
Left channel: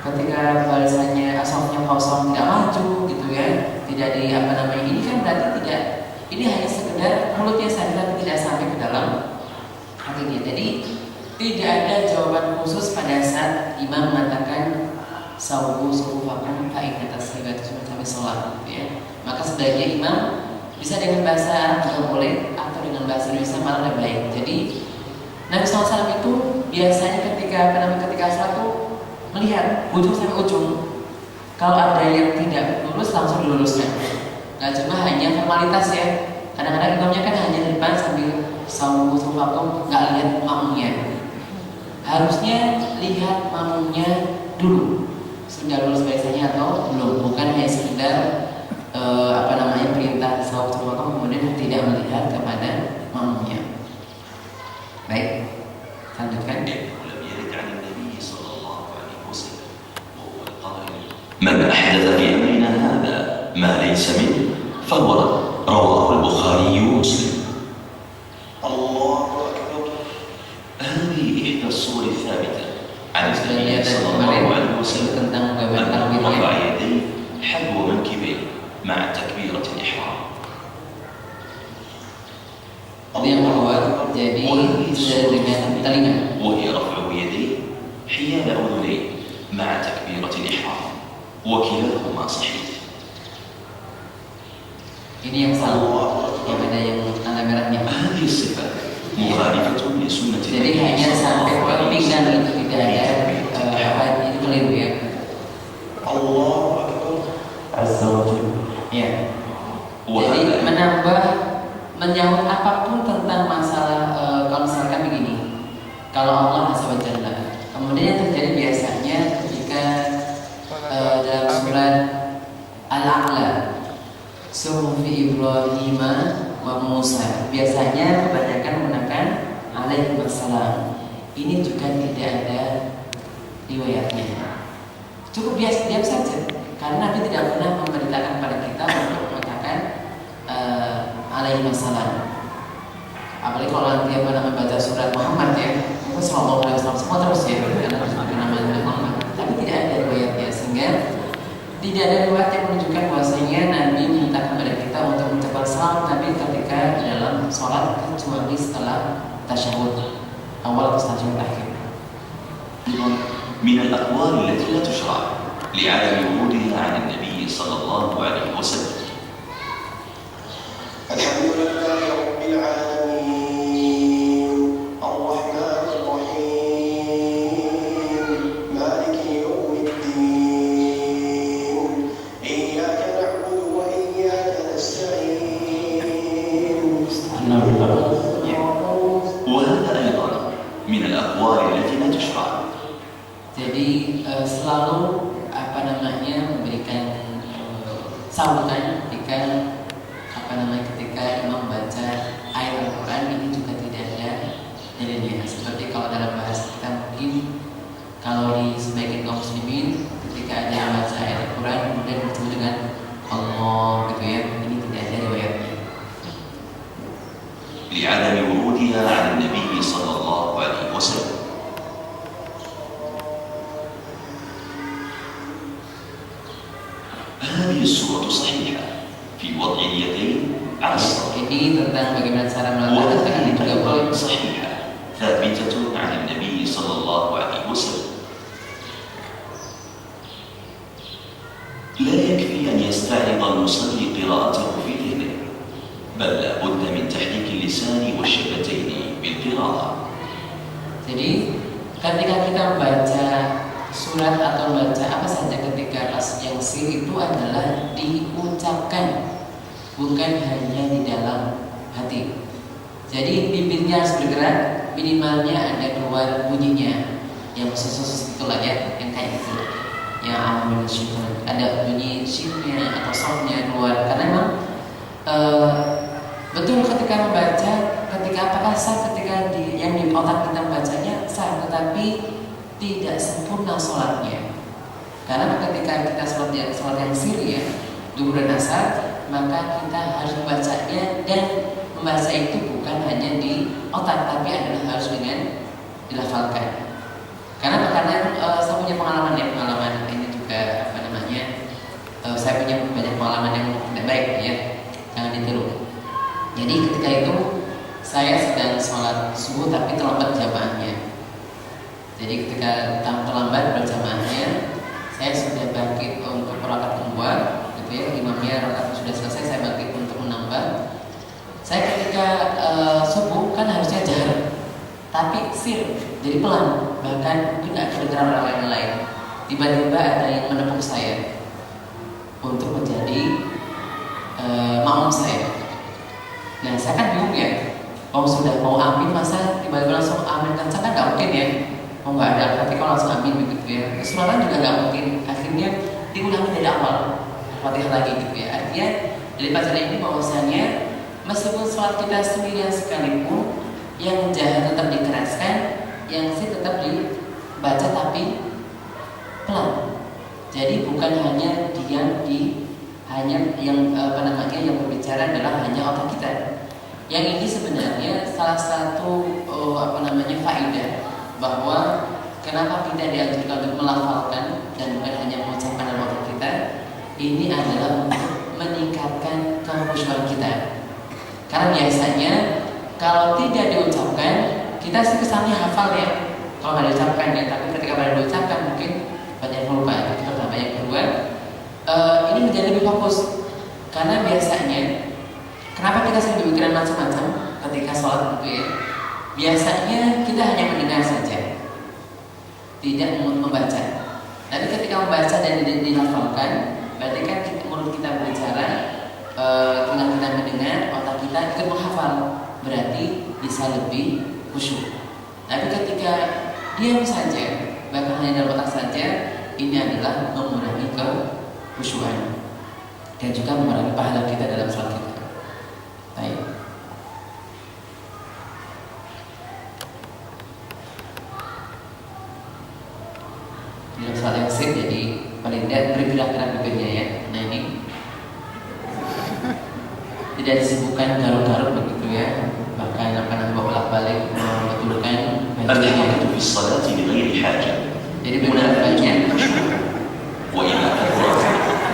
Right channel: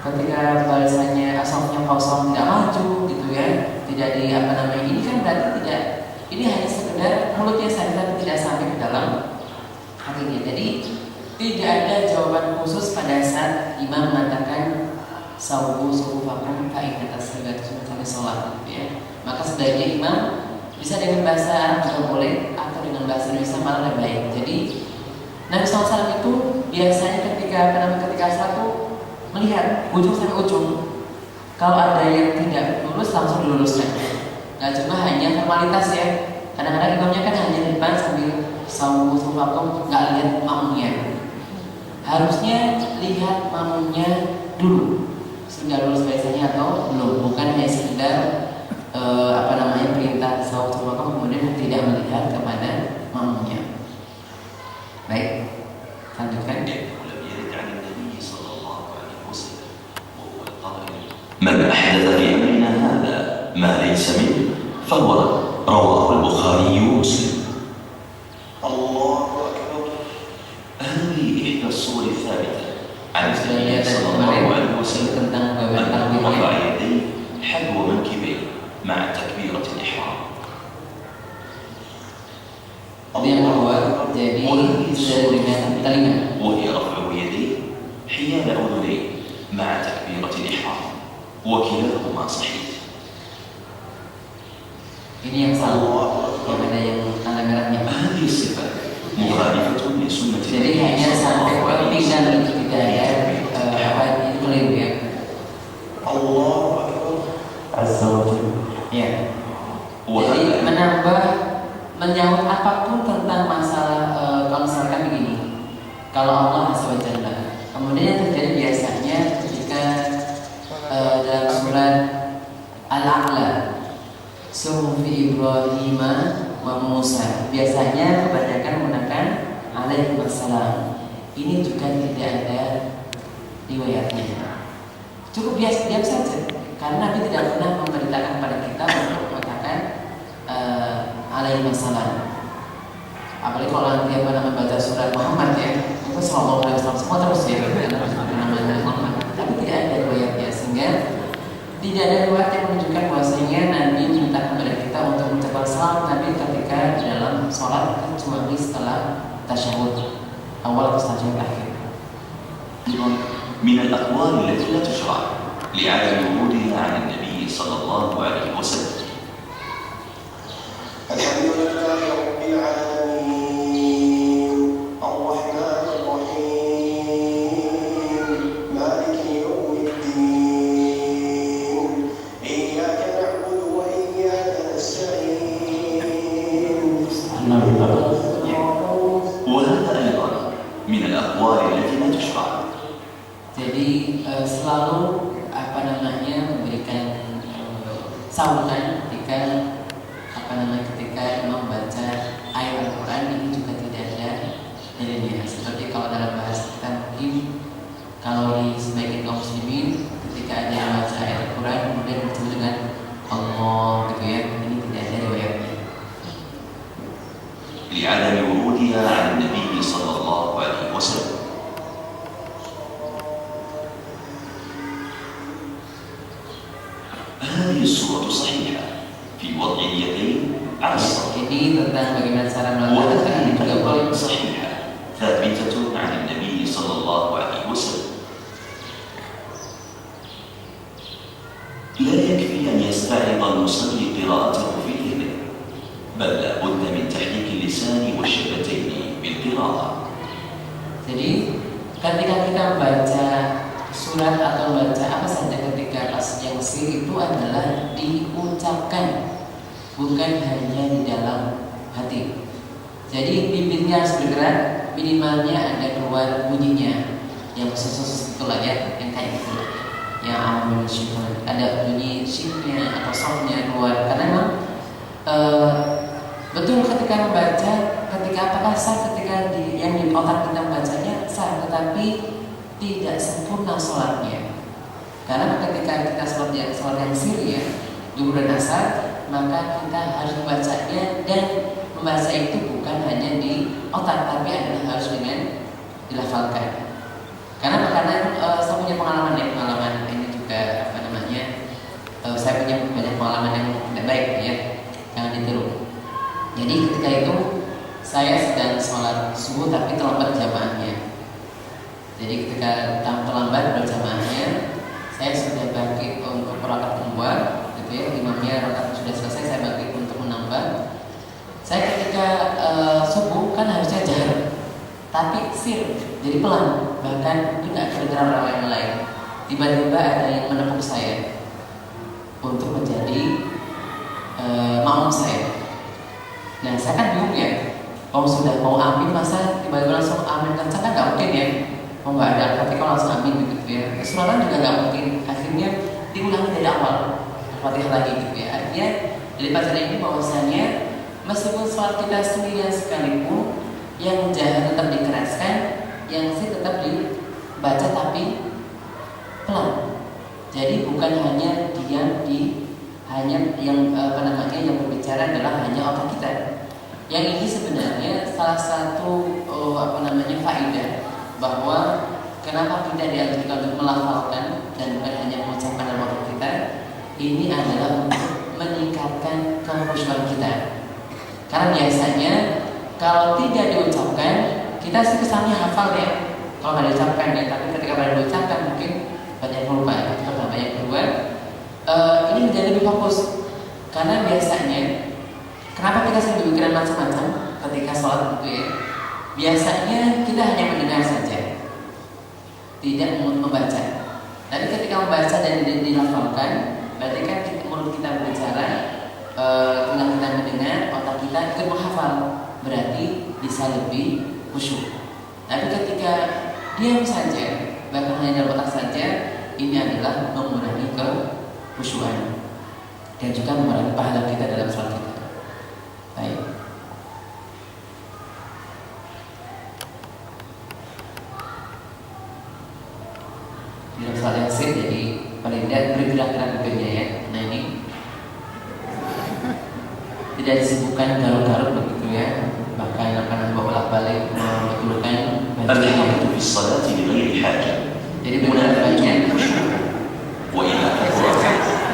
Ketika balasannya asapnya kosong tidak maju gitu ya, tidak di apa namanya, ini kan berarti tidak, ini hanya sekedar mulutnya saja tapi tidak sampai ke dalam hatinya. Jadi tidak ada jawaban khusus pada saat imam mengatakan sawu sufufakum fa inna taslimat sampai sholat gitu ya. Maka sebaiknya imam bisa dengan bahasa Arab juga boleh atau dengan bahasa Indonesia malah lebih baik. Jadi Nabi SAW itu biasanya ketika sholat itu melihat ujung sampai ujung. Kalau ada yang tidak lurus langsung diluruskan. Nggak cuma hanya formalitas ya. Kadang-kadang imamnya kan hanya di depan sambil sawu sufufakum, nggak lihat makmumnya. Harusnya lihat makmumnya dulu sudah lulus biasanya atau belum, bukan hanya sekedar perintah sawu sufufakum kemudian tidak melihat kepada makmumnya. Baik, lanjutkan. من أحدث في أمرنا هذا ما ليس منه فهو رد. رواه البخاري ومسلم. الله أكبر. هذه إحدى الصور الثابتة عن النبي صلى الله عليه وسلم أنه رفع يديه حذو منكبيه مع تكبيرة الإحرام. Yang kedua, jadi dengan telinga. وهي رفع يديه حيال أذنيه مع تكبيرة الإحرام. وكلاهما صحيح. Ini yang salah, yang ada yang tanda merahnya. هذه الصفة مخالفة لسنة. Jadi hanya sampai pinggang itu tidak ada ini keliru ya. الله أكبر. Ya. Jadi menyahut apapun tentang masalah kalau misalkan begini. Kalau Allah Azza wa Jalla, kemudian yang terjadi biasanya ketika dalam surat Al-A'la, Suhufi Ibrahim wa Musa, biasanya kebanyakan menggunakan alaihi wassalam. Ini juga tidak ada riwayatnya. Cukup biasa diam saja, karena Nabi tidak pernah memerintahkan kepada kita untuk mengatakan alaihi wassalam. Apalagi kalau nanti baca surat Muhammad ya, itu sallallahu alaihi wasallam semua terus ya, namanya Muhammad. Tapi tidak ada riwayatnya, sehingga tidak ada riwayat yang menunjukkan bahwasanya Nabi minta kepada kita untuk mengucapkan salam tapi ketika di dalam sholat kecuali setelah tasyahud awal atau tasyahud akhir. من الأقوال التي لا تشرع لعدم ورودها عن النبي صلى الله عليه وسلم. الحمد لله رب العالمين الرحمن الرحيم مالك يوم الدين إياك نعبد وإياك نستعين. وهذا أيضا من الأقوال التي لا تشرع. Jadi selalu memberikan sambutan ketika ketika imam membaca ayat Al-Quran, ini juga tidak ada dalilnya. Seperti kalau dalam bahasa kita mungkin kalau di sebagian kaum muslimin ketika ada yang baca ayat Al-Quran kemudian bertemu dengan Allah gitu ya, ini tidak ada riwayatnya. لعدم ورودها عن النبي صلى الله عليه وسلم. هذه السورة صحيحة في وضع اليدين على الصدر. Ini tentang bagaimana cara melakukan tangan juga boleh. صحيحة ثابتة عن النبي صلى الله عليه وسلم. لا يكفي أن يستعرض المصلي قراءته في يده، بل لا بد من تحريك اللسان والشفتين بالقراءة. Jadi ketika kita membaca surat atau membaca apa saja ketika yang sir itu adalah diucapkan, bukan hanya di dalam hati. Jadi bibirnya harus bergerak, minimalnya ada keluar bunyinya, yang khusus itulah ya, yang kayak gitu, yang amin syifat, ada bunyi syifnya atau softnya keluar. Karena memang betul ketika membaca, ketika apakah sah ketika yang di otak kita membacanya sah, tetapi tidak sempurna sholatnya. Karena ketika kita sholat yang siri ya, zuhur dan asar, maka kita harus membacanya, dan membaca itu bukan hanya di otak, tapi adalah harus dengan dilafalkan. Karena Jadi ketika terlambat berjamaahnya, saya sudah bangkit untuk rakaat kedua, gitu ya. Imamnya rakaat sudah selesai, saya bangkit untuk menambah. Saya ketika subuh kan harusnya jahar, tapi sir, jadi pelan, bahkan mungkin nggak kedengeran orang yang lain. Tiba-tiba ada yang menepuk saya untuk menjadi makmum saya. Nah, saya kan bingung ya. Sudah mau amin, masa tiba-tiba langsung amin kencang kan nggak mungkin ya. Nggak ada Al-Fatihah langsung amin gitu ya. Suara juga nggak mungkin. Akhirnya diulangi dari awal Al-Fatihah lagi gitu ya. Artinya dari pelajaran ini bahwasanya meskipun sholat kita sendirian sekalipun, yang jahar tetap dikeraskan, yang sih tetap dibaca tapi pelan. Jadi bukan hanya yang yang berbicara adalah hanya otak kita. Yang ini sebenarnya salah satu faedah bahwa kenapa kita dianjurkan untuk melafalkan dan bukan hanya mengucapkan dalam otak kita. Ini adalah untuk meningkatkan kekhusyuan kita. Karena biasanya kalau tidak diucapkan, kita sih kesannya hafal ya. Kalau nggak diucapkan ya, tapi ketika pada diucapkan mungkin banyak lupa. Itu pertama. Yang kedua, ini menjadi lebih fokus. Karena biasanya, kenapa kita sering berpikiran macam-macam ketika sholat gitu ya? Biasanya kita hanya mendengar saja, tidak membaca. Tapi ketika membaca dan dilafalkan, berarti kan mulut kita berbicara, tinggal kita mendengar, otak kita ikut menghafal, berarti bisa lebih khusyuk. Tapi ketika diam saja, bahkan hanya dalam otak saja, ini adalah mengurangi kekhusyuan dan juga mengurangi pahala kita dalam sholat kita. Baik. Dalam sholat yang sir, jadi paling tidak bergerak-gerak kupingnya ya. Nah ini tidak disibukkan garuk-garuk begitu ya. Bahkan bolak-balik membetulkan الحركة في الصلاة لغير حاجة. Jadi benar-benarnya وإلا كثرت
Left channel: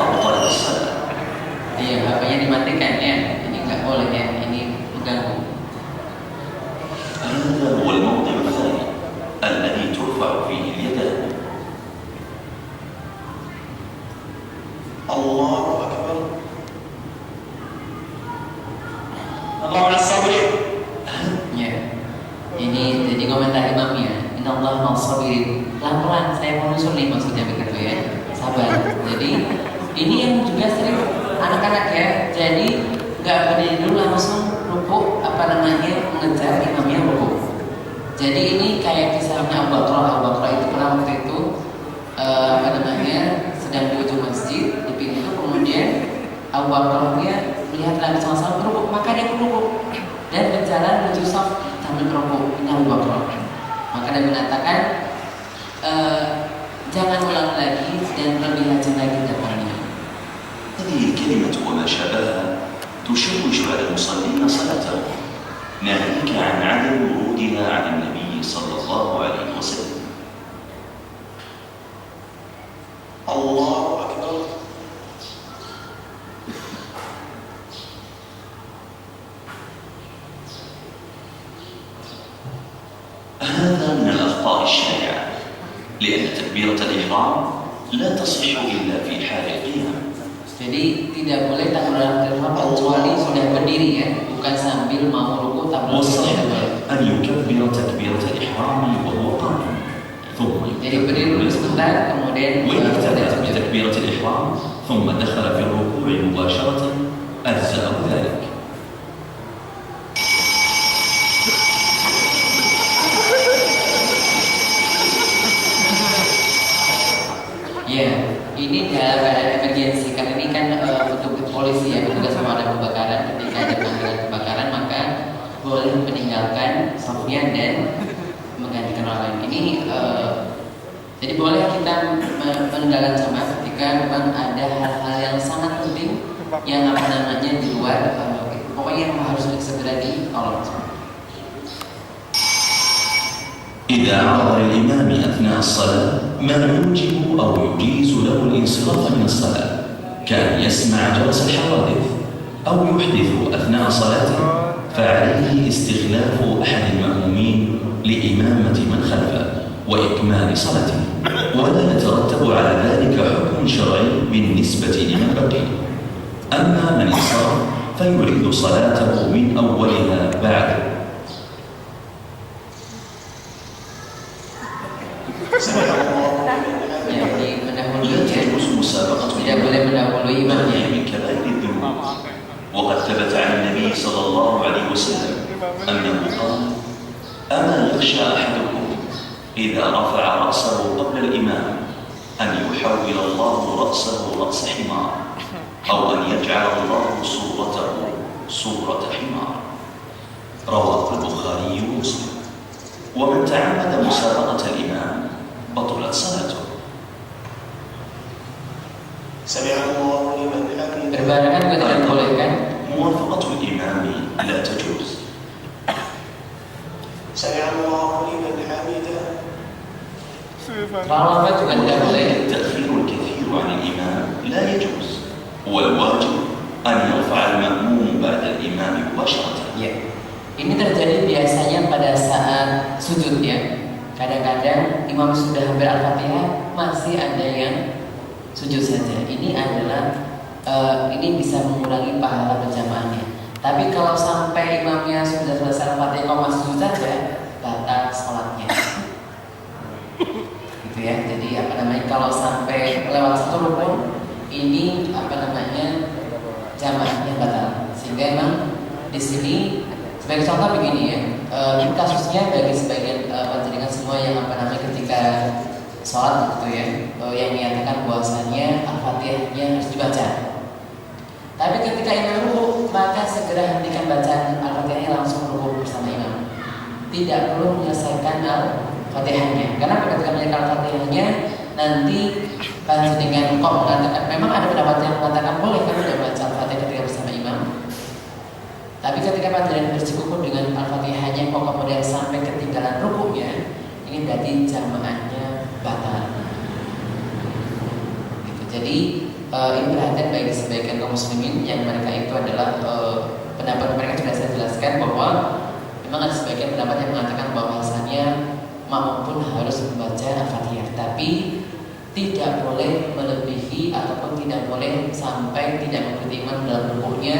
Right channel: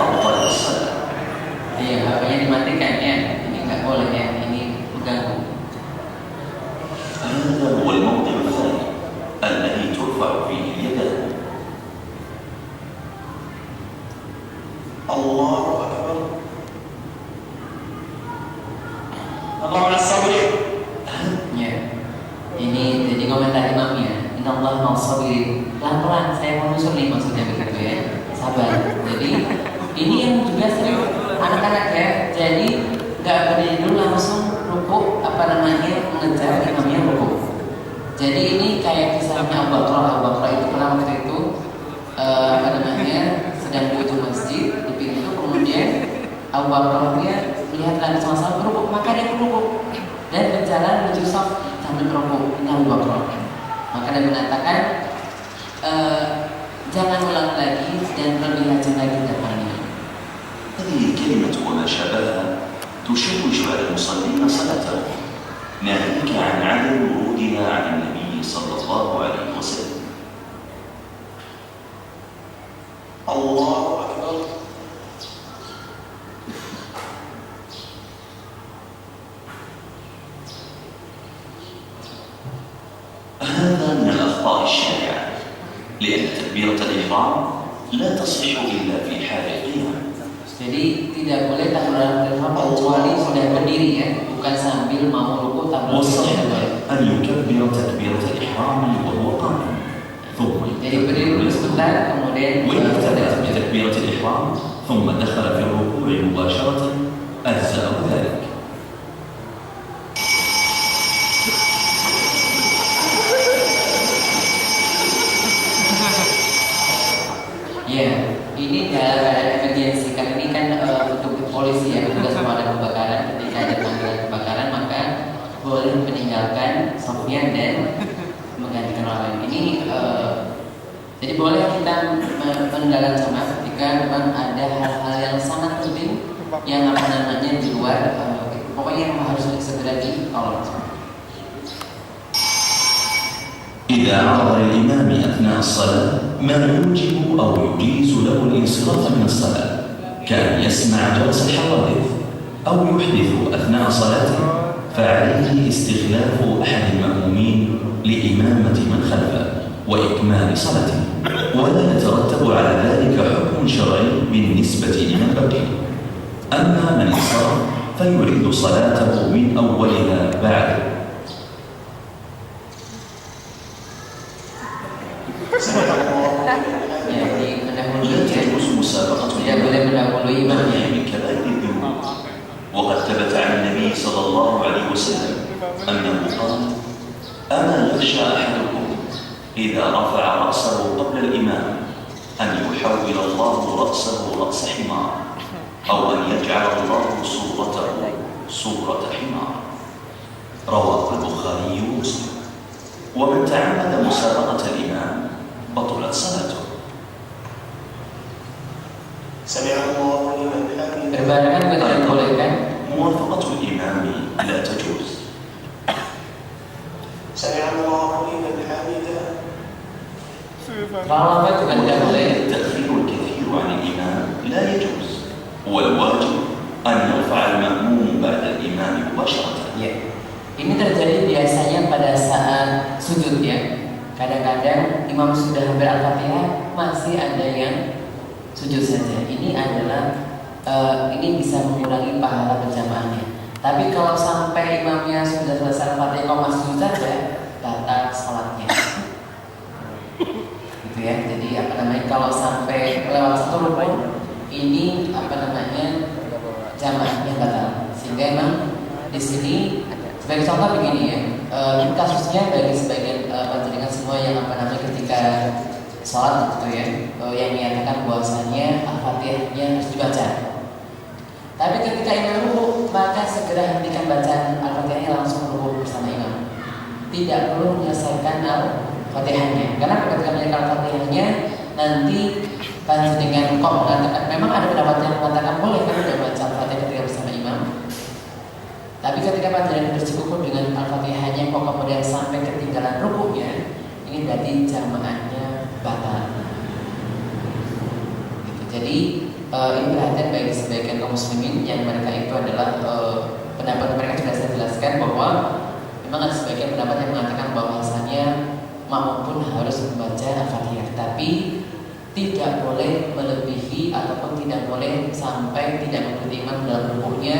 أبطلت الصلاة. iya, HP-nya dimatikan ya. Ini nggak boleh ya. Ini mengganggu. هذا هو الموضع الثاني الذي ترفع فيه اليدان. الله أكبر. الله على الصبر. Ya. Ini jadi komentar imamnya. Innallaha ma'as-sabirin. Pelan-pelan, saya mau nyusul nih maksudnya begitu ya. Sabar. Jadi ini yang juga sering anak-anak ya. Jadi nggak berdiri dulu langsung rukuk mengejar imamnya rukuk. Jadi ini kayak kisahnya Abu Bakar itu pernah waktu itu sedang menuju masjid di pintu, kemudian Abu Bakarnya melihat lagi sama-sama rukuk, maka dia rukuk dan berjalan menuju shaf sambil rukuk. Ini Abu Bakar. Maka dia mengatakan jangan ulang lagi dan lebih rajin lagi depannya. هذه الكلمة وما شابهها تشوش على المصلين صلاتهم، ناهيك عن عدم ورودها عن النبي صلى الله عليه وسلم. الله أكبر. هذا من الأخطاء الشائعة، لأن تكبيرة الإحرام لا تصح إلا في حال القيام. Jadi tidak boleh takbiratul ihram kecuali sudah berdiri ya, bukan sambil mau rukuk takbiratul والصحيح ihram. أن يكبر تكبيرة الإحرام وهو قائم، ثم Jadi berdiri dulu sebentar, kemudian ويبتدأ بتكبيرة الإحرام ثم دخل في الركوع مباشرة أجزأه ذلك. Ya, ini dalam keadaan emergensi. Karena ini kan untuk polisi ya, tugas pemadam kebakaran. Ketika ada panggilan kebakaran, maka boleh meninggalkan sofnya dan menggantikan orang lain. Ini jadi boleh kita meninggalkan jamaah ketika memang ada hal-hal yang sangat penting yang di luar, pokoknya yang harus segera ditolong. إذا عرض للإمام أثناء الصلاة ما يوجب أو يجيز له الانصراف من الصلاة، كان يسمع جرس الحوادث أو يحدث أثناء صلاته، فعليه استخلاف أحد المأمومين لإمامة من خلفه وإكمال إكمال صلاته، ولا يترتب على ذلك حكم شرعي بالنسبة لمن بقي. أما من انصرف فيعيد صلاته من أولها بعد. لا تجوز مسابقة الإمام من كبائر الذنوب، وقد ثبت عن النبي صلى الله عليه وسلم أنه قال: أما يخشى أحدكم إذا رفع رأسه قبل الإمام أن يحول الله رأسه رأس حمار، أو أن يجعل الله صورته صورة حمار. رواه البخاري ومسلم. ومن تعمد مسابقة الإمام بطلت صلاته. سمع الله لمن حمده. Berbarengan ketika dibolehkan. موافقة الإمام لا تجوز. سمع الله لمن حمده. Kalau lambat juga tidak boleh. التأخير الكثير عن الإمام لا يجوز، والواجب أن يرفع المأموم بعد الإمام مباشرة. Ya. Ini terjadi biasanya pada saat sujud ya. Kadang-kadang imam sudah hampir Al-Fatihah masih ada yang sujud saja. Ini adalah ini bisa mengurangi pahala berjamaahnya. Tapi kalau sampai imamnya sudah selesai Al-Fatihah kok masih sujud saja, batal sholatnya. Gitu ya. Jadi kalau sampai lewat satu rukun ini jamaahnya batal. Sehingga memang di sini sebagai contoh begini ya, ini kasusnya bagi sebagian panjenengan semua yang ketika sholat gitu ya, yang menyatakan bahwasannya Al-Fatihahnya harus dibaca. Tapi ketika imam ruku, maka segera hentikan bacaan Al-Fatihahnya, langsung ruku bersama imam. Tidak perlu menyelesaikan Al-Fatihahnya, karena ketika menyelesaikan Al-Fatihahnya nanti panjenengan kok mengatakan, memang ada pendapat yang mengatakan boleh kan tidak baca Al-Fatihah ketika bersama imam. Tapi ketika panjenengan bercukup dengan Al-Fatihahnya kok kemudian sampai ketinggalan rukunya, ini berarti jamaahnya batal. Gitu. Jadi ini perhatian bagi sebagian kaum muslimin yang mereka itu adalah pendapat mereka sudah saya jelaskan bahwa memang ada sebagian pendapat yang mengatakan bahwasannya makmum pun harus membaca Al-Fatihah, tapi tidak boleh melebihi ataupun tidak boleh sampai tidak mengikuti imam dalam rukuknya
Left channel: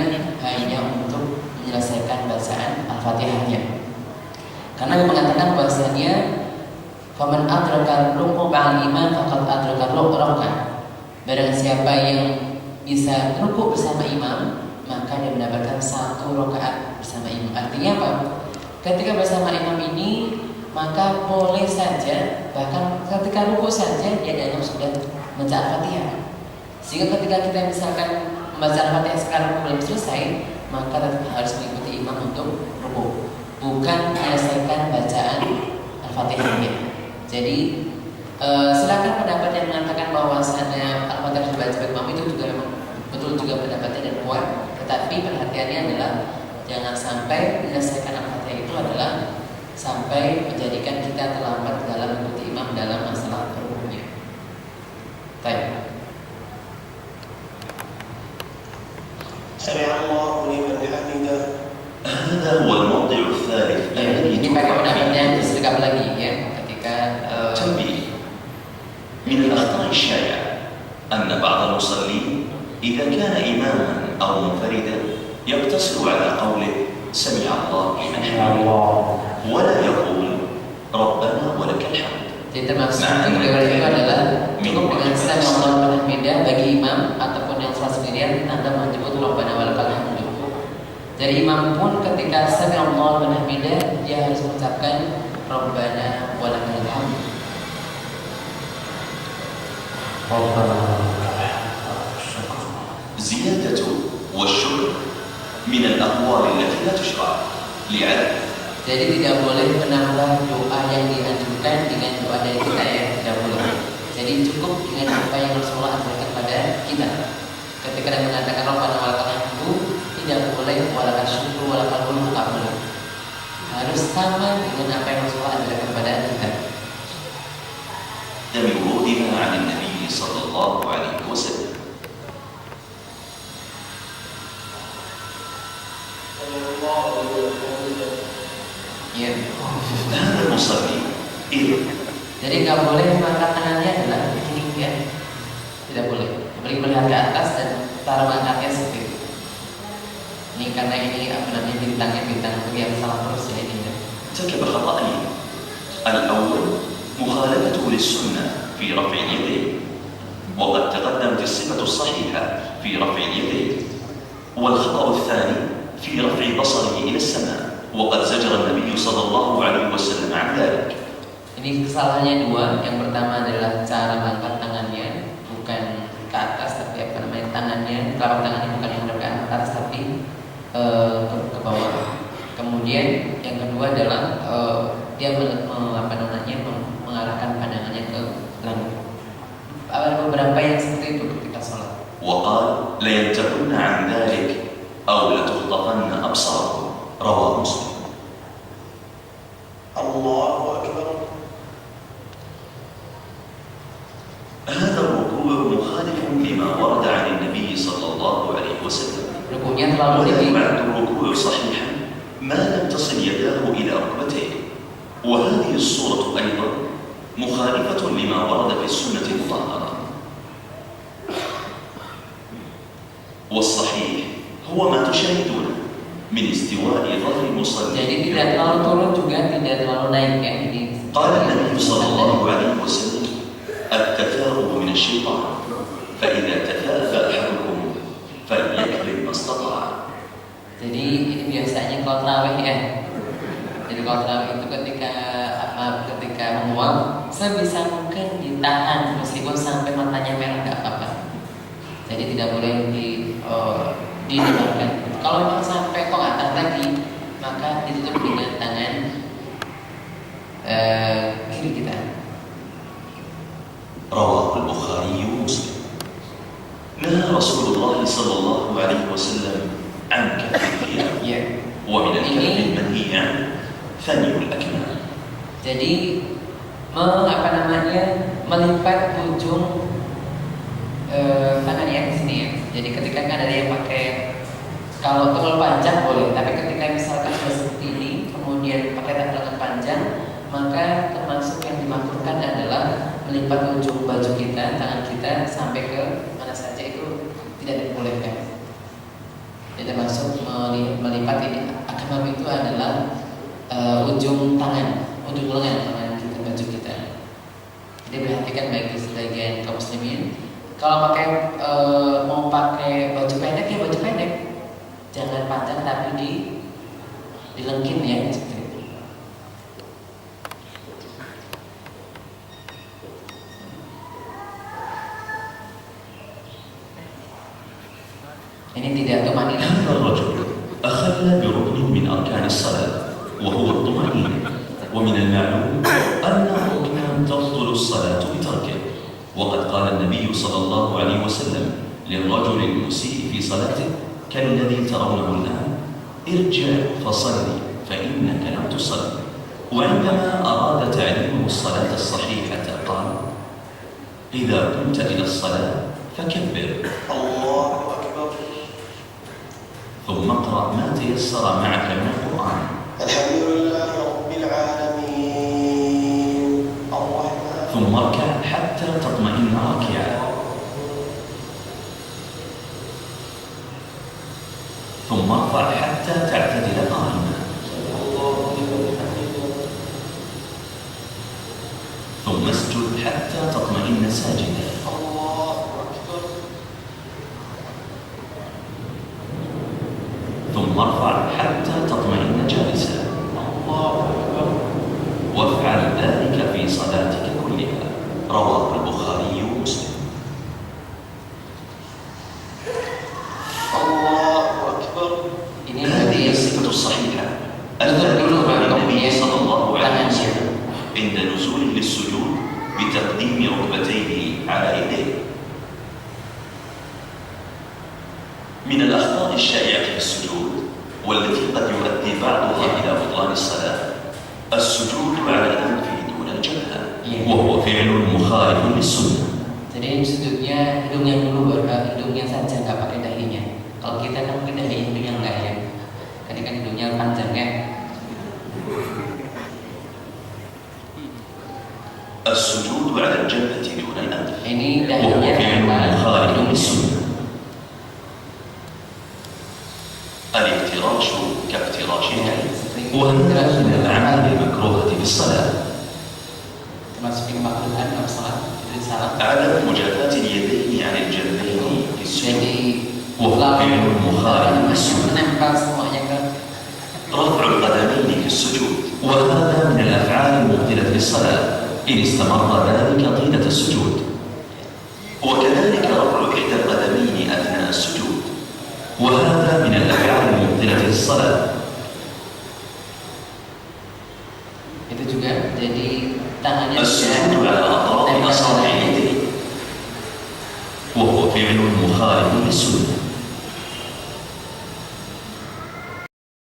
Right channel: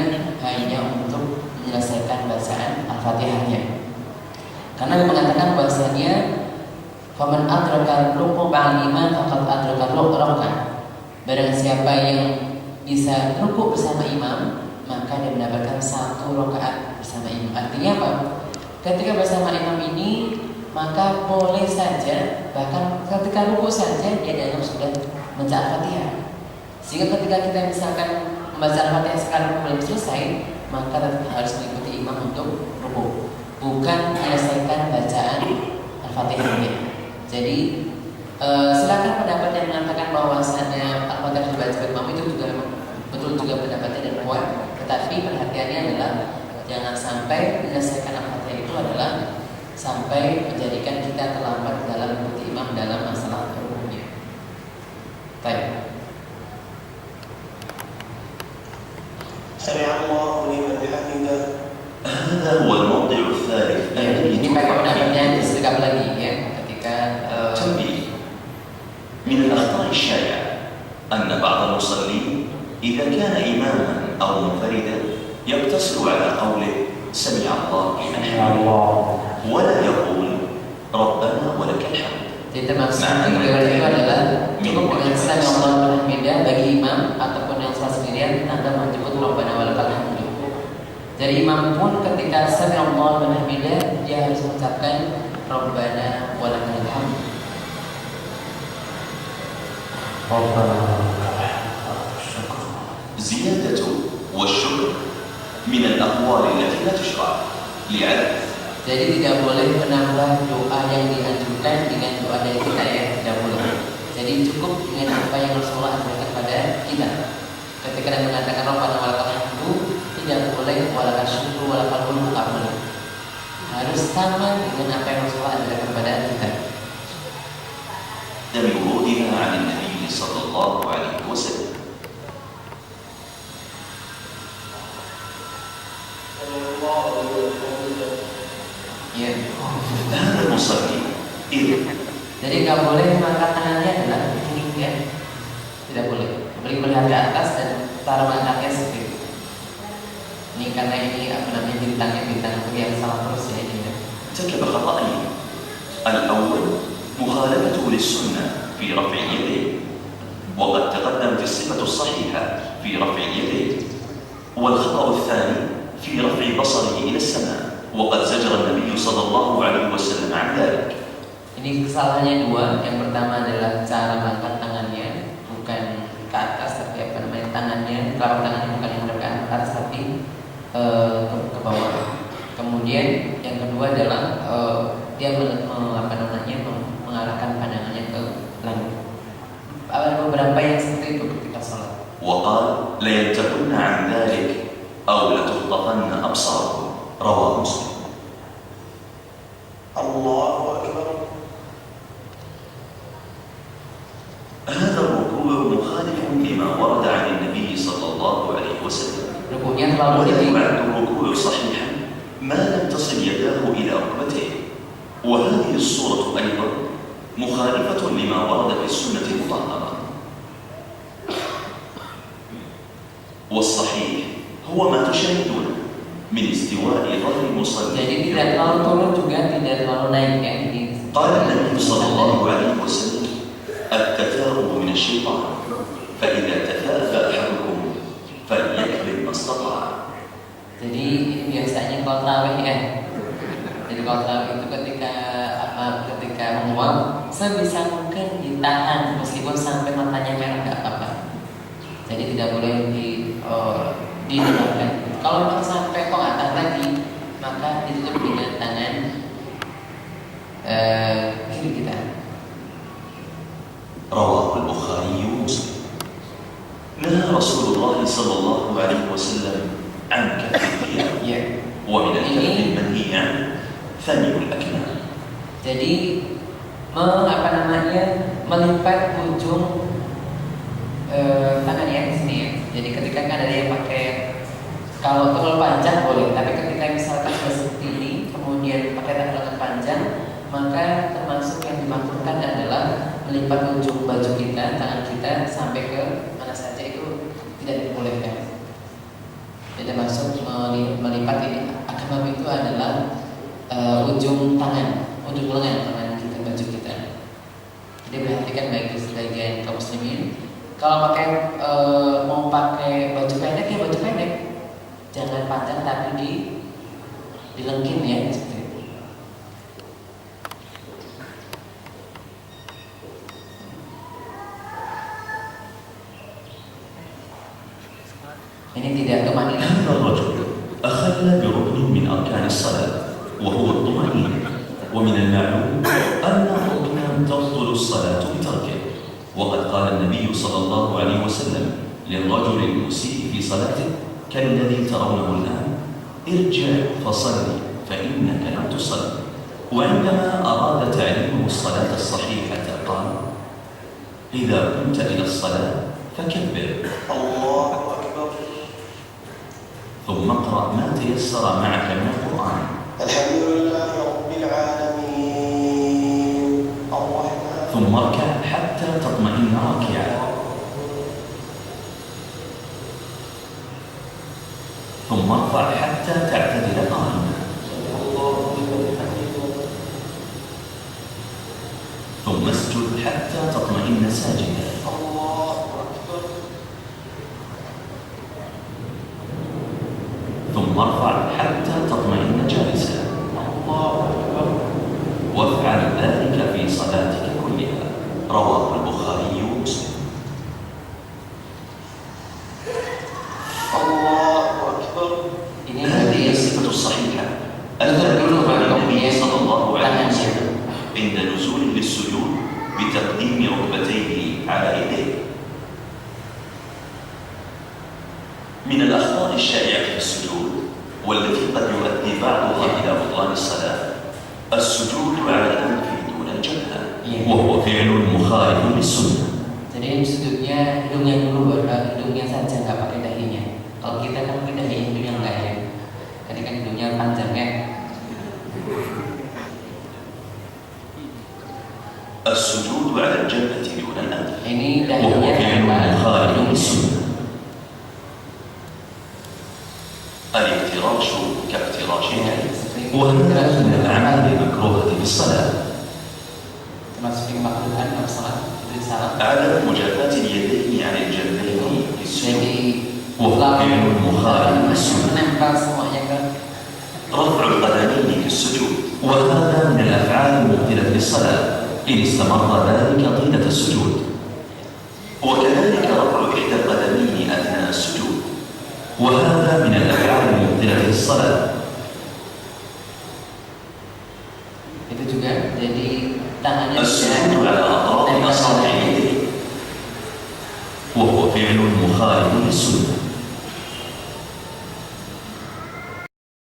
hanya untuk menyelesaikan bacaan Al-Fatihahnya. Karena dia mengatakan bahasanya faman adraka ruku' ba'al imam faqad adraka ruk'ah. Barang siapa yang bisa rukuk bersama imam, maka dia mendapatkan satu rakaat bersama imam. Artinya apa? Ketika bersama imam ini, maka boleh saja, bahkan ketika rukuk saja dia dianggap sudah membaca Al-Fatihah. Sehingga ketika kita misalkan membaca Al-Fatihah sekarang belum selesai, maka tetap harus mengikuti imam untuk rukuk, bukan menyelesaikan bacaan Al-Fatihahnya. Jadi silakan pendapat yang mengatakan bahwasannya Al-Fatihah dibaca imam itu juga betul juga pendapatnya dan kuat. Tetapi perhatiannya adalah jangan sampai menyelesaikan Al-Fatihah itu adalah sampai menjadikan kita terlambat dalam mengikuti imam dalam masalah rukuknya. Baik. سمع الله لمن حمده. هذا هو الموضع الثالث الذي Ini pakai pendapatnya disergap lagi ya ketika تنبيه. من الأخطاء الشائعة أن بعض المصلين إذا كان إماما أو منفردا يقتصر على قوله سمع الله لمن حمده ولا يقول ربنا ولك الحمد. Jadi termasuk itu adalah cukup dengan sami Allah wa hamidah bagi imam ataupun yang salat sendirian Anda menyebut Rabbana walakal hamdu. Jadi imam pun ketika sami Allah wa hamidah dia harus mengucapkan Rabbana walakal hamdu. زيادة والشكر من الأقوال التي لا تشرع لعدم. Jadi tidak boleh menambah doa yang dianjurkan dengan doa dari kita ya, tidak boleh. Jadi cukup dengan apa yang Rasulullah ajarkan kepada kita. Ketika dia mengatakan Rabbana walakal hamdu, tidak boleh walakal syukru walakal mulku, tidak boleh. Harus sama dengan apa yang Rasulullah ajarkan kepada kita. من ورودها عن النبي صلى الله عليه وسلم. Ya. هذا المصلي إذا Jadi nggak boleh mengangkat tangannya adalah ini ya, tidak boleh. Boleh melihat ke atas dan cara mengangkatnya seperti itu. Ini karena ini apa namanya bintang yang salah terus ya ini. ارتكب خطأين. الأول مخالفته للسنة في رفع اليدين، وقد تقدمت الصفة الصحيحة في رفع اليدين. والخطأ الثاني في رفع بصره إلى السماء، وقد زجر النبي صلى الله عليه وسلم عن ذلك. Ini kesalahannya dua. Yang pertama adalah cara mengangkat tangannya, bukan ke atas tapi apa namanya tangannya, telapak tangannya bukan yang ke atas tapi ke bawah. Kemudian yang kedua adalah dia mengarahkan pandangannya ke langit. Ada beberapa yang seperti itu ketika sholat. وقال لينتهن عن ذلك أو لتخطفن أبصاركم. رواه مسلم. الله أكبر. هذا الركوع مخالف لما ورد عن النبي صلى الله عليه وسلم. Rukunya terlalu ولا tinggi. يعد الركوع صحيحا ما لم تصل يداه إلى ركبتيه. وهذه الصورة أيضا مخالفة لما ورد في السنة المطهرة. والصحيح هو ما تشاهدون من استواء ظهر المصلي. Jadi tidak terlalu turun juga tidak terlalu naik ya. قال النبي صلى الله عليه وسلم التثاؤب من الشيطان، فإذا تثاءب أحدكم فليكذب ما استطاع. Jadi ini biasanya kalau tarawih ya. Jadi kalau tarawih itu ketika menguap sebisa mungkin ditahan meskipun sampai matanya merah nggak apa-apa. Jadi tidak boleh didengarkan. Kalau memang sampai kok atas lagi maka ditutup dengan tangan kiri kita. رواه البخاري ومسلم. نهى رسول الله صلى الله عليه وسلم عن كف الثياب، Ya. ومن الكف المنهي عنه ثني الأكمام. Jadi melipat ujung tangan ya di sini ya. Jadi ketika kan ada yang pakai kalau terlalu panjang boleh, tapi ketika misalkan sudah seperti ini kemudian pakai tangan panjang maka termasuk yang dimaksudkan adalah melipat ujung baju kita, tangan kita sampai ke mana saja itu tidak dibolehkan. Jadi termasuk melipat ini akmam itu adalah ujung tangan, ujung lengan tangan kita, baju kita. Jadi perhatikan baik sebagian kaum muslimin. Kalau mau pakai baju pendek ya baju pendek, jangan panjang tapi dilengkin ya. Ini tidak tumanina. هذا الرجل أخل بركن من أركان الصلاة وهو الطمأنينة، ومن المعلوم أن الركن تبطل الصلاة بتركه. وقد قال النبي صلى الله عليه وسلم للرجل المسيء في صلاته كالذي ترونه الآن: ارجع فصلي فإنك لم تصلي. وعندما أراد تعليمه الصلاة الصحيحة قال: إذا قمت إلى الصلاة فكبر، الله أكبر. ثم اقرأ ما تيسر معك من القرآن. الحمد لله رب العالمين الرحمن. ثم اركع حتى تطمئن راكعا، ثم ارفع حتى تعتدل قائما، ثم اسجد حتى تطمئن ساجدا، ثم ارفع حتى تطمئن جالسا، وافعل ذلك في صلاتك كلها. رواه البخاري ومسلم. الله أكبر. Ini هذه berarti الصفة الصحيحة Tutup dulu التي baru النبي kemudian صلى الله عليه tangannya. وسلم عند نزوله للسجود بتقديم ركبتيه على يديه. من الأخطاء الشائعة في السجود والتي قد يؤدي بعضها إلى بطلان الصلاة السجود على الأنف دون الجبهة، وهو فعل مخالف للسنة. Jadi sudutnya hidungnya dulu, hidungnya saja nggak pakai dahinya. Kalau kita kan pakai dahi, hidungnya enggak ya. Tadi kan hidungnya panjang ya. السجود على الجبهة دون الأنف Ini وهو dalilnya فعل مخالف apa? للسنة. الافتراش كافتراش الكلب وهذا من الأعمال المكروهة في الصلاة. Termasuk dimakruhkan dalam salat. Jadi salat. عدم مجافاة اليدين عن الجنبين في السجود Jadi وهو فعل مخالف للسنة. menempel semuanya ke رفع القدمين في السجود وهذا من الأفعال المبطلة للصلاة إن استمر ذلك طيلة السجود. وكذلك رفع إحدى القدمين أثناء السجود وهذا من الأفعال المبطلة للصلاة. itu juga. Jadi tangannya السجود على أطراف أصابع اليدين وهو فعل مخالف للسنة.